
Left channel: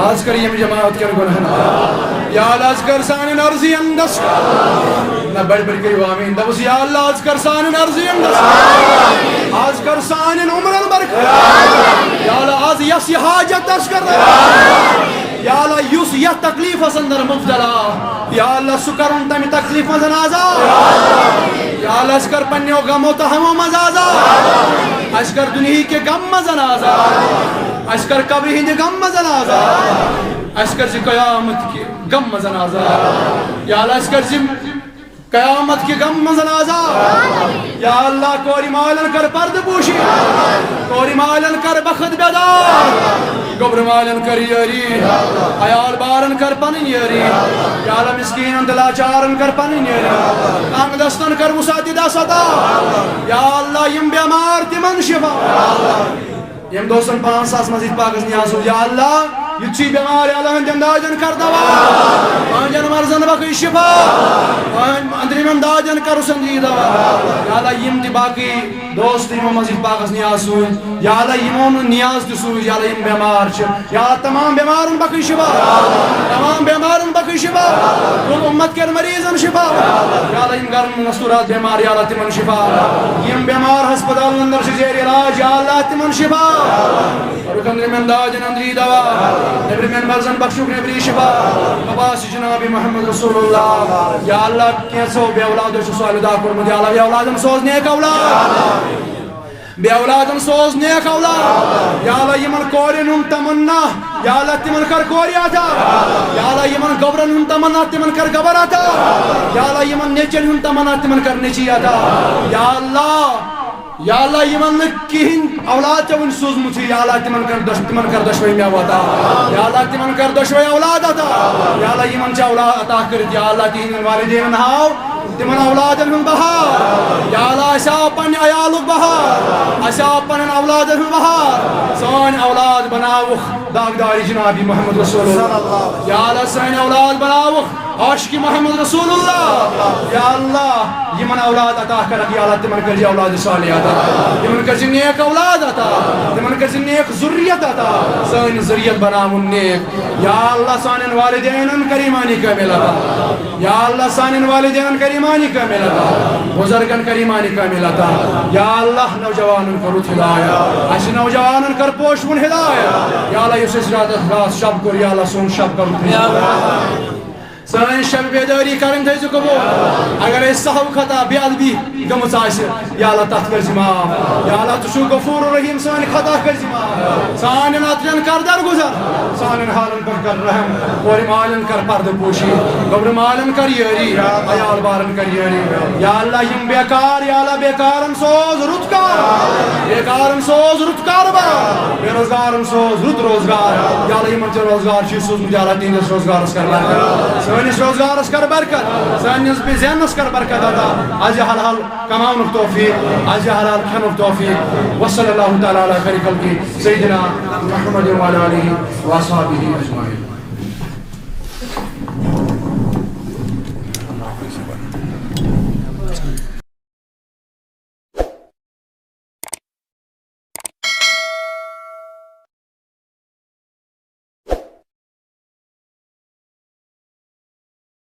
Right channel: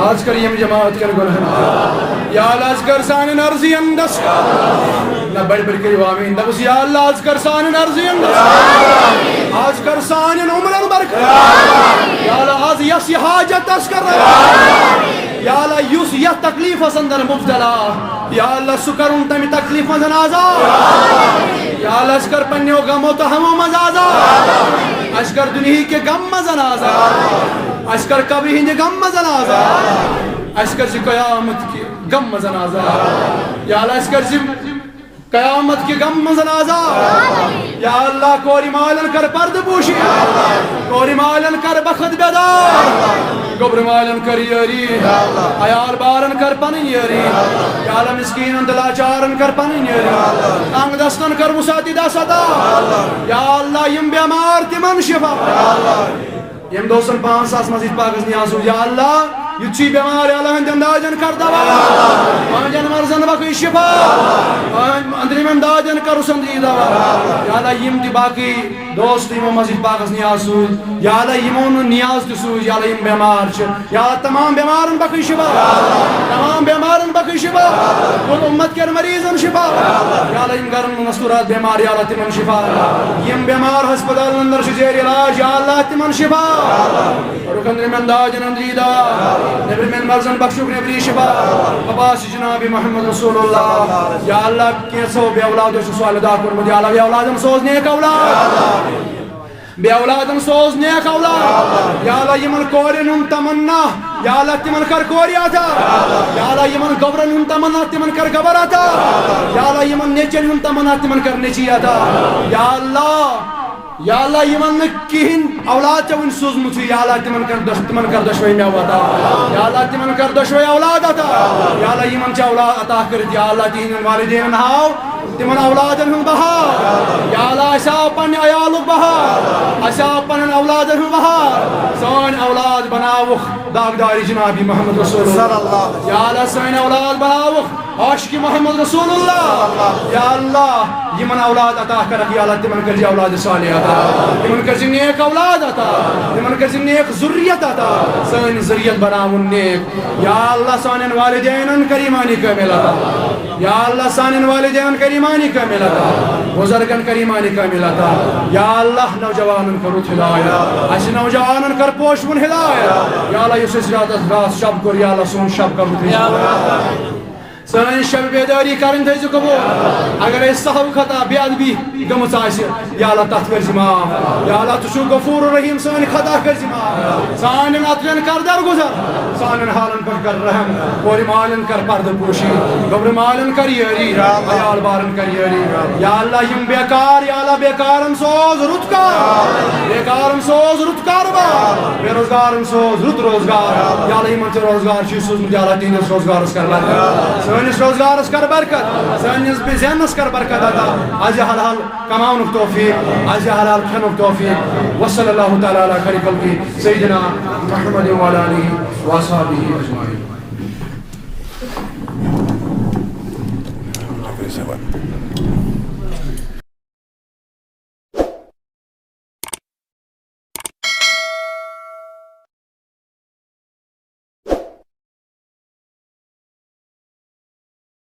آج کر یم جماعت کن گناہن یا لاز کر سان نرزی اندس نہ بڑ بڑ کریو آمین دبس یا اللہ آز کر سانن ارزین آز کر سانن عمرن برکت یا اللہ آز یس یہ حاجت اس کر یا اللہ یس یہ تکلیف اندر مبتلا یا اللہ سکرن تمی تکلیف مزن آزاد یا اللہ اس کر پنیو غمو تہمو مز آزاد اس کر دنہی کے غم مزن آزاد اس کر قبری ہندی غم مزن آزاد اس کر قیامت کی غم مزن آزاد یا اللہ اس کر قیامت کی غم مزن آزاد یا اللہ کوری مالن کر پرد پوشی کوری مالن کر بخت بیدار گبر مالن کر یاری عیال بارن کر پنن یاری یا اللہ مسکینن دلاچارن کر پنن یاری انگ دستن کر وساتی دا صدا یا اللہ یم بیمار تمن شفا یم دوستن 5,000 مزید پاکس نیاسو یا اللہ یچی بیمار یا اللہ ہندن داجن کر دوا آنجن مرزن باقی شفا اندریم امداجن کر سمجھی دوا یا اللہ یم تی باقی دوست یم مزید پاکس نیاسو یا اللہ یمون نیاز تسو یا اللہ یم بیمار چھ یا اللہ تمام بیمارن باقی شفا تمام بیمارن باقی شفا کل امت کے مریضن شفا یا اللہ یم گرن مستورات بیمار یا اللہ تمن شفا یم بیمار ہسپتال اندر شزیر علاج یا اللہ تمن شفا رکن من داجن اندری دوا نبری من مرزن بخشوک نبری شفا عباس جناب محمد رسول اللہ یا اللہ کیسو بے اولادو سے سوال دا کرمود یا اللہ بے اولادم سوز نیک اولاد بے اولادم سوز نیک اولاد یا اللہ یمن کورن ہم تمنا یا اللہ تمن کر کوری آتا یا اللہ یمن گبرن ہم تمنا تمن کر گبر آتا یا اللہ یمن نیچن ہم تمنا تمن کر نیچی آتا یا اللہ یمن کہین اولاد چون سوزمت یا اللہ تمن کر دشوئی میں آتا یا اللہ تمن کر دشوئی اولاد آتا یا اللہ یمن چا اولاد عطا کرد یا اللہ تہندین والدین ہاو تمن اولادن ہن بہار یا اللہ اسا پن عیالک بہار اسا پن اولادن ہن بہار سان اولاد بناوخ داغداری جنابی محمد رسول اللہ یا اللہ سان اولاد بناوخ عاشق محمد رسول اللہ یا اللہ یمن اولاد عطا کرک یا اللہ تمن کر اولاد صالح عطا تمن کر نیک اولاد عطا تمن کر نیک ذریت عطا سان ذریت بناون نیک یا اللہ سان والدین کر ایمانی کامل عطا یا اللہ سان والدین کر ایمانی کامل عطا بزرگن کر ایمانی کامل عطا یا اللہ نوجوانن کر ہدایت اس نوجوانن کر پوشون ہدایت یا اللہ اس رات رات شب کر یا اللہ سون شب کر یا اللہ سان شب بیداری کرن تھے جو کبو اگر اس صحو خطا بے ادبی گمت آسہ یا اللہ تت کر معاف یا اللہ تو غفور رحیم سان خطا کر معاف سان اترین کر در گزر سان حالن پر کر رحم اور مالن کر پرد پوشی گبر مالن کر یاری عیال بارن کر یاری یا اللہ یم بیکار یا اللہ بیکارن سوز رت کار بیکارن سوز رت کاروبار بے روزگارن سوز رت روزگار یا اللہ یمن تے روزگار چھ سوز یا اللہ تینس روزگارس کر برکت سانس روزگارس کر برکت سانس بزنس کر برکت عطا از حلال کماونک توفیق از حلال کھنک توفیق وصلی اللہ تعالی علی خیر خلقی سیدنا محمد وعلی آلہ واصحابہ اجمعین